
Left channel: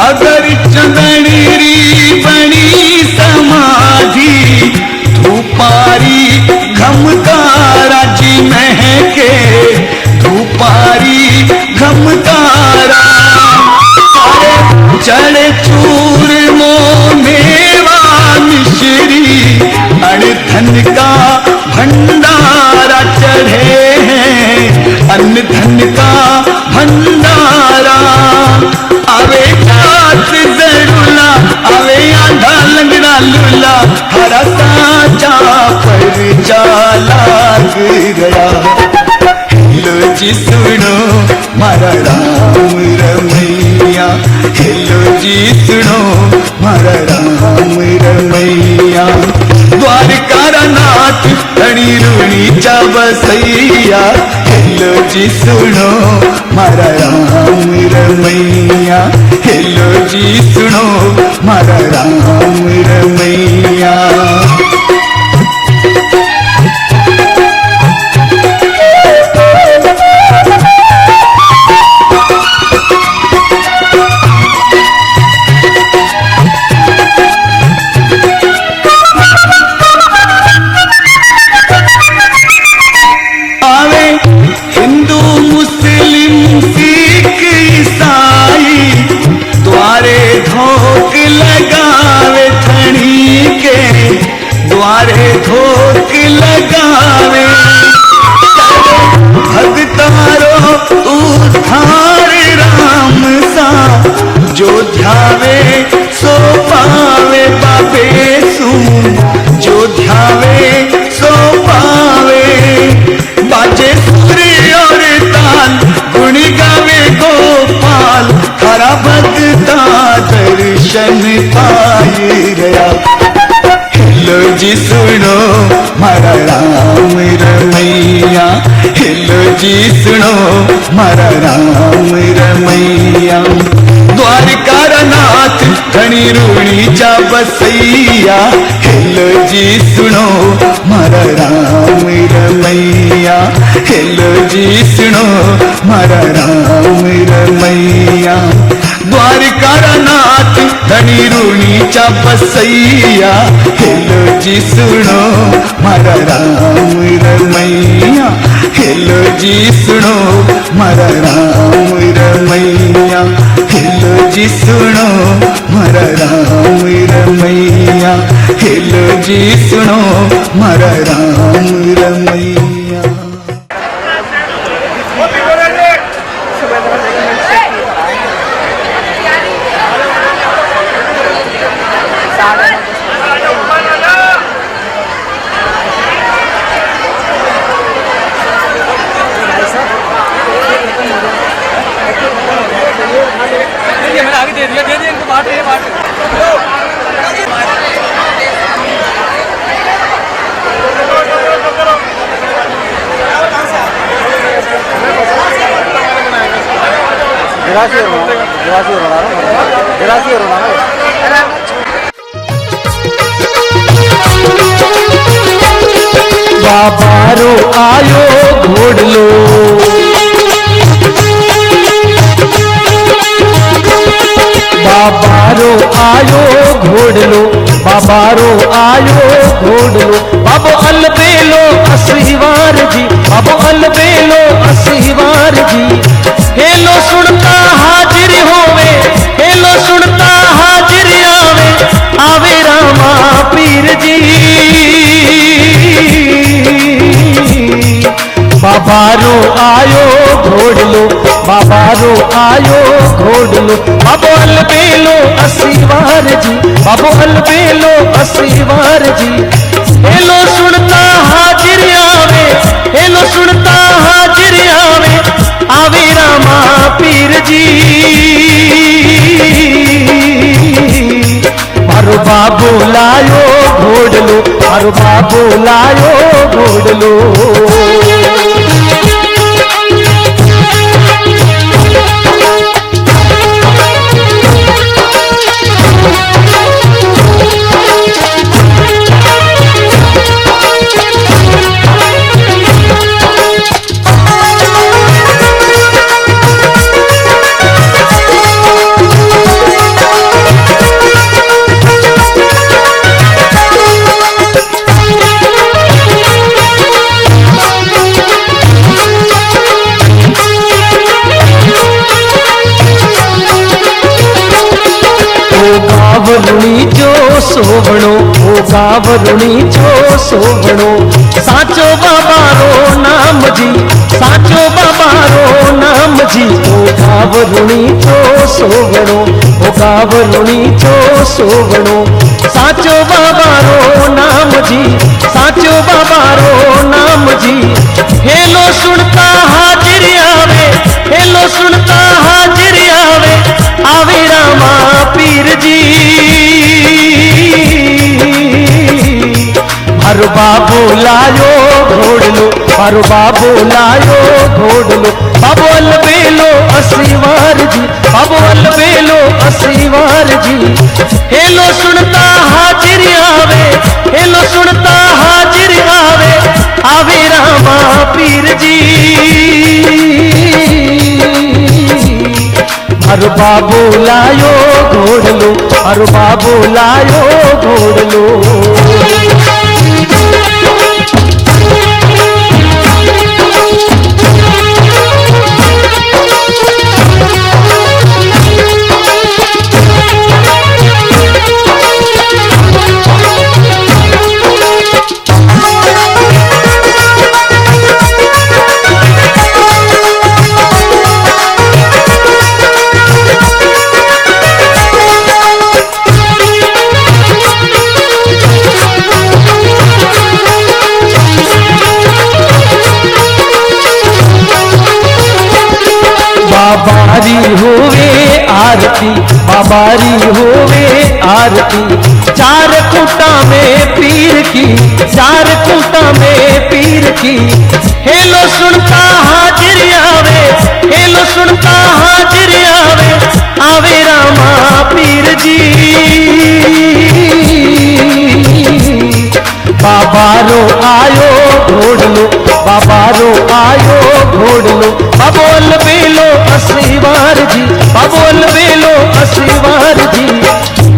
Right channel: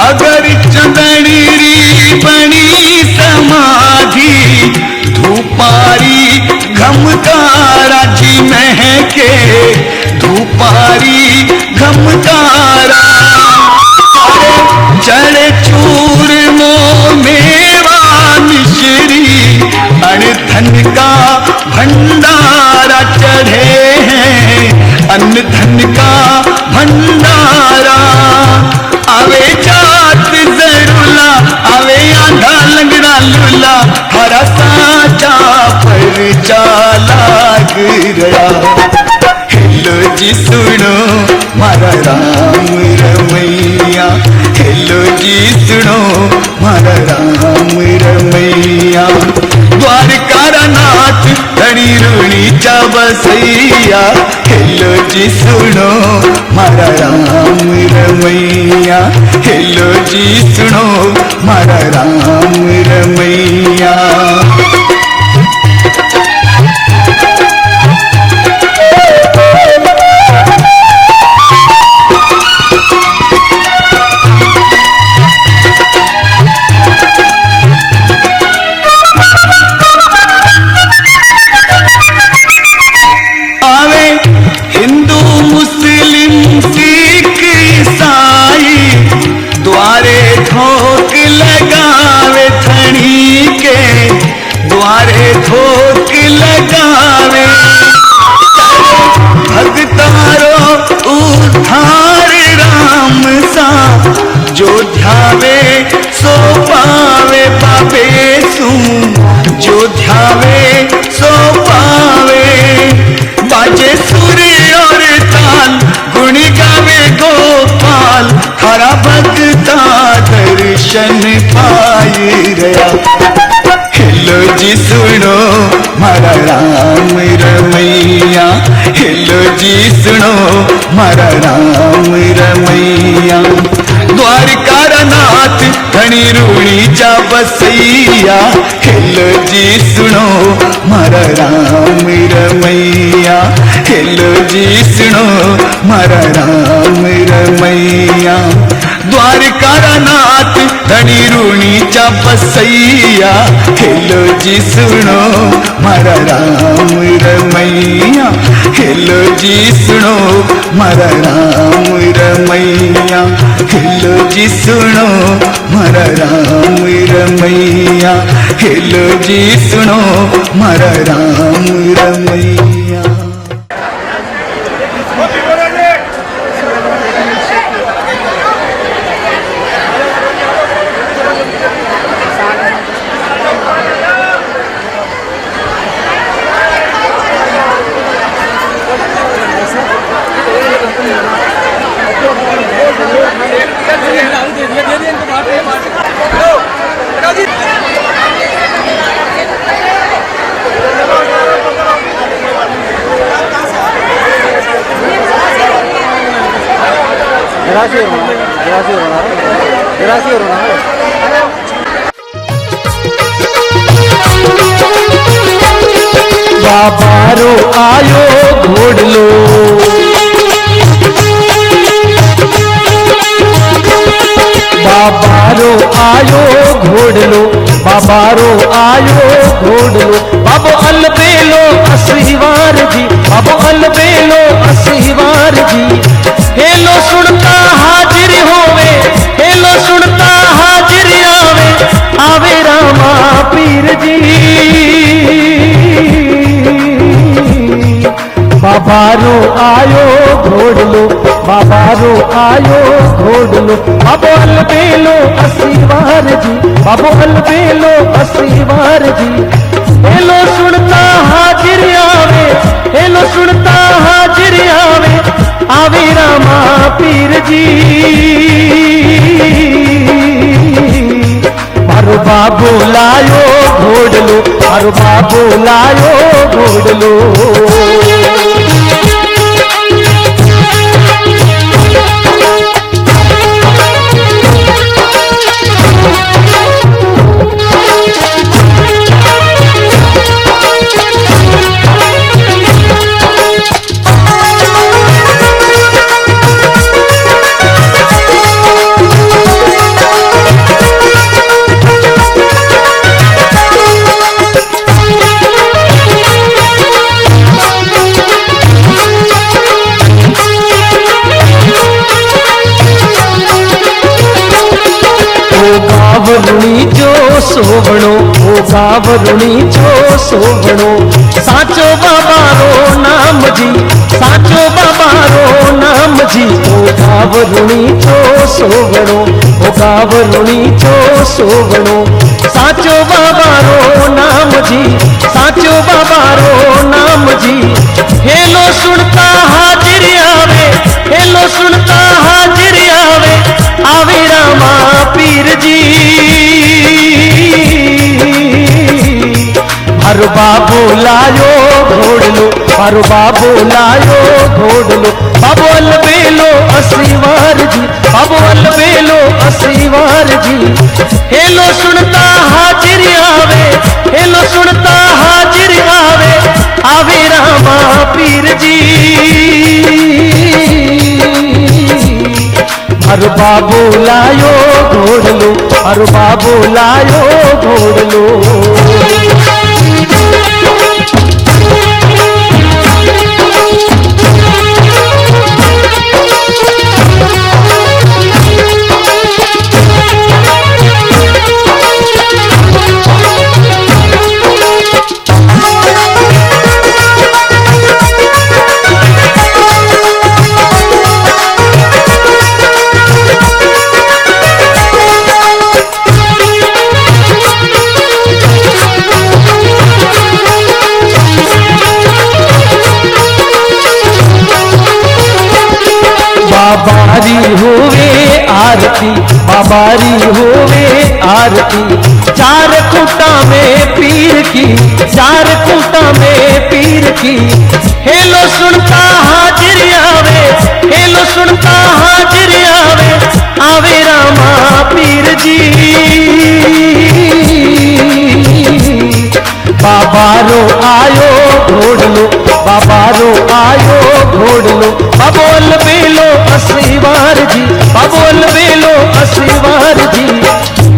अगर चंदनी बनी समाधि, धूपारी घमकारा जी महके, धूपारी घमकारा। सारे चढ़े चूरमो मेवा गुजरी अन्न धन का भंडारा चढ़े हैं, अन्न धन का भंडारा। आवे जात जरूला, आवे आधा लंगड़ा लूला, हरा साचा पर जाला गया। हेलो जी सुनो मारा राम रमैया, हेलो जी सुनो मारा राम रमैया। द्वारका नाथ धनी रूणी चा बसैया, हेलो जी सुनो मारा राम रमैया, हेलो जी सुनो मारा राम रमैया। द्वारे ठोक लगावे, भगतारो उद्धार राम सा, जो ध्यावे सो पावे बाबे सू, जो ध्यावे सो पावे। बाजे सूर्य और ताल गुण गावे गोपाल, हरा भगता दर्शन पाए गया। हेलो जी सुनो मारा राम रमैया, हेलो जी सुनो मारा राम रमैया। द्वारका नाथ धनी रूणी चा बसैया, हेलो जी सुनो मारा राम रमैया, हेलो जी सुनो मारा राम रमैया। द्वारका नाथ धनी रूणी चा बसैया, हेलो जी सुनो मारा राम रमैया, हेलो जी सुनो मारा राम रमैया, हेलो जी सुनो मारा राम रमैया, हेलो जी सुनो मारा राम रमैया। बाबारो आयो घोड़ लो, बाबारो आयो घोड़ लो, बाबारो आयो घोड़ लो। बाबो अलबेलो असीवार जी, बाबो अलबेलो असीवार जी। हेलो सुनता हाजिर होवे, हेलो सुनता हाजिर आवे, आवे रामा पीर जी। बाबारो आयो घोड़ लो, बाबारो आयो घोड़ लो। बाबो अलबेलो असीवार जी, बाबो अलबेलो असीवार जी। हेलो सुनता हाजिर आवे, हेलो सुनता हाजिर आवे, आवे रामा पीर जी। मारो बाबू लायो घोड़ लो, मारो बाबू लायो घोड़ लो। गावरुणी छो सोवणो साचो बाबा रो नाम जी साचो बाबा रो नाम जी ओ गावरुणी छो सोवणो ओ गावरुणी छो सोवणो साचो बाबा रो नाम जी साचो बाबा रो नाम जी हेलो सुनता हाजिर आवे हेलो सुनता हाजिर आवे आवे रामा पीर जी हर बाबू लायो घोड़लो हर बाबू लायो घोड़लो बाबू अलबेलो असलीवार जी बाबू अलबेलो असलीवार जी हेलो सुनता हाजिर आवे हेलो सुनता हाजिर आवे आवे रामा पीर जी हर बाबू लायो घोड़लो हर बाबू लायो घोड़लो बाबारी होवे आरती बाबारी होवे आरती चार खूंटा में पीर की चार खूंटा में पीर की हेलो सुनता हाजिर आवे हेलो सुनता हाजिर आवे आवे रामा पीर जी बाबारो आयो घोड़लो बाबारो आयो घोड़लो बाबोल बेलो असलीवार जी बाबोल बेलो असलीवार जी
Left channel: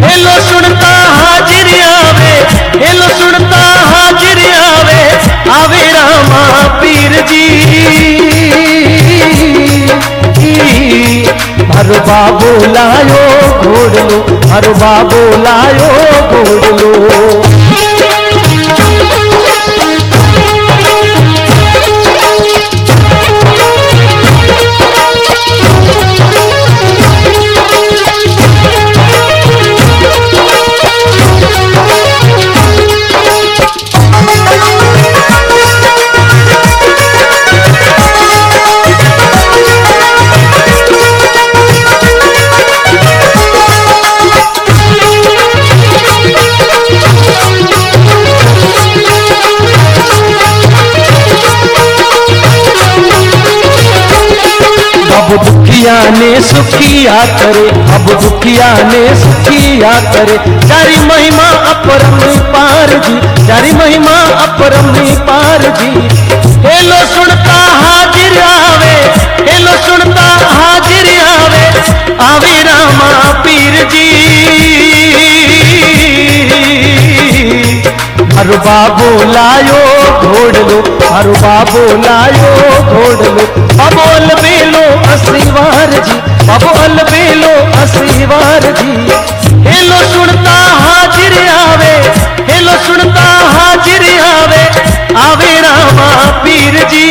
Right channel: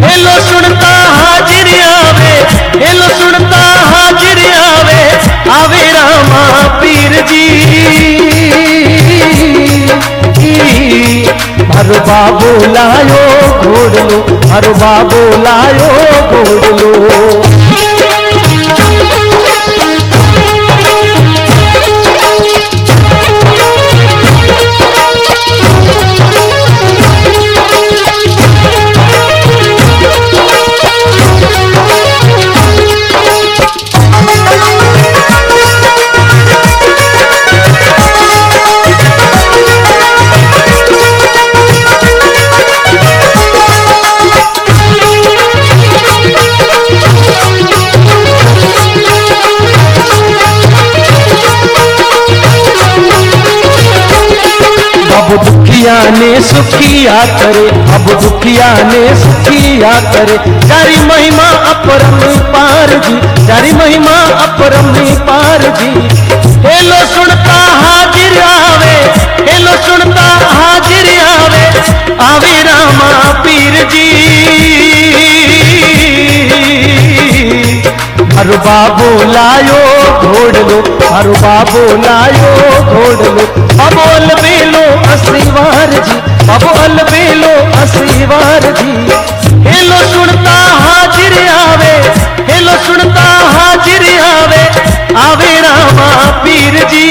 हेलो सुनता हाजिर आवे हेलो सुनता हाजिर आवे आवे रामा पीर जी हर बाबू लायो घोड़लो हर बाबू लायो घोड़लो अब दुखिया ने सुखिया करे अब दुखिया ने सुखिया करे जारी महिमा अपरम पार जी जारी महिमा अपरम पार जी हेलो सुनता हाजिर आवे हेलो सुनता हाजिर आवे आवे रामा पीर जी हर बाबू लायो घोड़लो हर बाबू लायो घोड़लो बाबोल बेलो असलीवार जी बाबोल बेलो असलीवार जी हेलो सुनता हाजिर आवे हेलो सुनता हाजिर आवे आवे रामा पीर जी